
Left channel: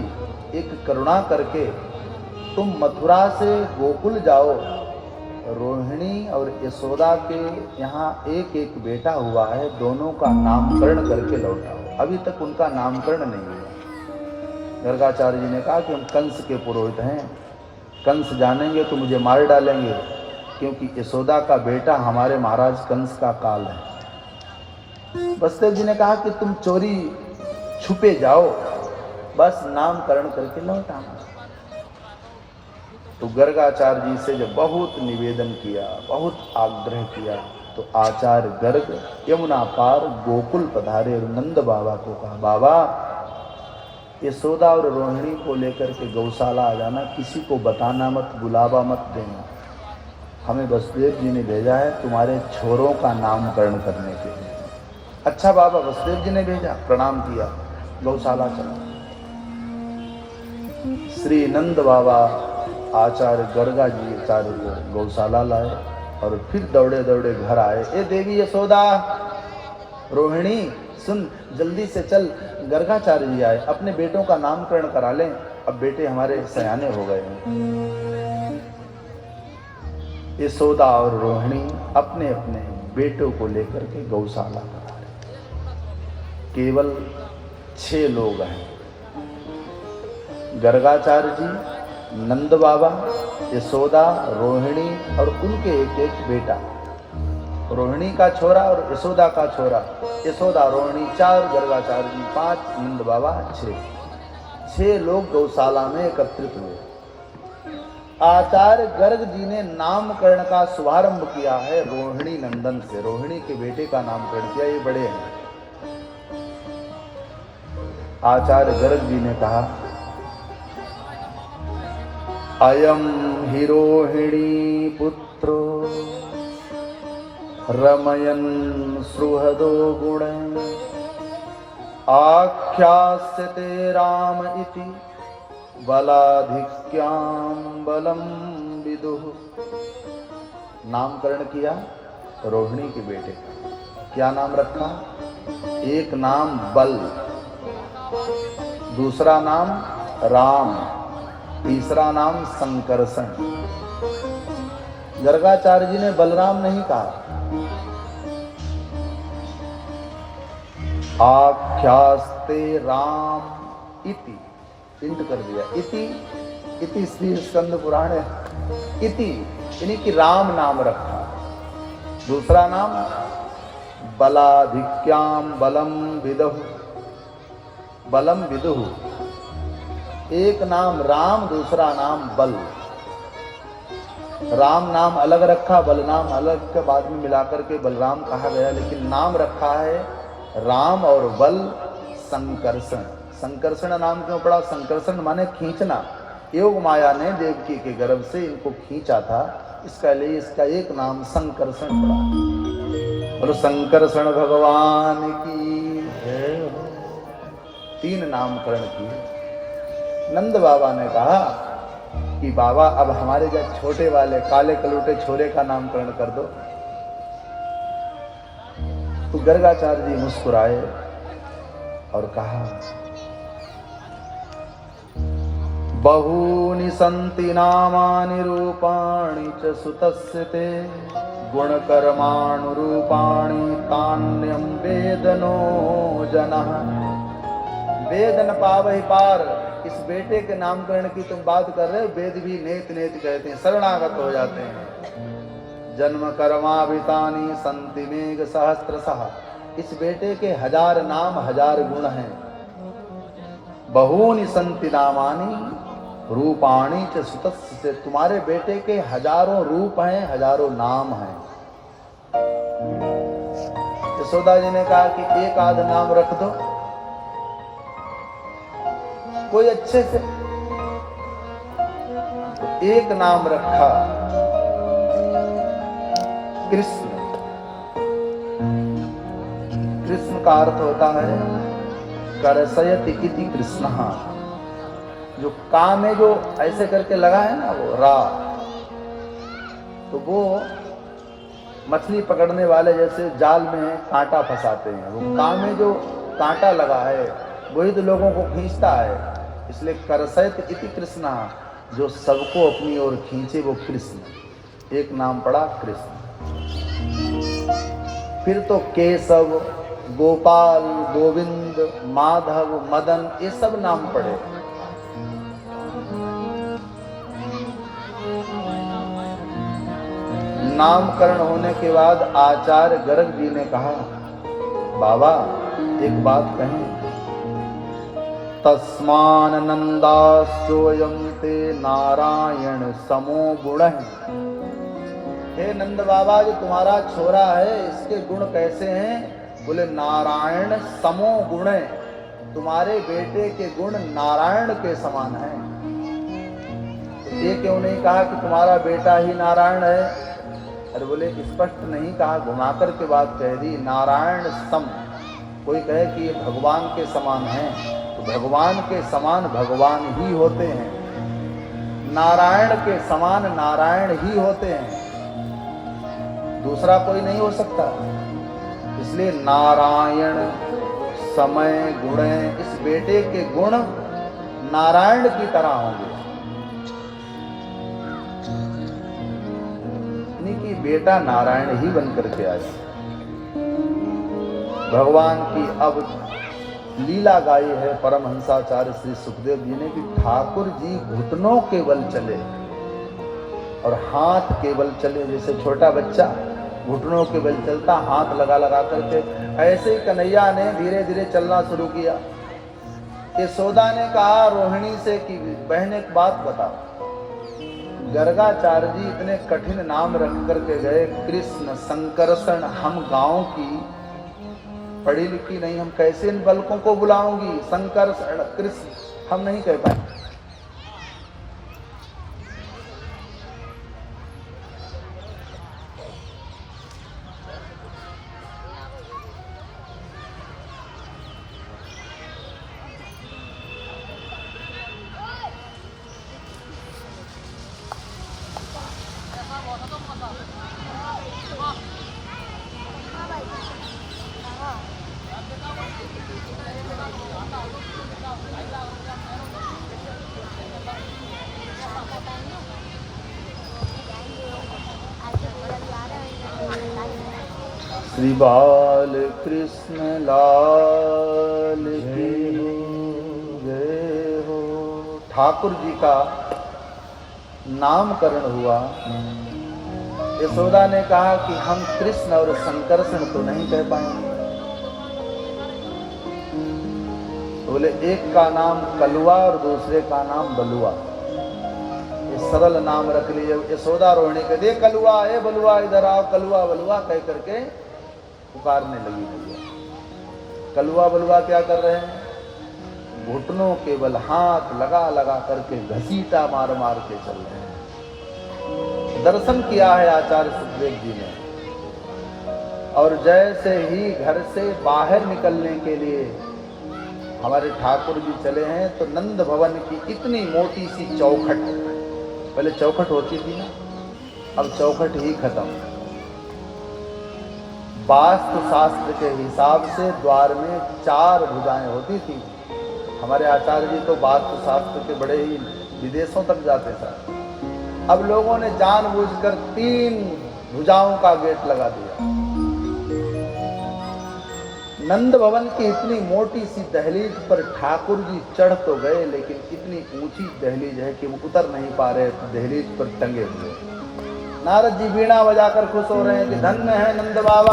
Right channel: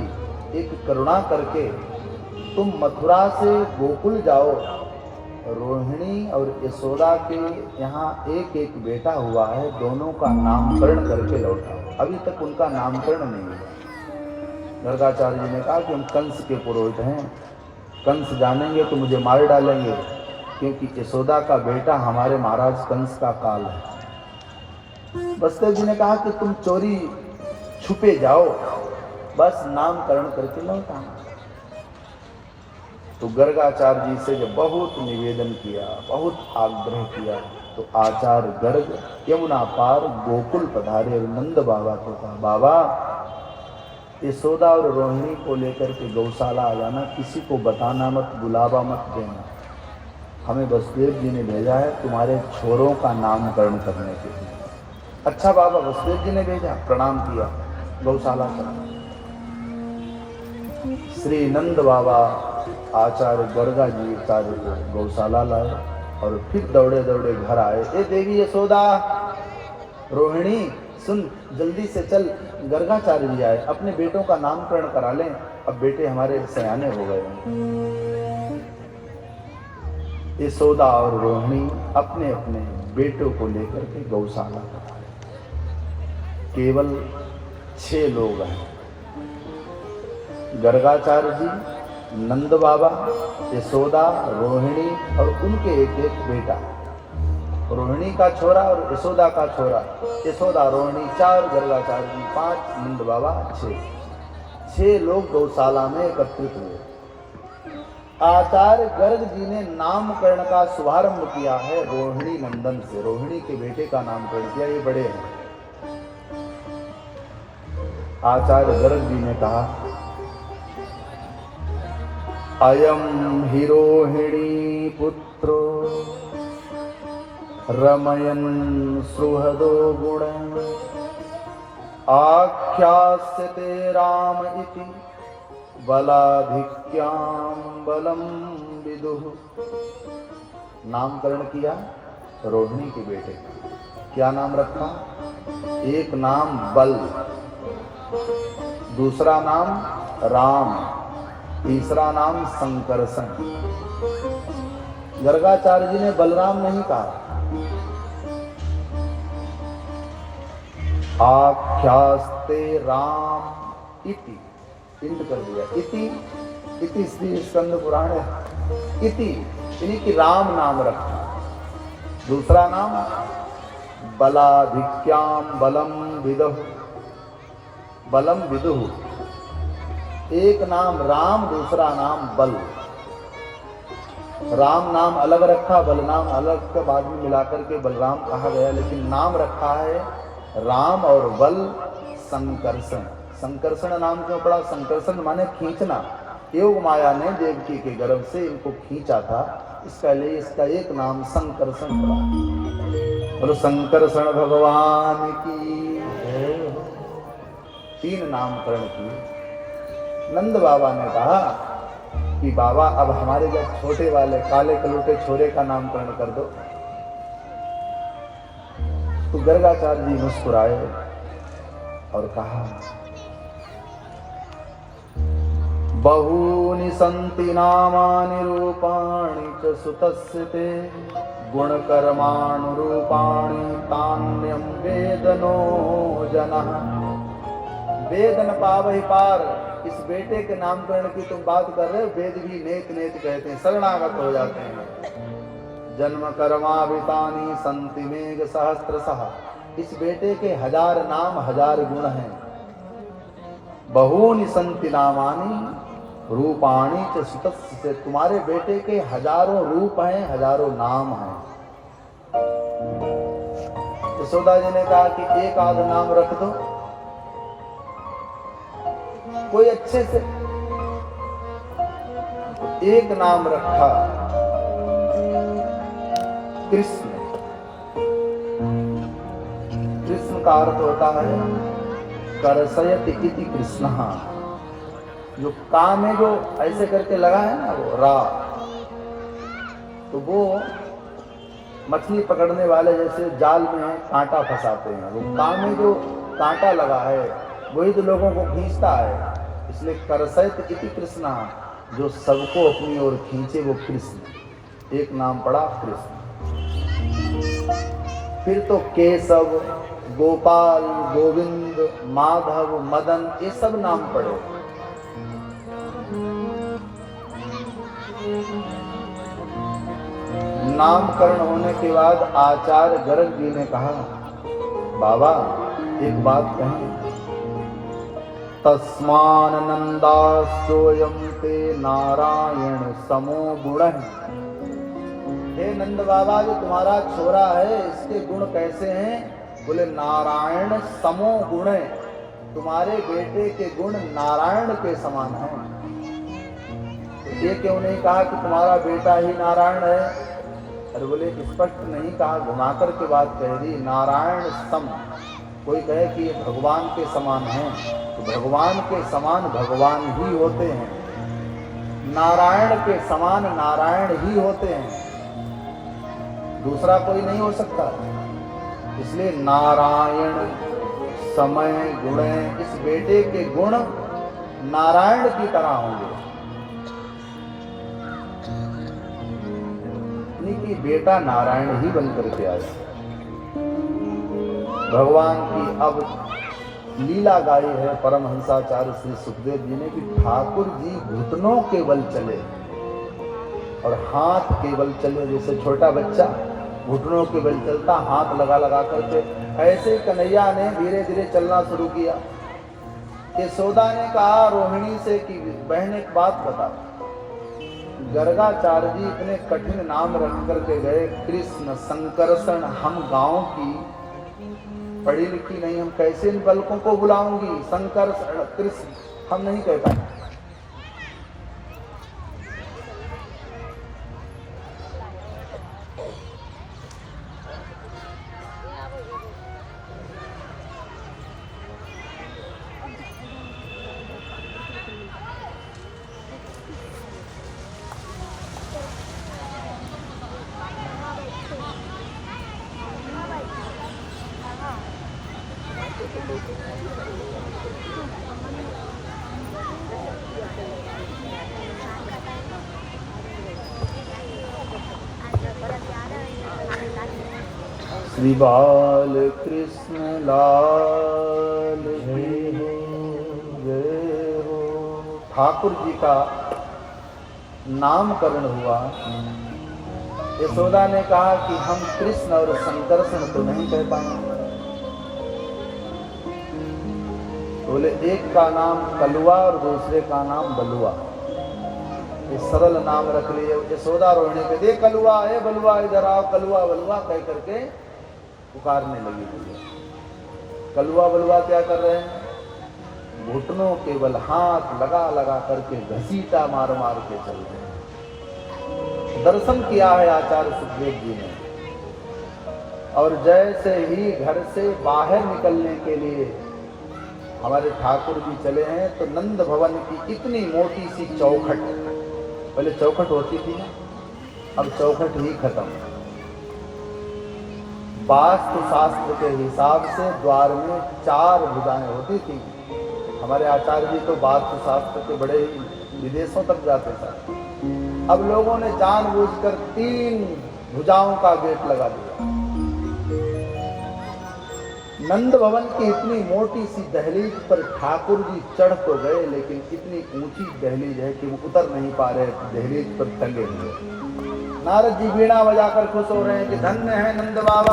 एक करुणा करके तुम मथुरा से गोकुल जाओ। रोहिणी और यशोदा के यहाँ एक एक बेटा हुआ है, दोनों का नामकरण करके लौटा। अभी तक उनका नामकरण नहीं है। गर्गाचार्य जी ने कहा कि हम कंस के पुरोहित हैं, कंस जानेंगे तो मुझे मार डालेंगे, क्योंकि यशोदा का बेटा हमारे महाराज कंस का काल है। वसुदेव जी ने कहा कि तुम चोरी छुपे जाओ, बस नामकरण करके लौट आना। तो गर्गाचार्य जी से जब बहुत निवेदन किया, बहुत आग्रह किया, तो आचार्य गर्ग यमुना पार गोकुल पधारे और नंद बाबा को कहा, बाबा यशोदा और रोहिणी को लेकर के गौशाला आ जाना, किसी को बताना मत, बुलावा मत देना। हमें वसुदेव जी ने भेजा है तुम्हारे छोरों का नामकरण करने के लिए। अच्छा बाबा, वसुदेव जी ने भेजा, प्रणाम किया, गौशाला चला। श्री नंद बाबा आचार्य गर्गा जी आचार्य को गौशाला लाए और फिर दौड़े दौड़े घर आए। ए देवी यशोदा, रोहिणी सुन, जल्दी से चल, गर्गाचार्य जी आए, अपने बेटों का नामकरण करा लें, अब बेटे हमारे सयाने हो गए हैं। यशोदा और रोहिणी अपने अपने बेटों को लेकर के गौशाला केवल 6 लोग हैं। गर्गाचार्य जी, नंद बाबा, यशोदा, रोहिणी और उनके एक एक बेटा। रोहिणी का छोरा और यशोदा का छोरा, यशोदा रोहिणी 4, गर्गाचार्य जी 5, नंद बाबा 6 लोग गौशाला में एकत्रित हुए। आचार्य गर्ग जी ने नामकरण का शुभारंभ किया है रोहिणी नंदन से। रोहिणी के बेटे का नामकरण किया, ये बड़े हैं। आचार्य गर्ग जी ने कहा, अयम हि रोहिणी पुत्रो रमयन् सुहृदो गुणैः आख्यास्यते राम इति बलाधिक्यां बलं विदुः। नामकरण किया रोहिणी के बेटे का। क्या नाम रखा? एक नाम बल, दूसरा नाम राम, तीसरा नाम संकर्षण। गर्गाचार्य जी ने बलराम नहीं कहा। आख्यास्ते राम इति, इंट कर दिया। इति श्री स्कंद पुराण है। इति यानी कि राम नाम रखा। दूसरा नाम बलाधिक्याम बलम विदुः, बलम विदुः। एक नाम राम, दूसरा नाम बल। राम नाम अलग रखा, बल नाम अलग के बाद में मिलाकर के बलराम कहा गया, लेकिन नाम रखा है राम और बल संकर्षण। संकर्षण नाम क्यों पड़ा? संकर्षण माने खींचना। योग माया ने देवकी के गर्भ से इनको खींचा था, इसका लिए इसका एक नाम संकर्षण पड़ा। और संकर्षण भगवान की 3 नामकरण किए। नंद बाबा ने कहा कि बाबा अब हमारे जो छोटे वाले काले कलोटे छोरे का नामकरण कर दो। तो गर्गाचार्य जी मुस्कुराए और कहा, बहूनि सन्ति नामानि रूपाणि च सुतस्य ते गुणकर्माणुरूपाणि तान्यं वेदनो जनः। वेद न पावहि पार। इस बेटे के नामकरण की तुम बात कर रहे हो, वेद भी नेत नेत कहते हैं, शरणागत हो जाते हैं। जन्म कर्माभितानि सन्ति मेघ सहस्त्रशः। इस बेटे के 1000 नाम 1000 गुण हैं। बहूनि सन्ति नामानि रूपाणि च सुतस्य से, तुम्हारे बेटे के 1000 रूप हैं, 1000 नाम हैं। यशोदा जी ने कहा कि एक आध नाम रख दो कोई अच्छे से। तो एक नाम रखा कृष्ण। कृष्ण का अर्थ होता है करसयति इति कृष्णः। जो काम में जो ऐसे करके लगा है ना वो रा, तो वो मछली पकड़ने वाले जैसे जाल में कांटा फंसाते हैं। वो काम में जो कांटा लगा है वही तो लोगों को खींचता है। इसलिए करसयत इति कृष्ण, जो सबको अपनी ओर खींचे वो कृष्ण। एक नाम पड़ा कृष्ण। फिर तो केशव, गोपाल, गोविंद, माधव, मदन, ये सब नाम पड़े। नामकरण होने के बाद आचार्य गर्ग जी ने कहा, बाबा एक बात कहें। तस्मानंदास्योयं ते नारायण समो गुणः। हे नंद बाबा, जो तुम्हारा छोरा है इसके गुण कैसे हैं? बोले नारायण समो गुण। तुम्हारे बेटे के गुण नारायण के समान हैं। ये क्यों नहीं कहा कि तुम्हारा बेटा ही नारायण है? अरे बोले स्पष्ट नहीं कहा, घुमाकर के बात कह दी। नारायण सम, कोई कहे कि भगवान के समान है, तो भगवान के समान भगवान ही होते हैं। नारायण के समान नारायण ही होते हैं, दूसरा कोई नहीं हो सकता। इसलिए नारायण समय गुण, इस बेटे के गुण नारायण की तरह होंगे। कि बेटा नारायण ही बन करके आए। भगवान की अब लीला गाई है परमहंसाचार्य श्री सुखदेव जी ने कि ठाकुर जी घुटनों के बल चले और हाथ के बल चले। जैसे छोटा बच्चा घुटनों के बल चलता, हाथ लगा लगा करके, ऐसे ही कन्हैया ने धीरे धीरे चलना शुरू किया। यशोदा ने कहा रोहिणी से कि बहन एक बात बता, गर्गाचार्य जी इतने कठिन नाम रख करके गए, कृष्ण संकर्षण, हम गांव की पढ़ी लिखी नहीं, हम कैसे इन बालकों को बुलाऊंगी? संकर्षण कृष्ण हम नहीं कह पाए। श्री बाल कृष्ण लाल की जय हो। ठाकुर जी का नामकरण हुआ। यशोदा ने कहा कि हम कृष्ण और संकर्षण तो नहीं कह पाएंगे। बोले एक का नाम कलुआ और दूसरे का नाम बलुआ, सरल नाम रख लिए। यशोदा रोने के दे कलुआ है बलुआ, इधर आओ, कलुआ बलुआ कह करके पुकारने लगी। कलुआ बलुआ क्या कर रहे हैं? घुटनों के बल हाथ लगा लगा करके घसीटा मार मार के चल रहे हैं। दर्शन किया है आचार्य सुखदेव जी ने। और जैसे ही घर से बाहर निकलने के लिए हमारे ठाकुर जी चले हैं तो नंद भवन की इतनी मोटी सी चौखट, पहले चौखट होती थी अब चौखट ही खत्म। वास्तु शास्त्र के हिसाब से द्वार में 4 भुजाएं होती थी। हमारे आचार्य जी तो वास्तु शास्त्र के बड़े ही विदेशों तक जाते थे। अब लोगों ने जानबूझकर 3 भुजाओं का गेट लगा दिया। नंद भवन की इतनी मोटी सी दहलीज पर ठाकुर जी चढ़ तो गए, लेकिन इतनी ऊंची दहलीज है कि वो उतर नहीं पा रहे, दहलीज पर टंगे हुए। नारद जी वीणा बजाकर खुश हो रहे हैं कि धन्य है नंद बाबा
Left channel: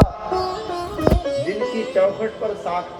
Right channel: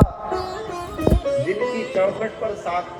जिनकी चौखट पर साक्षात